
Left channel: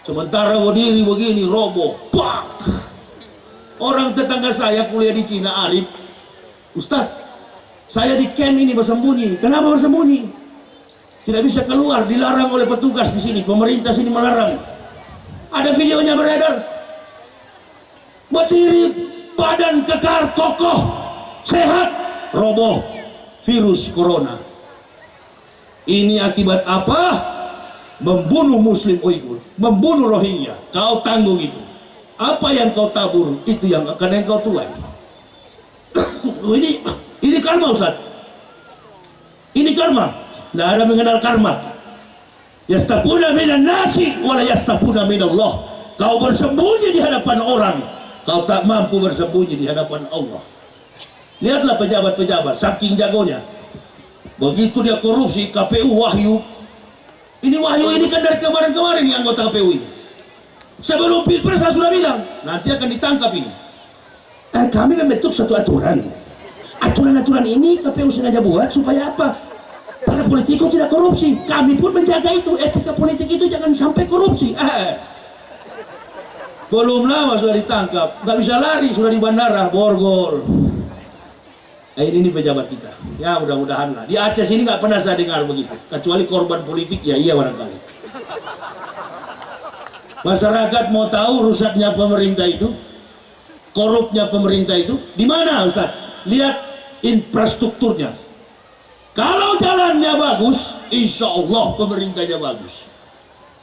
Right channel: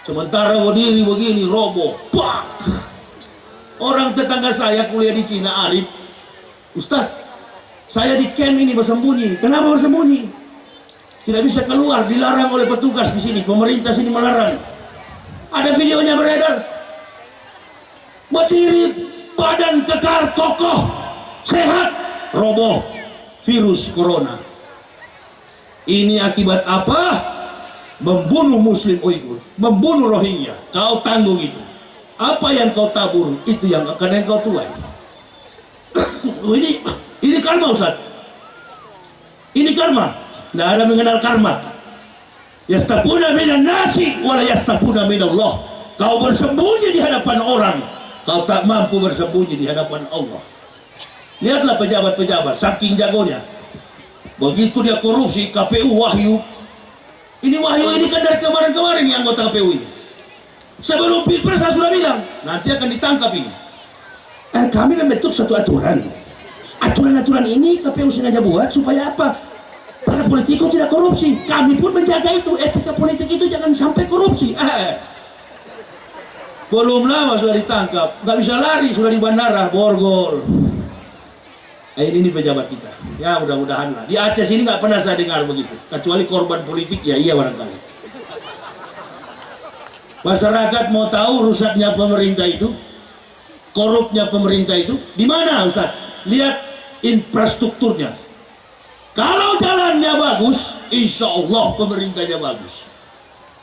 Sementara berdiri begini roboh. Pak. Orang tetangga saya kuliah di Cina, Arif. Ustaz, saya di camp ini bersembunyi. Kenapa bersembunyi? Tidak bisa keluar, dilarang oleh petugas di sini. Pemerintah sini melarang. Ada videonya beredar. Berdiri, badan kekar, kokoh, sehat, roboh, virus corona. Ini akibat apa? Membunuh Muslim Uighur, membunuh Rohingya. Kau tanggung itu. Apa yang kau tabur, itu yang akan yang kau tuai. ini karma Ustaz. Ini karma. Tidak ada mengenal karma. Yastapuna minan nasi wala yastapuna minallah. Kau bersembunyi di hadapan orang, kau tak mampu bersembunyi di hadapan Allah. Lihatlah pejabat-pejabat saking jagonya. Begitu dia korupsi, KPU Wahyu. Ini Wahyu ini kan dari kemarin-kemarin nih anggota KPU ini. Sebelum Pilpres saya sudah bilang nanti akan ditangkap ini. Kami kan bentuk satu aturan. Aturan-aturan ini KPU sengaja buat supaya apa? Para politikus tidak korupsi. Kami pun menjaga itu. Etika politik itu jangan sampai korupsi. Belum lama sudah ditangkap. Nggak bisa lari, sudah di bandara borgol. Ini pejabat kita. Ya mudah-mudahan lah. Di Aceh sini nggak pernah saya dengar begitu. Kecuali korban politik ya iya barangkali. Masyarakat mau tahu rusaknya pemerintah itu, korupnya pemerintah itu, di mana Ustaz? Lihat infrastrukturnya. Kalau jalannya bagus, insya Allah pemerintahnya bagus.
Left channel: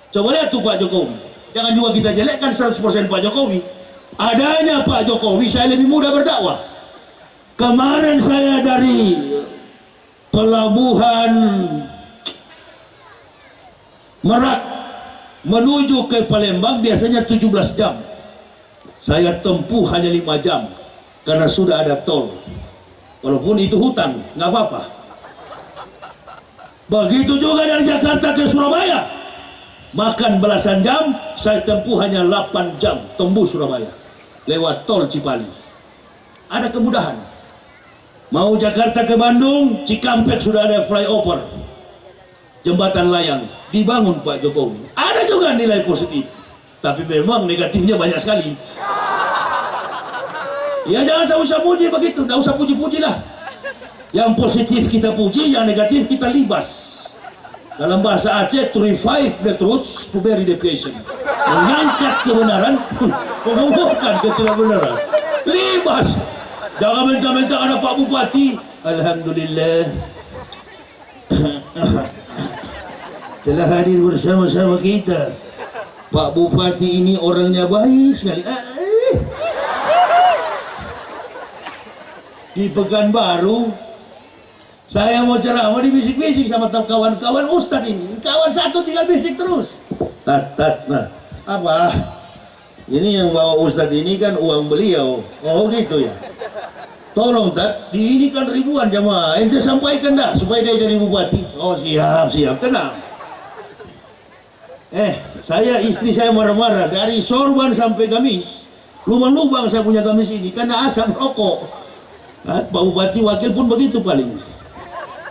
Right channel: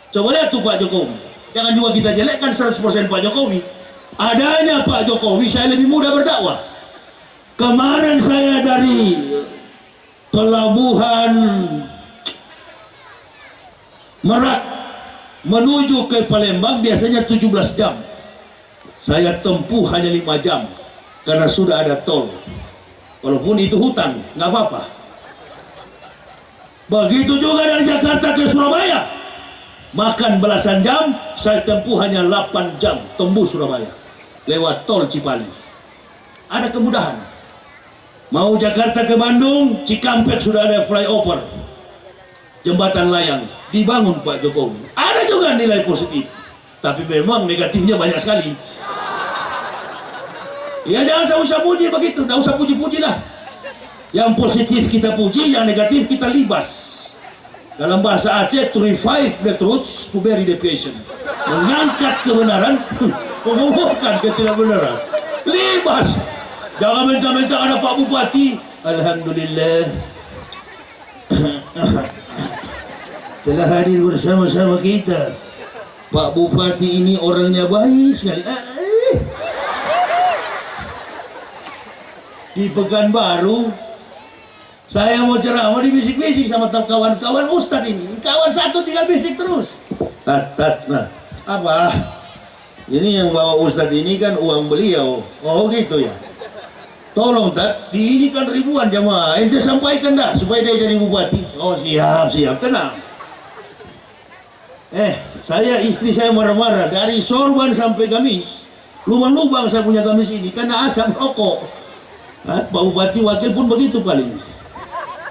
Coba lihat tuh Pak Jokowi. Jangan juga kita jelekkan 100% Pak Jokowi. Adanya Pak Jokowi, saya lebih mudah berdakwah. Kemarin saya dari pelabuhan Merak menuju ke Palembang biasanya 17 jam. Saya tempuh hanya 5 jam karena sudah ada tol. Walaupun itu hutang, nggak apa-apa. Begitu juga dari Jakarta ke Surabaya. Makan belasan jam, saya tempuh hanya 8 jam tembus Surabaya lewat tol Cipali. Ada kemudahan. Mau Jakarta ke Bandung, Cikampek sudah ada flyover. Jembatan layang dibangun Pak Jokowi. Ada juga nilai positif, tapi memang negatifnya banyak sekali. Ya jangan usah puji begitu, tidak usah puji-puji lah. Yang positif kita puji, yang negatif kita libas. Dalam bahasa Aceh, to revive the truths, to bury the patient. Mengangkat kebenaran, mengumpulkan ketidakbenaran. Libas. Jangan minta-minta ada Pak Bupati. Alhamdulillah. Telah hadir bersama-sama kita. Pak Bupati ini orangnya baik sekali. di Pekanbaru. Saya mau ceramah dibisik-bisik sama kawan-kawan Ustadz ini. Kawan satu tinggal bisik terus. Nah, apa? Ini yang bawa Ustadz ini kan uang beliau. Oh gitu ya. Tolong Tat, di ini kan ribuan jamaah. Ente sampaikan dah supaya dia jadi bupati. Oh siap, tenang. Saya istri saya marah-marah dari sorban sampai gamis. Lubang-lubang saya punya gamis ini karena asap rokok. Pak Bupati wakil pun begitu paling.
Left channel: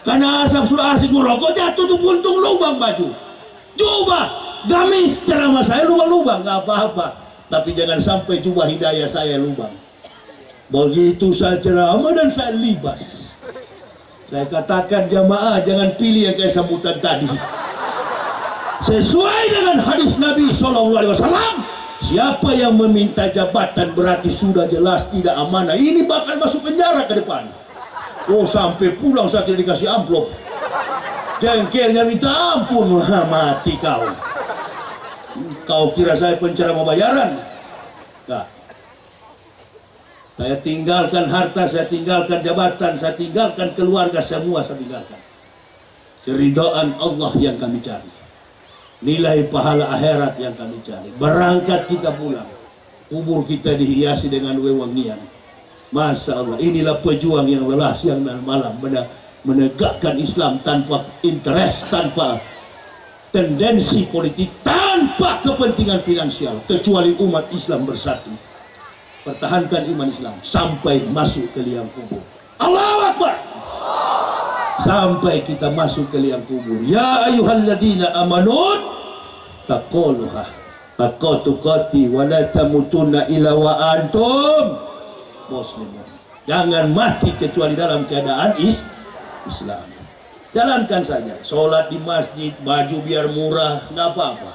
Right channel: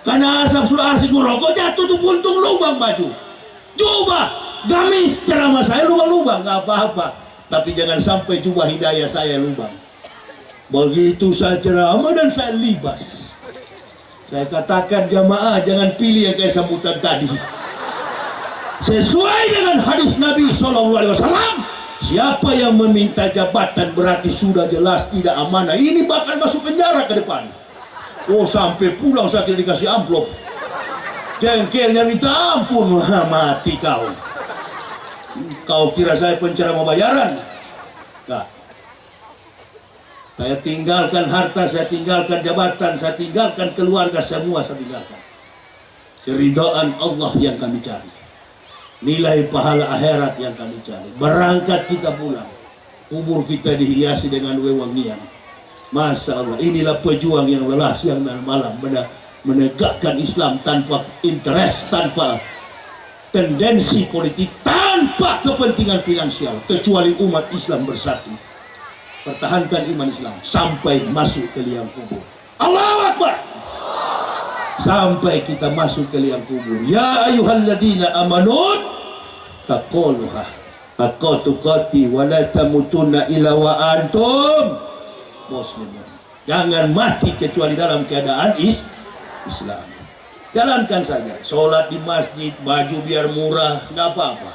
Karena asap sudah asik merokok, jatuh tuh puntung lubang baju. Coba gamis ceramah saya lubang-lubang, nggak apa-apa. Tapi jangan sampai jubah hidayah saya lubang. Begitu saya ceramah dan saya libas. Saya katakan jamaah jangan pilih yang kayak sambutan tadi. Sesuai dengan hadis Nabi SAW, siapa yang meminta jabatan berarti sudah jelas tidak amanah. Ini bakal masuk penjara ke depan. Oh sampai pulang saya tidak dikasih amplop. Jengkelnya minta ampun. Mati kau. Kau kira saya penceramah bayaran? Nah, saya tinggalkan harta, saya tinggalkan jabatan, saya tinggalkan keluarga, semua saya tinggalkan. Keridhaan Allah yang kami cari. Nilai pahala akhirat yang kami cari. Berangkat kita pulang, kubur kita dihiasi dengan wewangian. Masya Allah, inilah pejuang yang lelah siang dan malam menegakkan Islam tanpa interest, tanpa tendensi politik, tanpa kepentingan finansial, kecuali umat Islam bersatu. Pertahankan iman Islam sampai masuk ke liang kubur. Allahu Akbar. Sampai kita masuk ke liang kubur. Ya ayyuhalladzina amanu taqullaha haqqa tuqatih wa la tamutunna illa wa antum muslimun. Jangan mati kecuali dalam keadaan Islam. Jalankan saja. Sholat di masjid, baju biar murah, nggak apa-apa.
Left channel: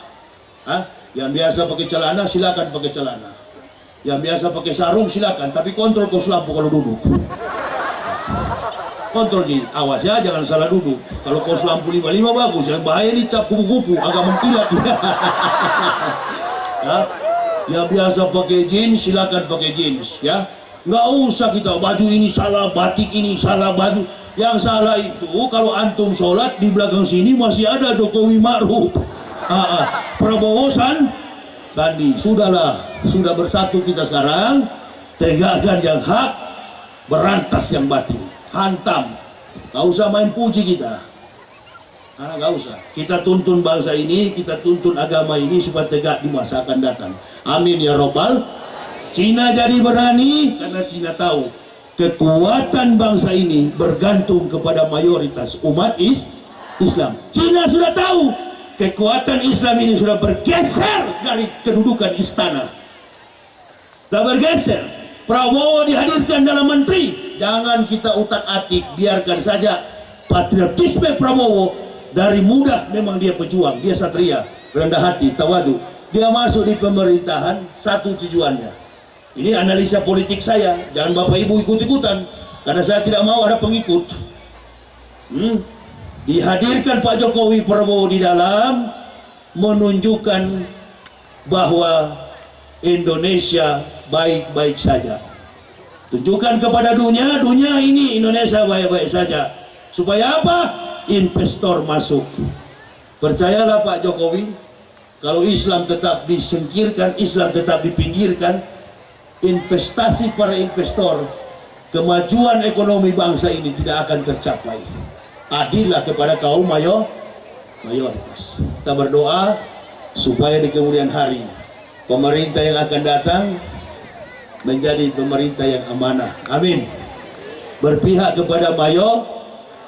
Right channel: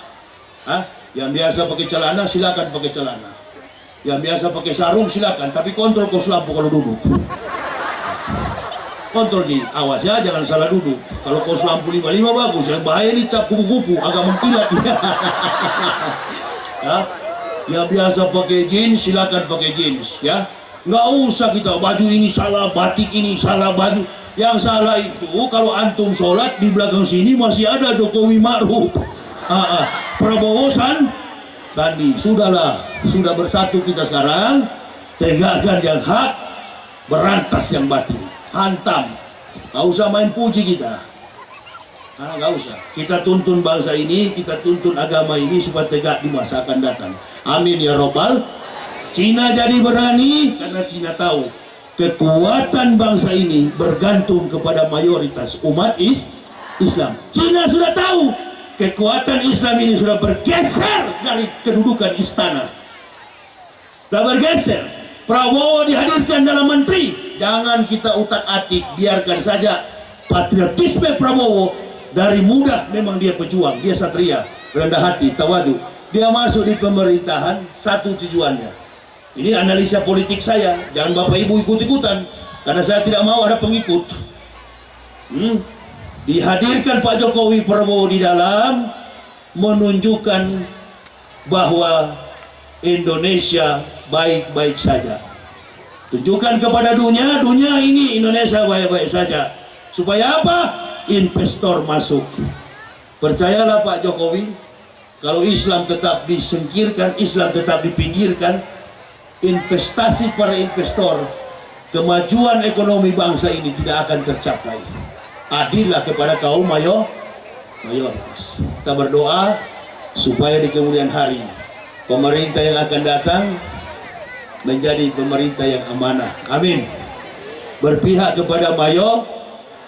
Yang biasa pakai celana silakan pakai celana. Yang biasa pakai sarung silakan, tapi kontrol kos lampu kalau duduk. Kontrol di awas ya, jangan salah duduk. Kalau kos lampu 55 bagus, yang bahaya ini cap kupu-kupu agak mengkilat. Ya. Yang biasa pakai jeans silakan pakai jeans ya. Nggak usah kita baju ini salah, batik ini salah, baju yang salah itu kalau antum sholat di belakang sini masih ada Jokowi Ma'ruf, Prabowo Sandi. Sudahlah, sudah bersatu kita sekarang, tegakkan yang hak, berantas yang batil. Hantam, nggak usah main puji kita, nggak usah. Kita tuntun bangsa ini, kita tuntun agama ini supaya tegak di masa akan datang. Amin ya robbal. Cina jadi berani karena Cina tahu kekuatan bangsa ini bergantung kepada mayoritas umat Islam. Cina sudah tahu kekuatan Islam ini sudah bergeser dari kedudukan istana. Sudah bergeser. Prabowo dihadirkan dalam menteri. Jangan kita utak-atik, biarkan saja patriotisme Prabowo. Dari muda memang dia pejuang, dia satria, rendah hati, tawadu. Dia masuk di pemerintahan, satu tujuannya. Ini analisa politik saya, jangan Bapak Ibu ikut-ikutan, karena saya tidak mau ada pengikut. Dihadirkan Pak Jokowi Prabowo di dalam menunjukkan bahwa Indonesia baik-baik saja. Tunjukkan kepada dunia ini Indonesia baik-baik saja. Supaya apa? Investor masuk. Percayalah Pak Jokowi, kalau Islam tetap disingkirkan, Islam tetap dipinggirkan, investasi para investor, kemajuan ekonomi bangsa ini tidak akan tercapai. Adillah kepada kaum mayoritas. Kita berdoa supaya di kemudian hari pemerintah yang akan datang menjadi pemerintah yang amanah. Amin. Berpihak kepada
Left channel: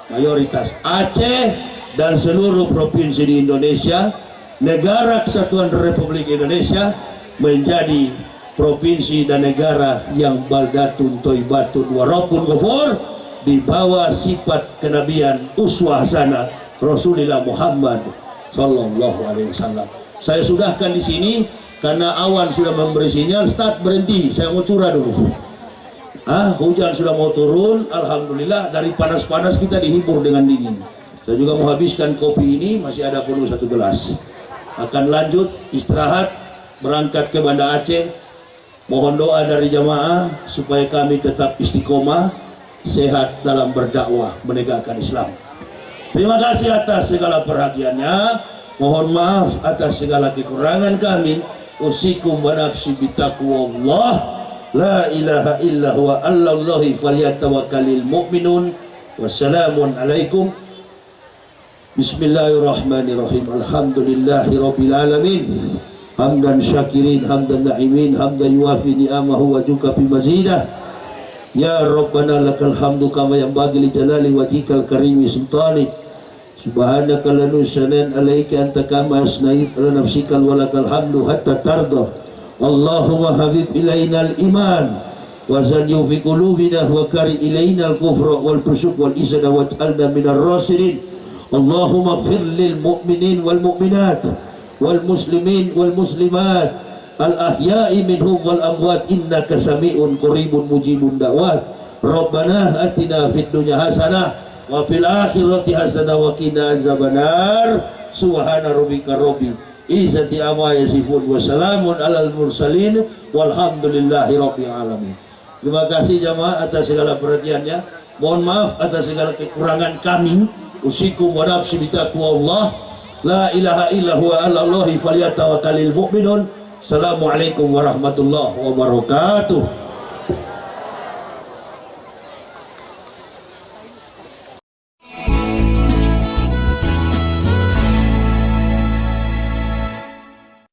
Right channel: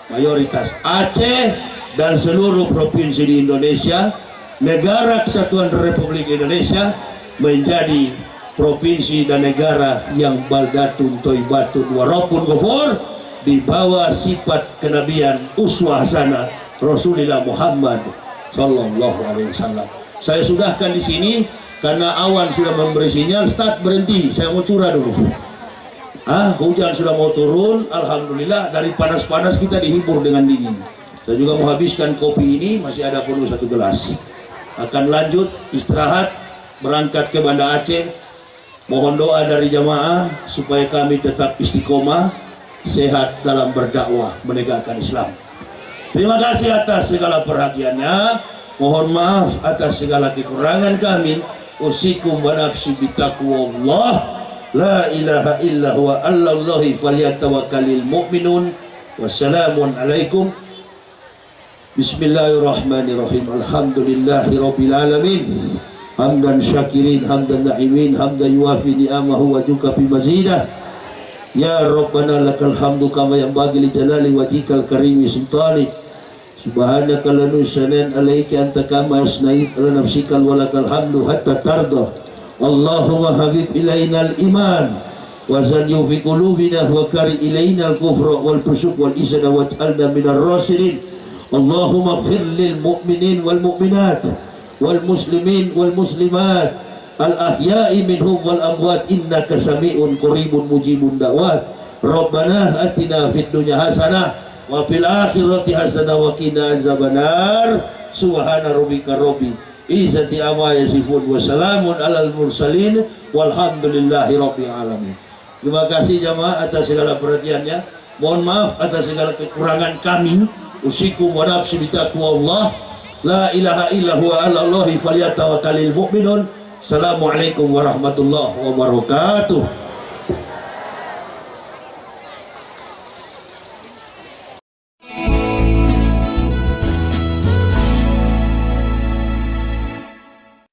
mayoritas Aceh dan seluruh provinsi di Indonesia, negara kesatuan Republik Indonesia menjadi provinsi dan negara yang baldatun toibatun warapun ghafur, di bawah sifat kenabian uswah hasanah Rasulullah Muhammad sallallahu alaihi wasallam. Saya sudahkan di sini karena awan sudah memberi sinyal start berhenti. Saya mau curah dulu. Hujan sudah mau turun, alhamdulillah. Dari panas-panas kita dihibur dengan dingin. Saya juga mau habiskan kopi ini, masih ada penuh 1 gelas. Akan lanjut istirahat, berangkat ke Banda Aceh. Mohon doa dari jamaah supaya kami tetap istiqomah sehat dalam berdakwah menegakkan Islam. Terima kasih atas segala perhatiannya. Mohon maaf atas segala kekurangan kami. Usikum wa nafsi bitaqwallah. La ilaha illa huwa allallahi falyatawakkalul mu'minun. Wassalamun alaikum. Bismillahirrahmanirrahim. Alhamdulillahi rabbil alamin. Hamdan syakirin, hamdan na'imin, hamdan yuafi ni'amahu wa juka bimazidah. Ya Rabbana lakal hamdu kama yanbaghi li jalali wajhikal karimi sultani. Subhanaka la nusanan alaika anta kama yasnaid ala nafsikal walakal hamdu hatta tarda. Allahumma habib ilaina al-iman wa zanyu fi qulubina wa kari ilaina al-kufra wal fusuq wal isyan waj'alna minar rasidin. Allahumma ighfir lil mu'minin wal mu'minat wal muslimin wal muslimat al-ahya'i minhum wal amwat innaka sami'un qaribun mujibun da'wat. Rabbana atina fid dunya hasanah wa fil akhirati hasanah wa qina azabannar. Subhana rabbika rabbil izzati amma yasifun wa salamun alal mursalin walhamdulillahi rabbil alamin. Terima kasih jamaah atas segala perhatiannya. Mohon maaf atas segala kekurangan kami. Usikum wa nafsi bitaqwallah. La ilaha illa huwa alallahi falyatawakkalul mu'minun. Assalamualaikum warahmatullahi wabarakatuh.